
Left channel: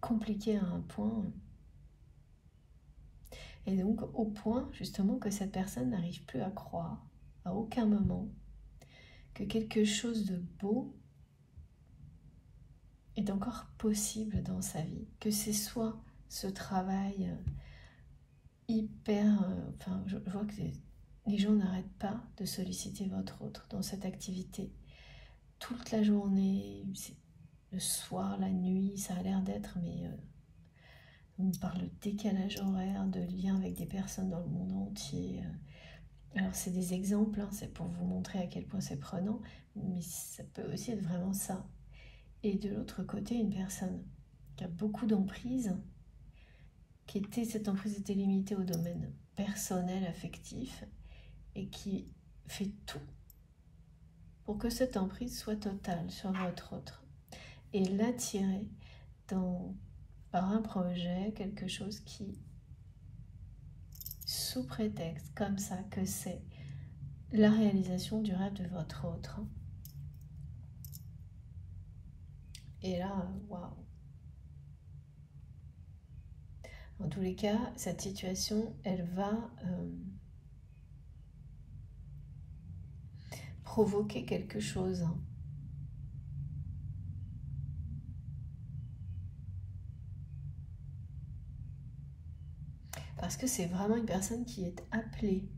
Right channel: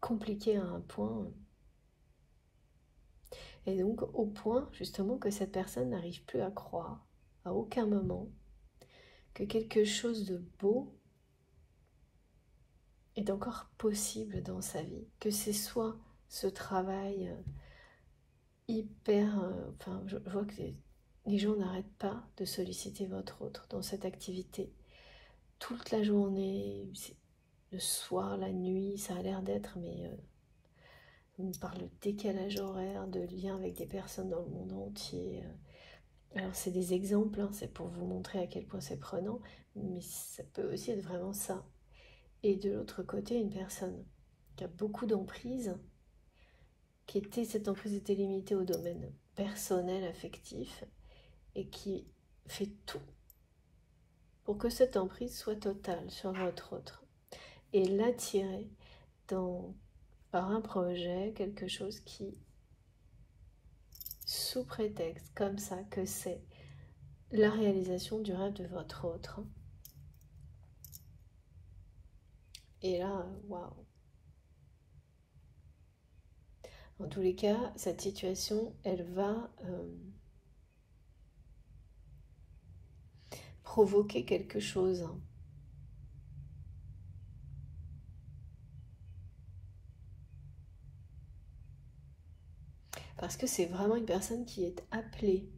compliqué à un point. Et donc au point justement que cette personne n'arrive plus à croire à aucun moment que quelque chose de beau est encore possible dans sa vie, que c'est soit ce travail hyper... enfin, je vois que les gens n'arrêtent pas de solliciter votre autre dans cette activité. Toute la journée, le soir, la nuit, ça a l'air d'être, mais on parle de décalage horaire, de lien avec des personnes dans le monde entier. Alors c'est des exemples, hein, c'est pour vous montrer à quel point c'est prenant, mais ça peut aussi être vraiment ça. Et de l'autre côté, une personne qui a beaucoup d'emprise, cette emprise était limitée au domaine personnel, affectif, et qui fait tout pour que cette emprise soit totale sur votre autre. Et l'attirer par un projet, quelque chose qui, sous prétexte comme ça, que c'est la réalisation du rêve de votre autre. Et là, waouh! En tous les cas, cette situation, elle va provoquer quelque chose. Parce que c'est vraiment une personne qui est appelée.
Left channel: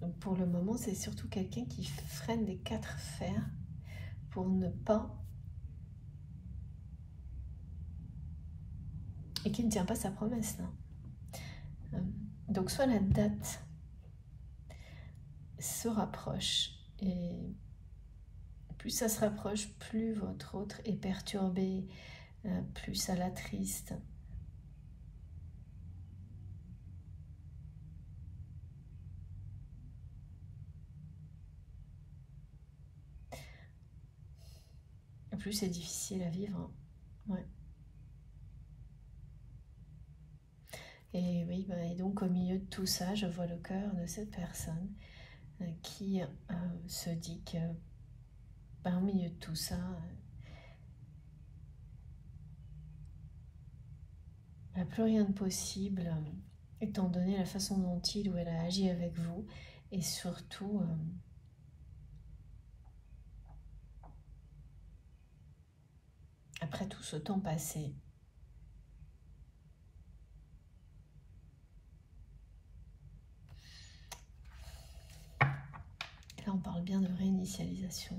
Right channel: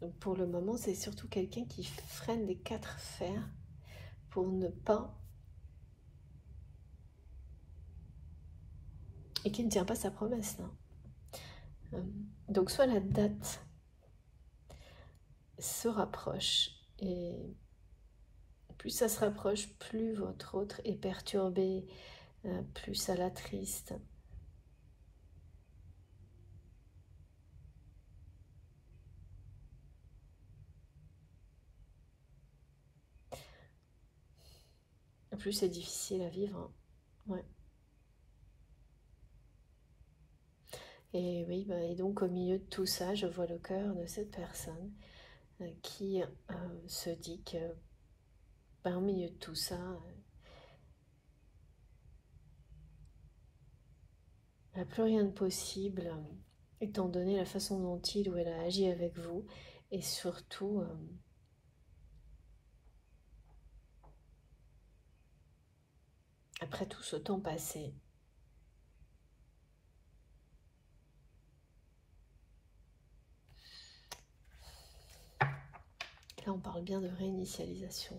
Donc pour le moment, c'est surtout quelqu'un qui freine des quatre fers pour ne pas... et qui ne tient pas sa promesse, là. Donc soit la date se rapproche, et plus ça se rapproche, plus votre autre est perturbé, plus ça l'attriste. Plus c'est difficile à vivre. Ouais. Et oui, et donc au milieu de tout ça, je vois le cœur de cette personne qui se dit que au milieu de tout ça, Il n'y a plus rien de possible, étant donné la façon dont il ou elle a agi avec vous, et surtout, après tout ce temps passé. Là, on parle bien de réinitialisation.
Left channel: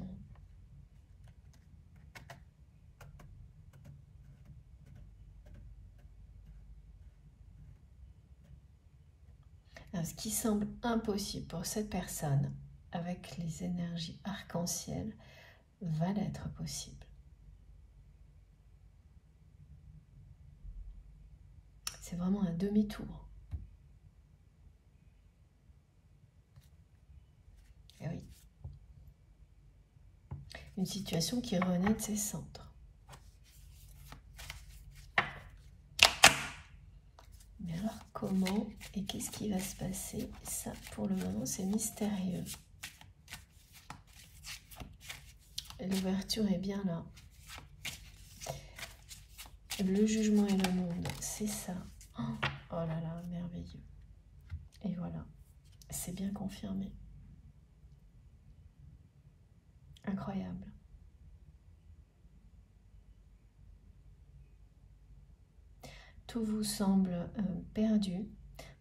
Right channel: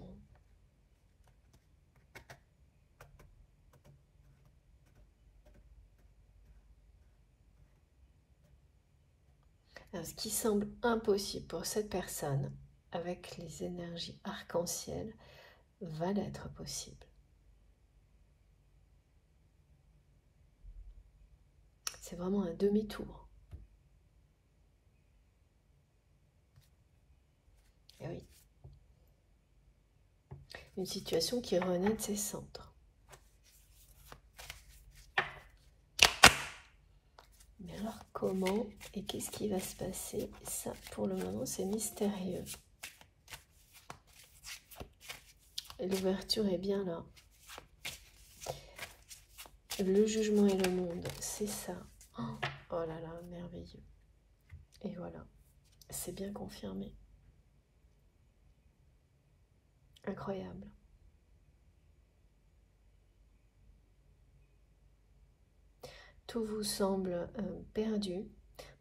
Alors, ce qui semble impossible pour cette personne, avec les énergies arc-en-ciel, va l'être possible. C'est vraiment un demi-tour. Et oui. Une situation qui renaît de ses centres. Mais alors, comment et qu'est-ce qui va se passer? Ça, pour le moment, c'est mystérieux. L'ouverture est bien là. Le jugement et le monde, c'est ça. Oh là là, merveilleux. Et voilà, c'est bien confirmé. Incroyable. Tout vous semble perdu,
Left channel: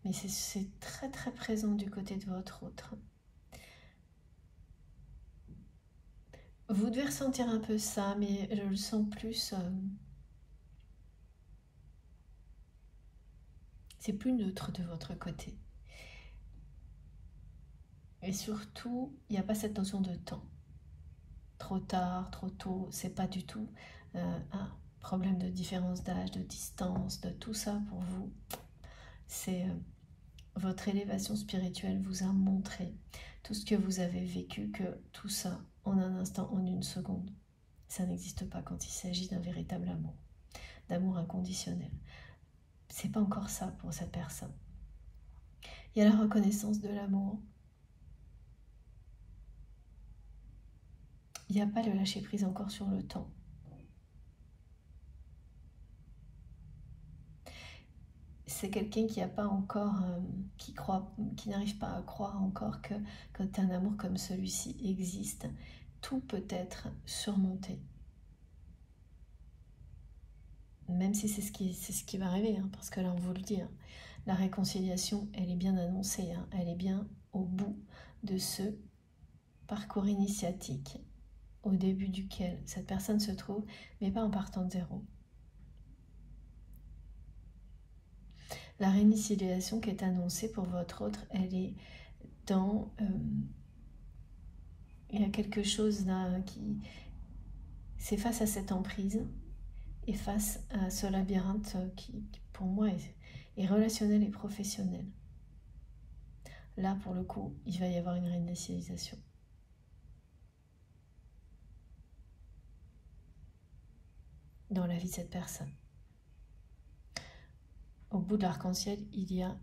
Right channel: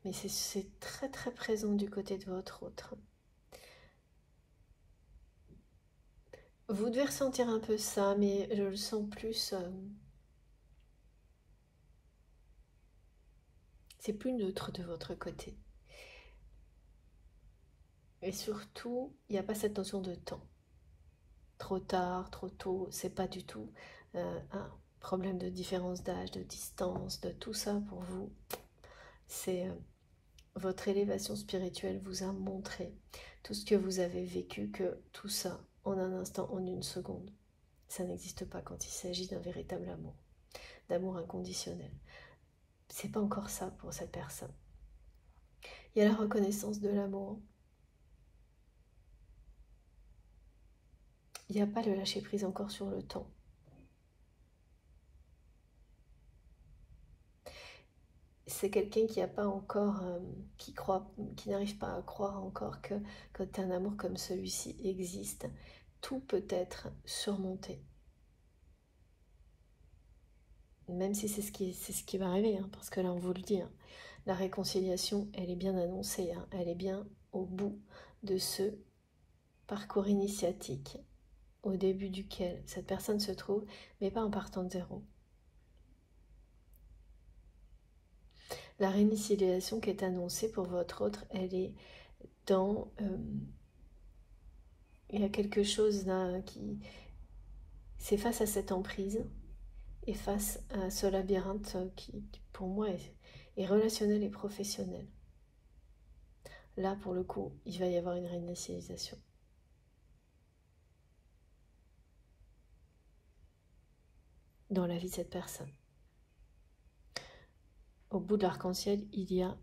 mais c'est très très présent du côté de votre autre. Vous devez ressentir un peu ça, mais je le sens plus... c'est plus neutre de votre côté. Et surtout, il n'y a pas cette notion de temps. Trop tard, trop tôt, c'est pas du tout un problème de différence d'âge, de distance, de tout ça pour vous. C'est votre élévation spirituelle vous a montré tout ce que vous avez vécu, que tout ça, en un instant, en une seconde, ça n'existe pas quand il s'agit d'un véritable amour, d'amour inconditionnel. C'est pas encore ça pour cette personne. Il y a la reconnaissance de l'amour. Il n'y a pas le lâcher prise encore sur le temps. C'est quelqu'un qui n'a pas encore, qui n'arrive pas à croire encore que quand un amour comme celui-ci existe, tout peut être surmonté. Même si c'est ce qui va arriver, hein, parce que là on vous le dit, hein, la réconciliation, elle est bien annoncée, hein, elle est bien au bout de ce parcours initiatique, au début duquel cette personne se trouve, mais pas en partant de zéro. La réinitialisation qui est annoncée pour votre autre, elle est dans... il y a quelque chose qui... C'est face à cette emprise et face à ce labyrinthe qui pour moi, est relationnel et professionnel. Là, pour le coup, il va y avoir une réinitialisation. Dans la vie de cette personne. Au bout de l'arc-en-ciel, il y a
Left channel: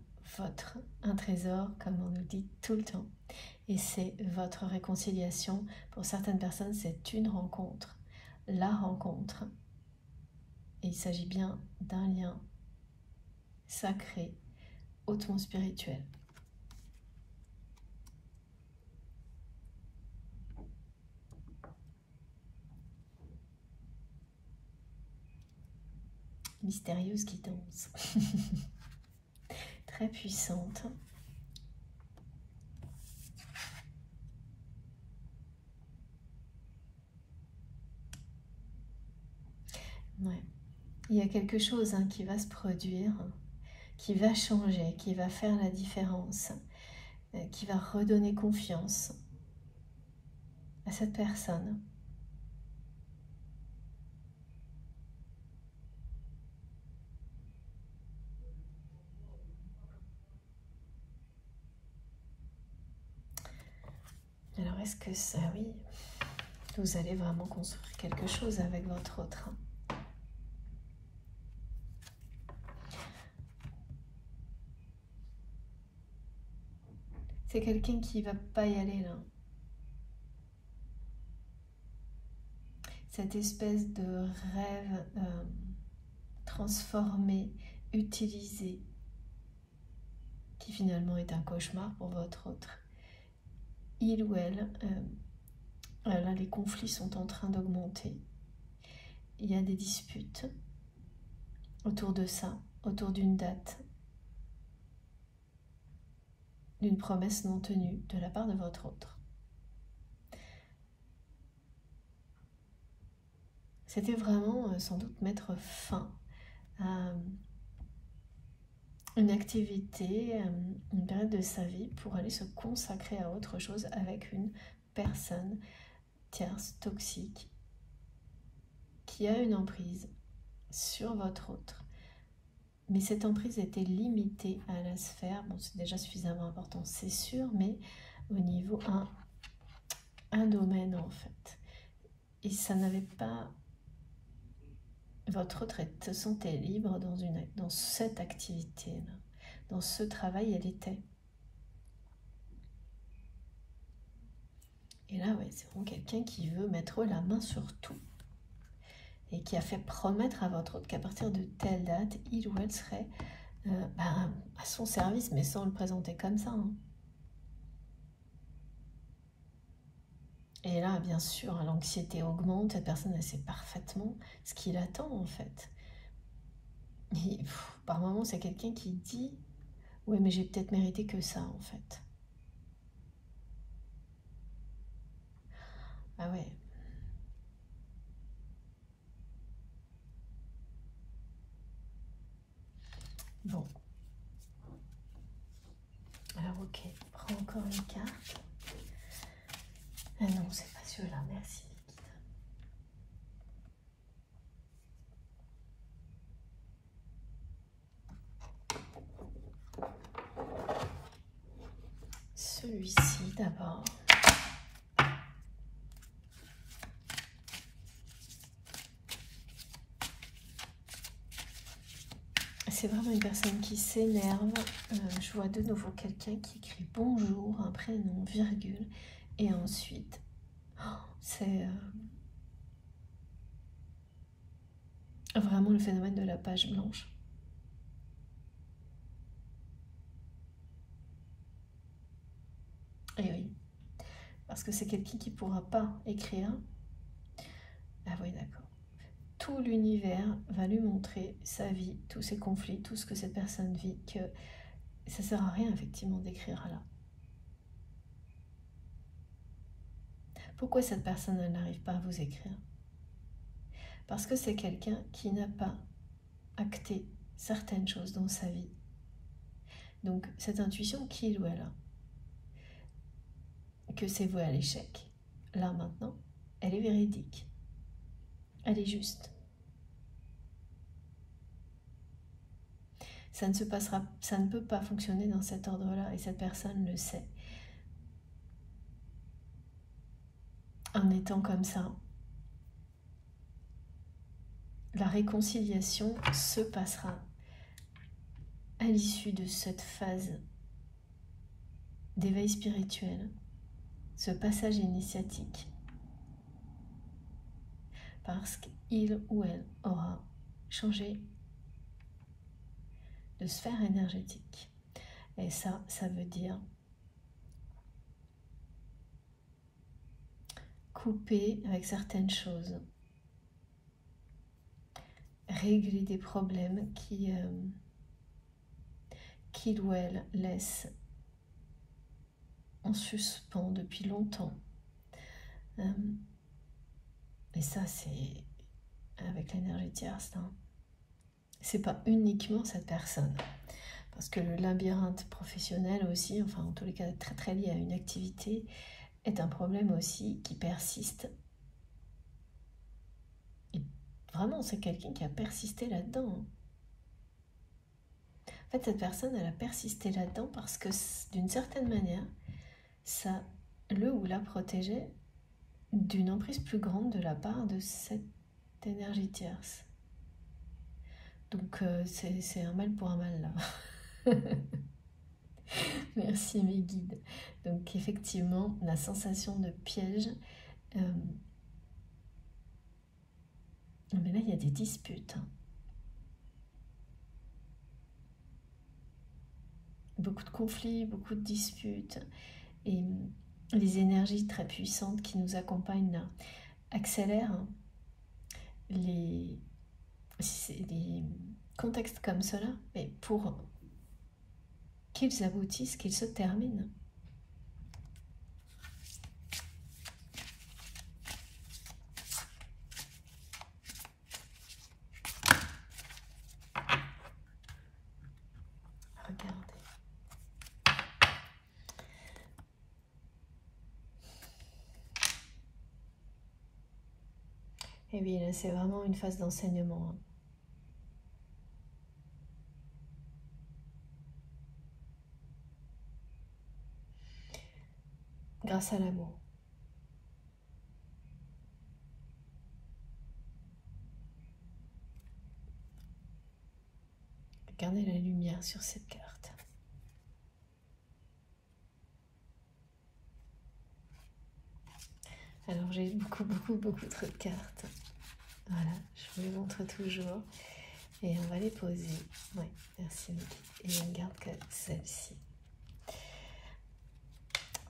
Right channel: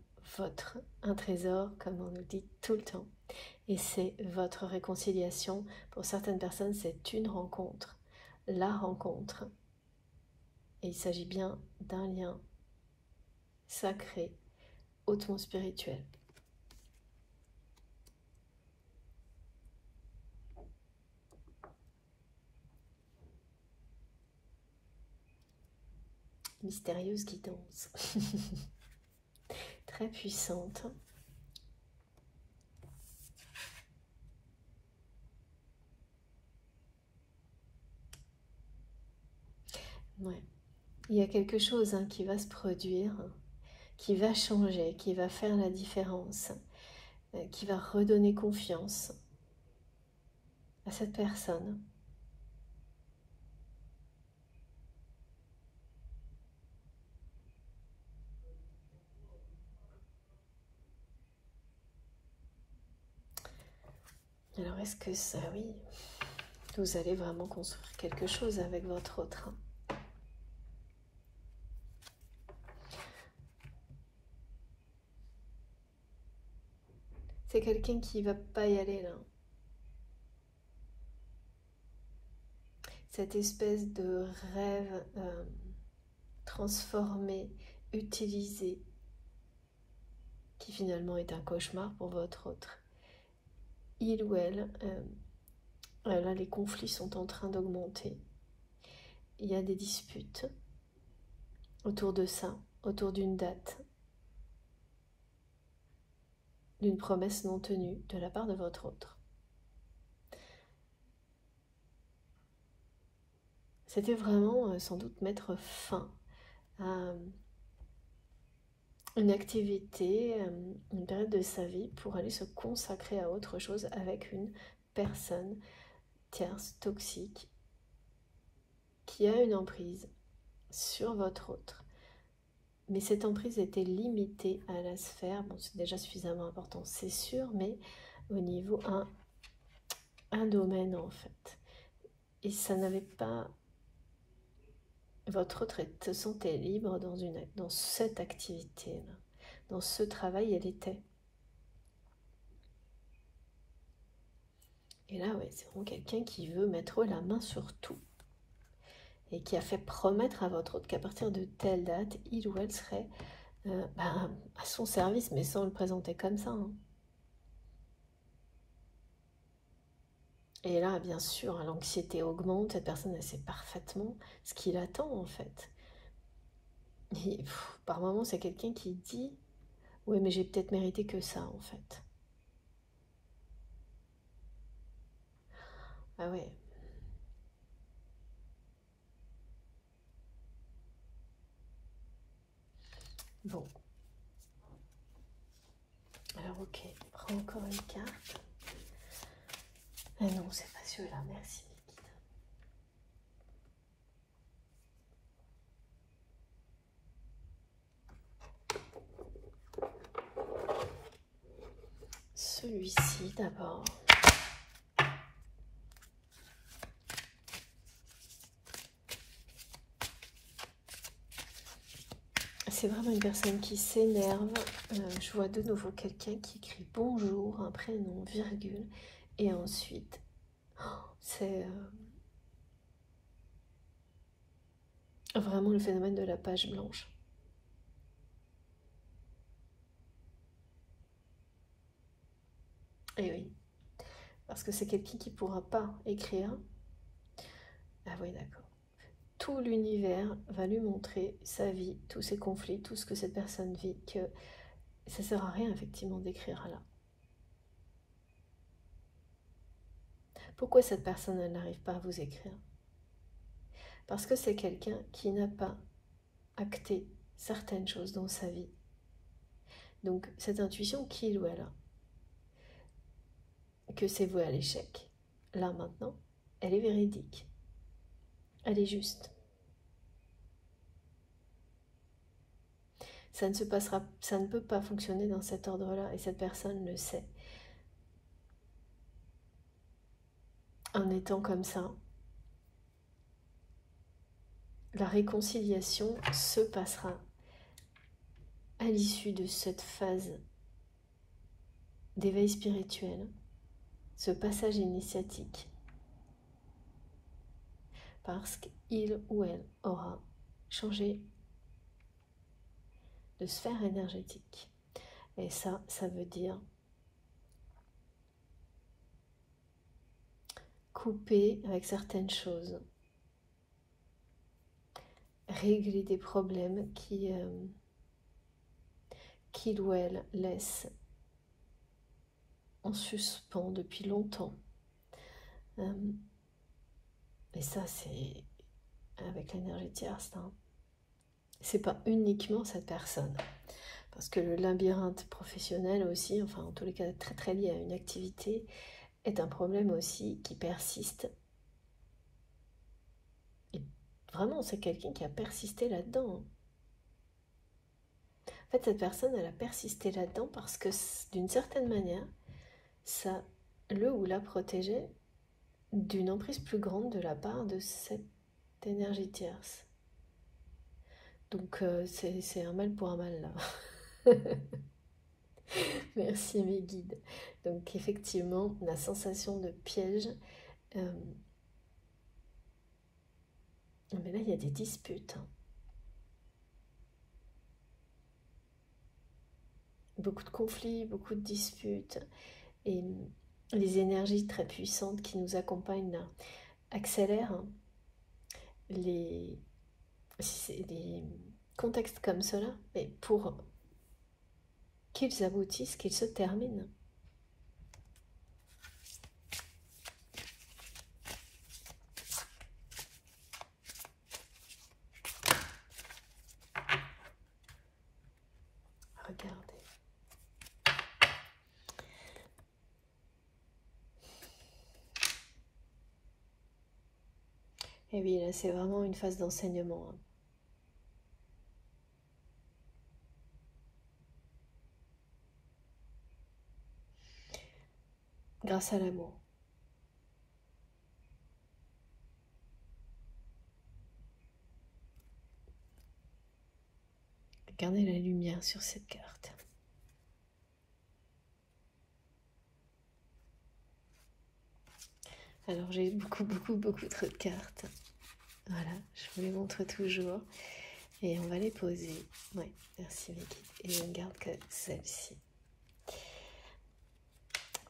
un trésor, comme on nous dit tout le temps. Et c'est votre réconciliation. Pour certaines personnes, c'est une rencontre. La rencontre. Et il s'agit bien d'un lien sacré, hautement spirituel. Mystérieuse qui danse. Très puissante. Ouais. Il y a quelque chose qui va se produire, qui va changer, qui va faire la différence, qui va redonner confiance à cette personne. Alors, est-ce que ça, oui, vous allez vraiment construire quelque chose avec votre autre? C'est quelqu'un qui ne va pas y aller là. Cette espèce de rêve transformé, utilisé, qui finalement est un cauchemar pour votre autre, il ou elle, là les conflits sont en train d'augmenter. Il y a des disputes autour de ça, autour d'une date, d'une promesse non tenue de la part de votre autre. C'était vraiment sans doute mettre fin à une activité, une période de sa vie pour aller se consacrer à autre chose avec une personne tierce, toxique, qui a une emprise sur votre autre. Mais cette emprise était limitée à la sphère, bon c'est déjà suffisamment important c'est sûr, mais au niveau un domaine en fait. Et ça n'avait pas... Votre autre se sentait libre dans cette activité-là. Dans ce travail, elle était. Et là, ouais, c'est vraiment quelqu'un qui veut mettre la main sur tout. Et qui a fait promettre à votre autre qu'à partir de telle date, il ou elle serait à son service, mais sans le présenter comme ça. Hein. Et là, bien sûr, l'anxiété augmente, cette personne, elle sait parfaitement ce qu'il attend, en fait. Et, par moments, c'est quelqu'un qui dit « Oui, mais j'ai peut-être mérité que ça, en fait. » Ah ouais. Bon. Alors, ok, prends encore une carte. Ah non, c'est pas celui-là, merci. Celui-ci d'abord. C'est vraiment une personne qui s'énerve. Je vois de nouveau quelqu'un qui écrit bonjour, un prénom, virgule, et ensuite, c'est vraiment le phénomène de la page blanche. Et oui, parce que c'est quelqu'un qui ne pourra pas écrire. Ah oui, d'accord. Tout l'univers va lui montrer sa vie, tous ses conflits, tout ce que cette personne vit, que ça ne sert à rien effectivement d'écrire là. Pourquoi cette personne n'arrive pas à vous écrire? Parce que c'est quelqu'un qui n'a pas acté certaines choses dans sa vie. Donc cette intuition qu'il ou elle a, que c'est voué à l'échec, là maintenant, elle est véridique. Elle est juste. Ça ne peut pas fonctionner dans cet ordre-là et cette personne le sait. En étant comme ça, la réconciliation se passera à l'issue de cette phase d'éveil spirituel, ce passage initiatique, parce qu'il ou elle aura changé de sphère énergétique. Et ça veut dire couper avec certaines choses, régler des problèmes qu'il ou elle laisse en suspens depuis longtemps. Et ça, c'est avec l'énergie tierce. Hein. C'est pas uniquement cette personne. Parce que le labyrinthe professionnel aussi, enfin en tous les cas très très lié à une activité, est un problème aussi qui persiste. Et vraiment, c'est quelqu'un qui a persisté là-dedans. En fait, cette personne, elle a persisté là-dedans parce que d'une certaine manière, ça le ou la protégeait d'une emprise plus grande de la part de cette énergie tierce. Donc c'est un mal pour un mal là. Merci mes guides. Donc effectivement, la sensation de piège. Mais là, il y a des disputes. Hein. beaucoup de conflits, beaucoup de disputes, et les énergies très puissantes qui nous accompagnent là accélèrent les contextes comme cela, mais pour qu'ils aboutissent, qu'ils se terminent. Regardez. Et oui, là, c'est vraiment une phase d'enseignement. Grâce à l'amour. Regardez la lumière sur cette carte. Alors j'ai beaucoup trop de cartes. Voilà, je vous les montre toujours. Et on va les poser. Ouais, merci Vicky. Et on ne garde que celle-ci.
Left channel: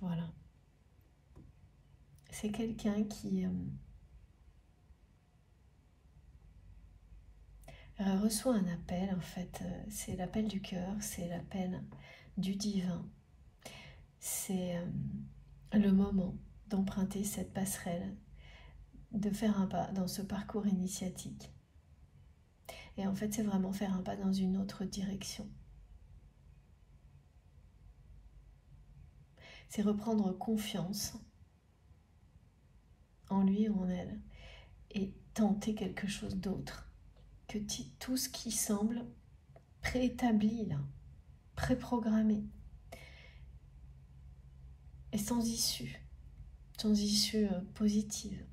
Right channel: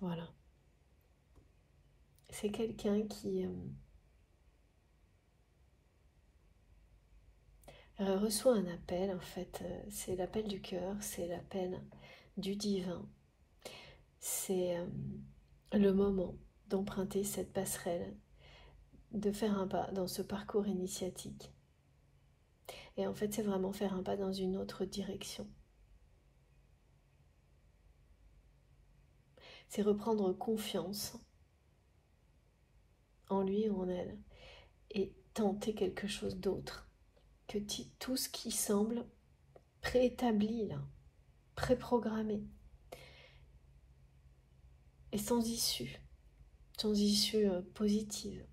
Voilà. C'est quelqu'un qui reçoit un appel, en fait. C'est l'appel du cœur, c'est l'appel du divin. C'est le moment d'emprunter cette passerelle, de faire un pas dans ce parcours initiatique. Et en fait, c'est vraiment faire un pas dans une autre direction. C'est reprendre confiance en lui ou en elle et tenter quelque chose d'autre que tout ce qui semble préétabli, là, préprogrammé et sans issue positive.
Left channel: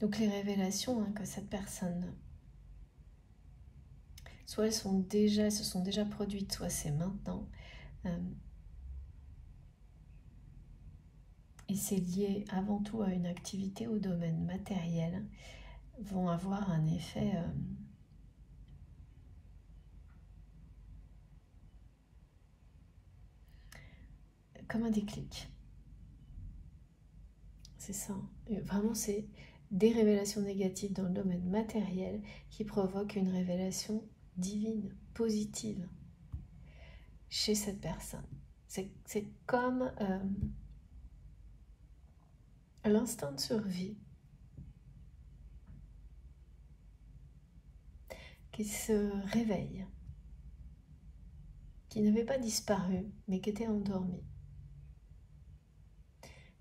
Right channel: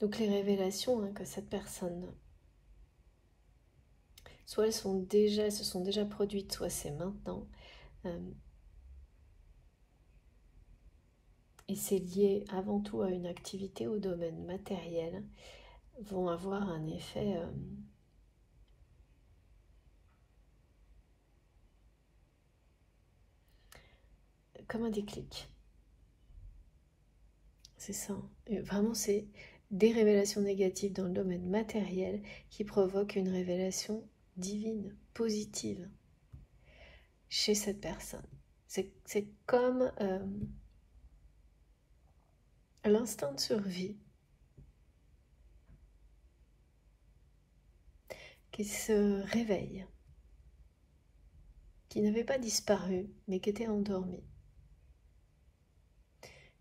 Donc les révélations que cette personne, soit elles se sont déjà produites, soit c'est maintenant, et c'est lié avant tout à une activité au domaine matériel, vont avoir un effet comme un déclic. C'est ça. Et vraiment, c'est des révélations négatives dans le domaine matériel qui provoquent une révélation divine, positive, chez cette personne. C'est comme l'instinct de survie qui se réveille, qui n'avait pas disparu, mais qui était endormi,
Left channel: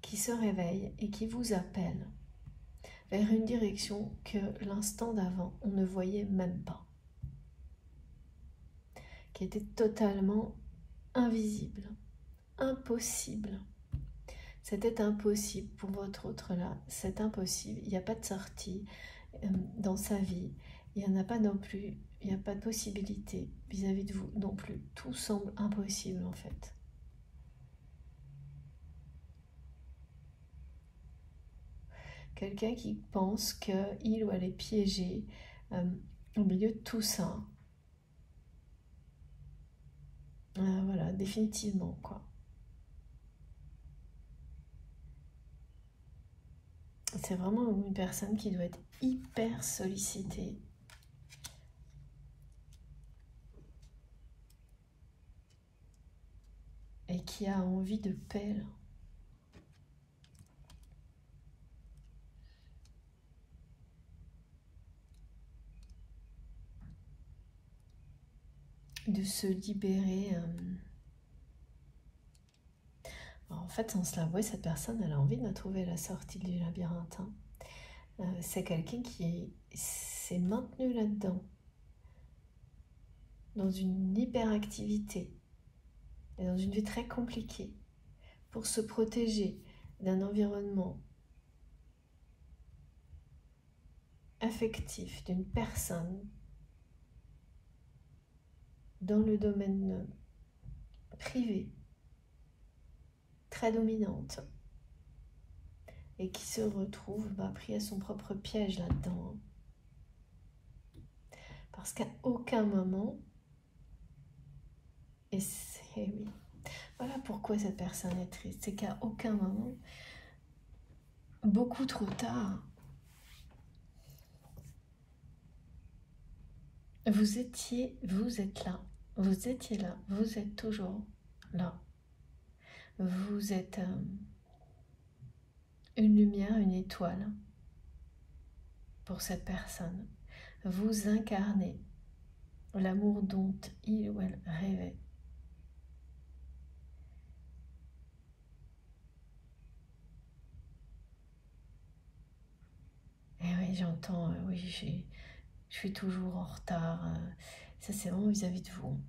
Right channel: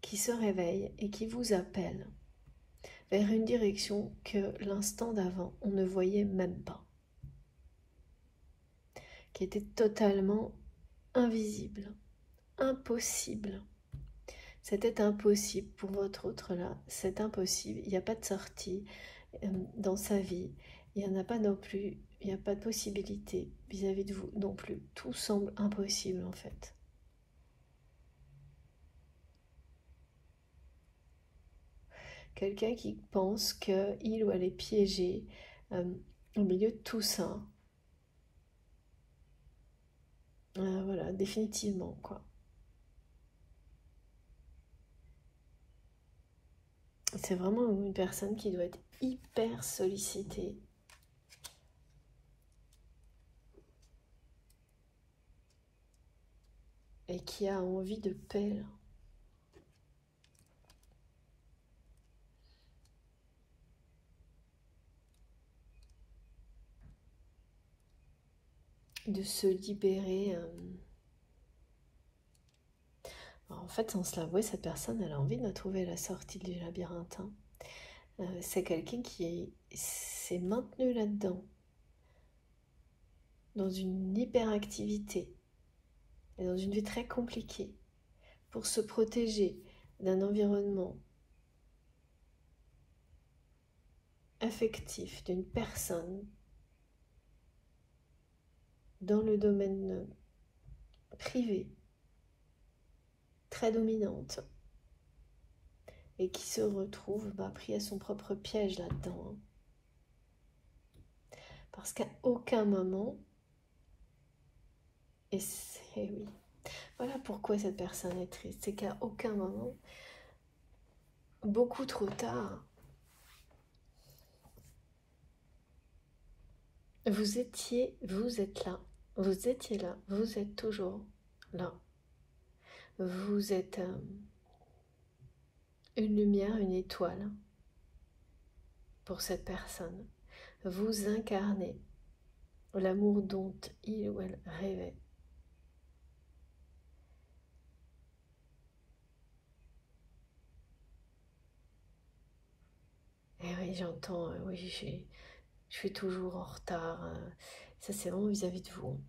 qui se réveille et qui vous appelle vers une direction que l'instant d'avant, on ne voyait même pas, qui était totalement invisible, impossible. C'était impossible pour votre autre là, c'est impossible, il n'y a pas de sortie dans sa vie, il n'y en a pas non plus, il n'y a pas de possibilité vis-à-vis de vous non plus, tout semble impossible en fait. Quelqu'un qui pense qu'il ou elle est piégé au milieu de tout ça. Voilà, définitivement, quoi. C'est vraiment une personne qui doit être hyper sollicitée. Et qui a envie de paix. De se libérer. En fait, sans se l'avouer, cette personne, elle a envie de trouver la sortie du labyrinthe. C'est quelqu'un qui s'est maintenu là-dedans, dans une hyperactivité, et dans une vie très compliquée, pour se protéger d'un environnement affectif, d'une personne dans le domaine privé, très dominante, et qui se retrouve pris à son propre piège là-dedans. Hein. Parce qu'à aucun moment, et c'est oui, voilà pourquoi cette personne est triste, c'est qu'à aucun moment, beaucoup trop tard, vous êtes là, vous étiez là, vous êtes toujours là. Vous êtes une lumière, une étoile pour cette personne. Vous incarnez l'amour dont il ou elle rêvait. Et oui, j'entends, oui, je suis toujours en retard. Ça, c'est vraiment vis-à-vis de vous.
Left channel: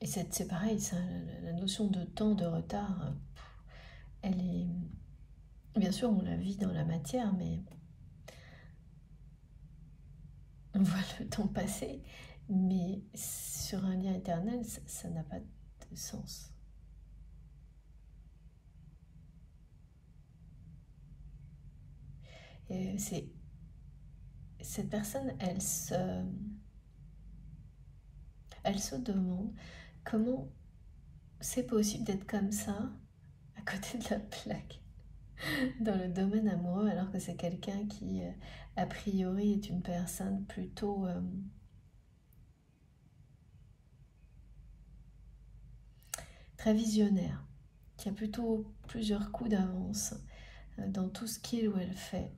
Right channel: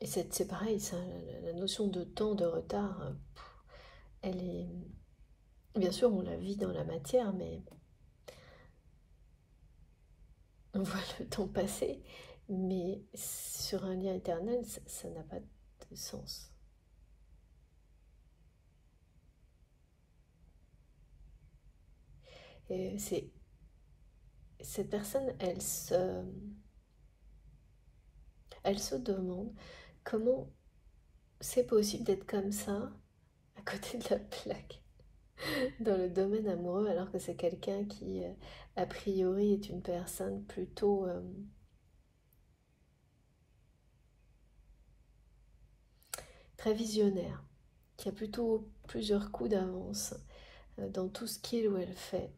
Et c'est pareil, ça, la notion de temps, de retard, elle est... Bien sûr, on la vit dans la matière, mais on voit le temps passer. Mais sur un lien éternel, ça n'a pas de sens. Et cette personne, elle se demande comment c'est possible d'être comme ça, à côté de la plaque, dans le domaine amoureux, alors que c'est quelqu'un qui, a priori, est une personne plutôt très visionnaire, qui a plutôt plusieurs coups d'avance dans tout ce qu'il ou elle fait.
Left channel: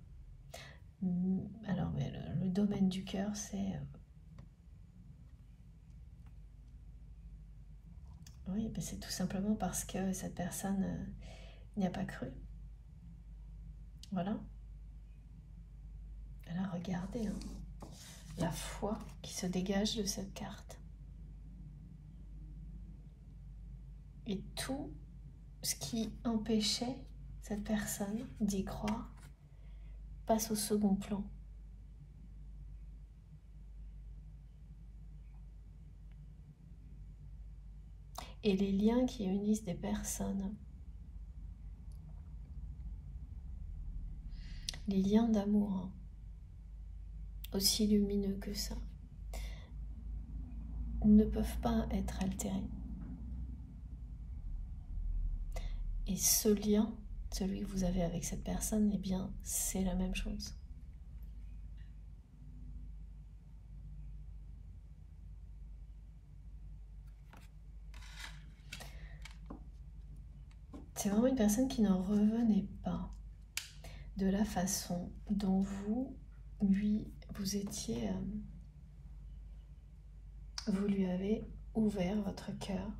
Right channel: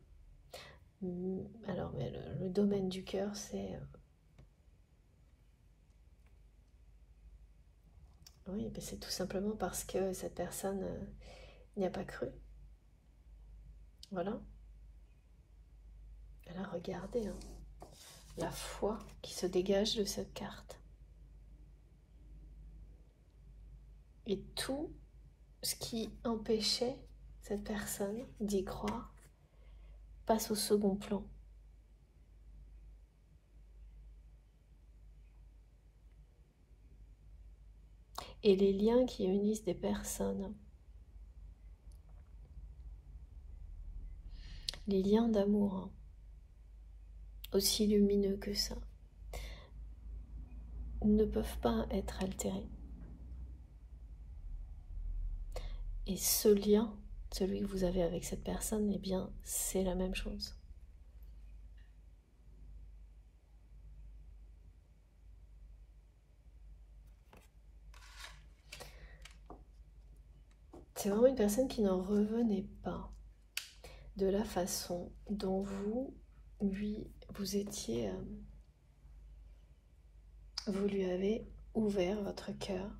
Alors, mais le domaine du cœur, c'est... oui, ben c'est tout simplement parce que cette personne n'y a pas cru. Voilà. Alors, regardez hein, la foi qui se dégage de cette carte. Et tout ce qui empêchait cette personne d'y croire passe au second plan. Et les liens qui unissent des personnes, les liens d'amour, aussi lumineux que ça, ne peuvent pas être altérés. Et ce lien, celui que vous avez avec cette personne, eh bien, c'est la même chose. C'est vraiment une personne qui n'en revenait pas de la façon dont vous étiez, vous lui avez ouvert votre cœur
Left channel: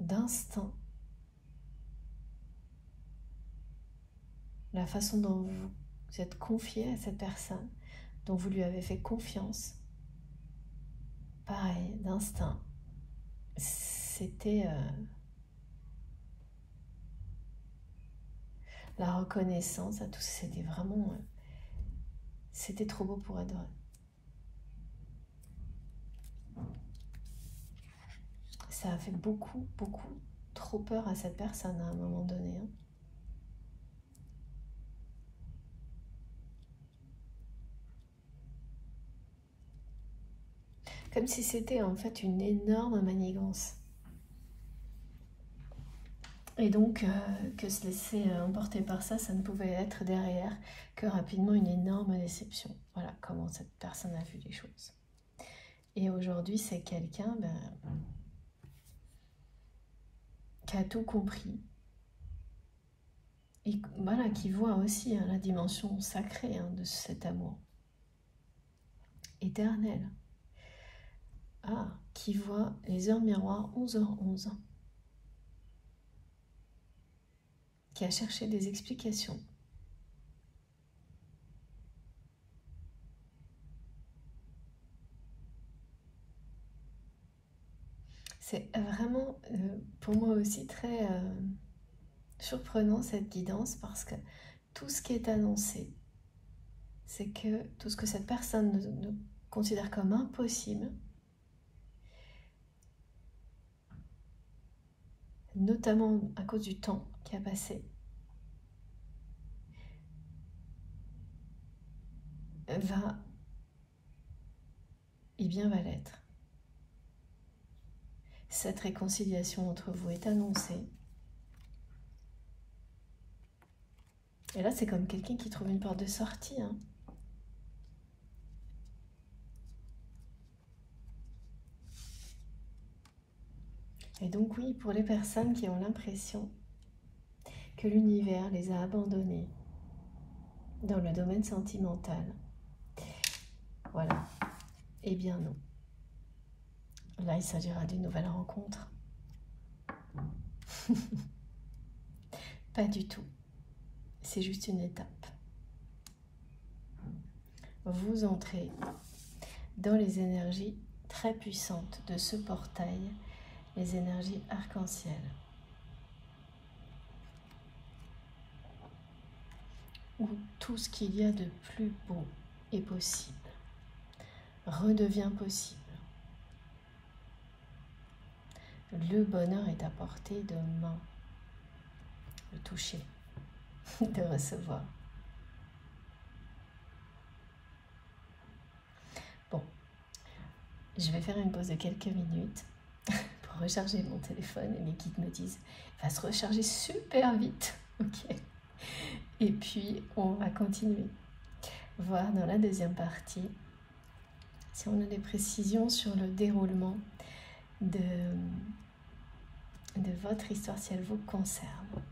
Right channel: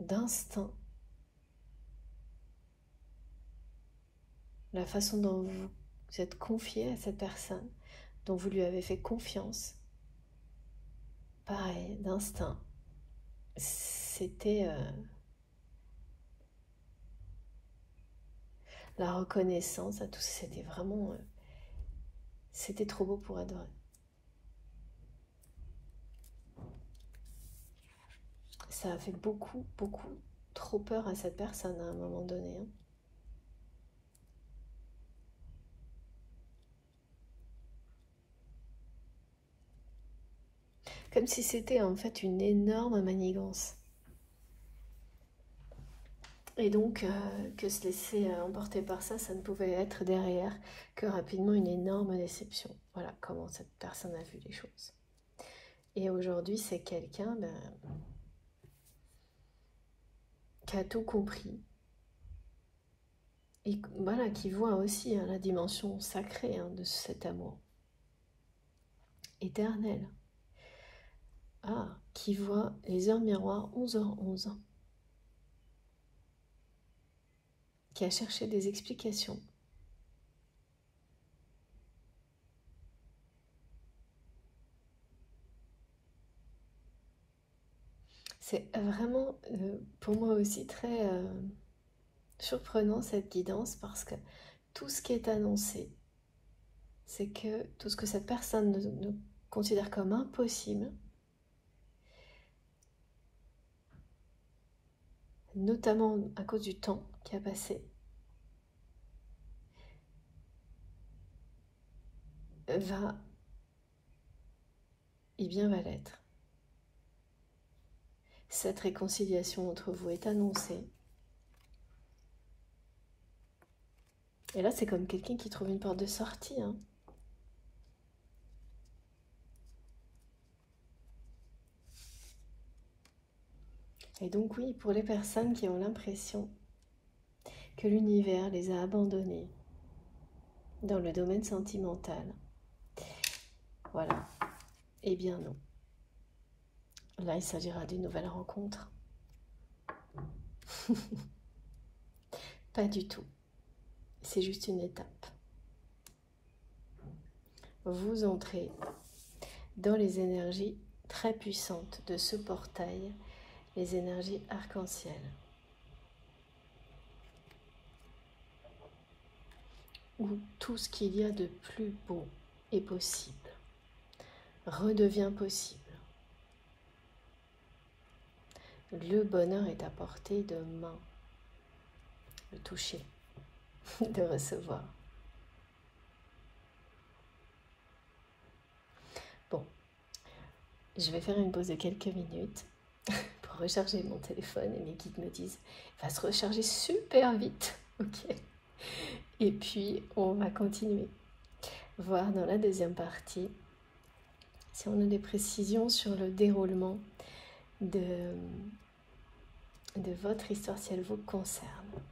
d'instinct. La façon dont vous êtes confié à cette personne, dont vous lui avez fait confiance, pareil, d'instinct. C'était la reconnaissance à tout ça, c'était vraiment... c'était trop beau pour être vrai. Ça a fait beaucoup, beaucoup trop peur à cette personne à un moment donné. Hein. Comme si c'était en fait une énorme manigance. Et donc, que se laisser emporter par ça, ça ne pouvait être derrière que rapidement une énorme déception. Voilà comment cette personne a vu les choses. Et aujourd'hui, c'est quelqu'un qui a tout compris. Et voilà, qui voit aussi la dimension sacrée de cet amour. Éternel. Ah, qui voit les heures miroirs 11h11. Qui a cherché des explications. C'est vraiment, pour moi aussi, très surprenant cette guidance parce que tout ce qui est annoncé, c'est que tout ce que cette personne considère comme impossible, notamment à cause du temps qui a passé, va l'être. Cette réconciliation entre vous est annoncée. Et là, c'est comme quelqu'un qui trouve une porte de sortie. Hein. Et donc oui, pour les personnes qui ont l'impression que l'univers les a abandonnés dans le domaine sentimental, voilà, eh bien non. Là, il s'agira d'une nouvelle rencontre. Pas du tout. C'est juste une étape. Vous entrez dans les énergies très puissantes de ce portail, les énergies arc-en-ciel. Où tout ce qu'il y a de plus beau est possible, redevient possible. Le bonheur est à portée de main, de toucher, de recevoir. Bon, je vais faire une pause de quelques minutes pour recharger mon téléphone et mes guides me disent « va se recharger super vite, ok ?» Et puis, on va continuer. Voir dans la deuxième partie si on a des précisions sur le déroulement de votre histoire si elle vous concerne.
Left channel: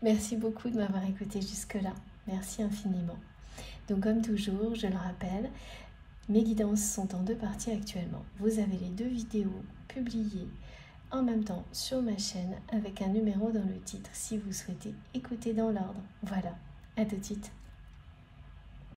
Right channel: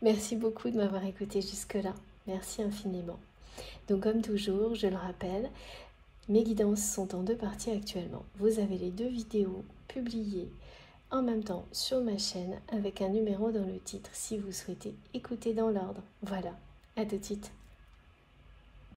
Merci beaucoup de m'avoir écouté jusque-là. Merci infiniment. Donc comme toujours, je le rappelle, mes guidances sont en 2 parties actuellement. Vous avez les 2 vidéos publiées en même temps sur ma chaîne avec un numéro dans le titre si vous souhaitez écouter dans l'ordre. Voilà, à tout de suite.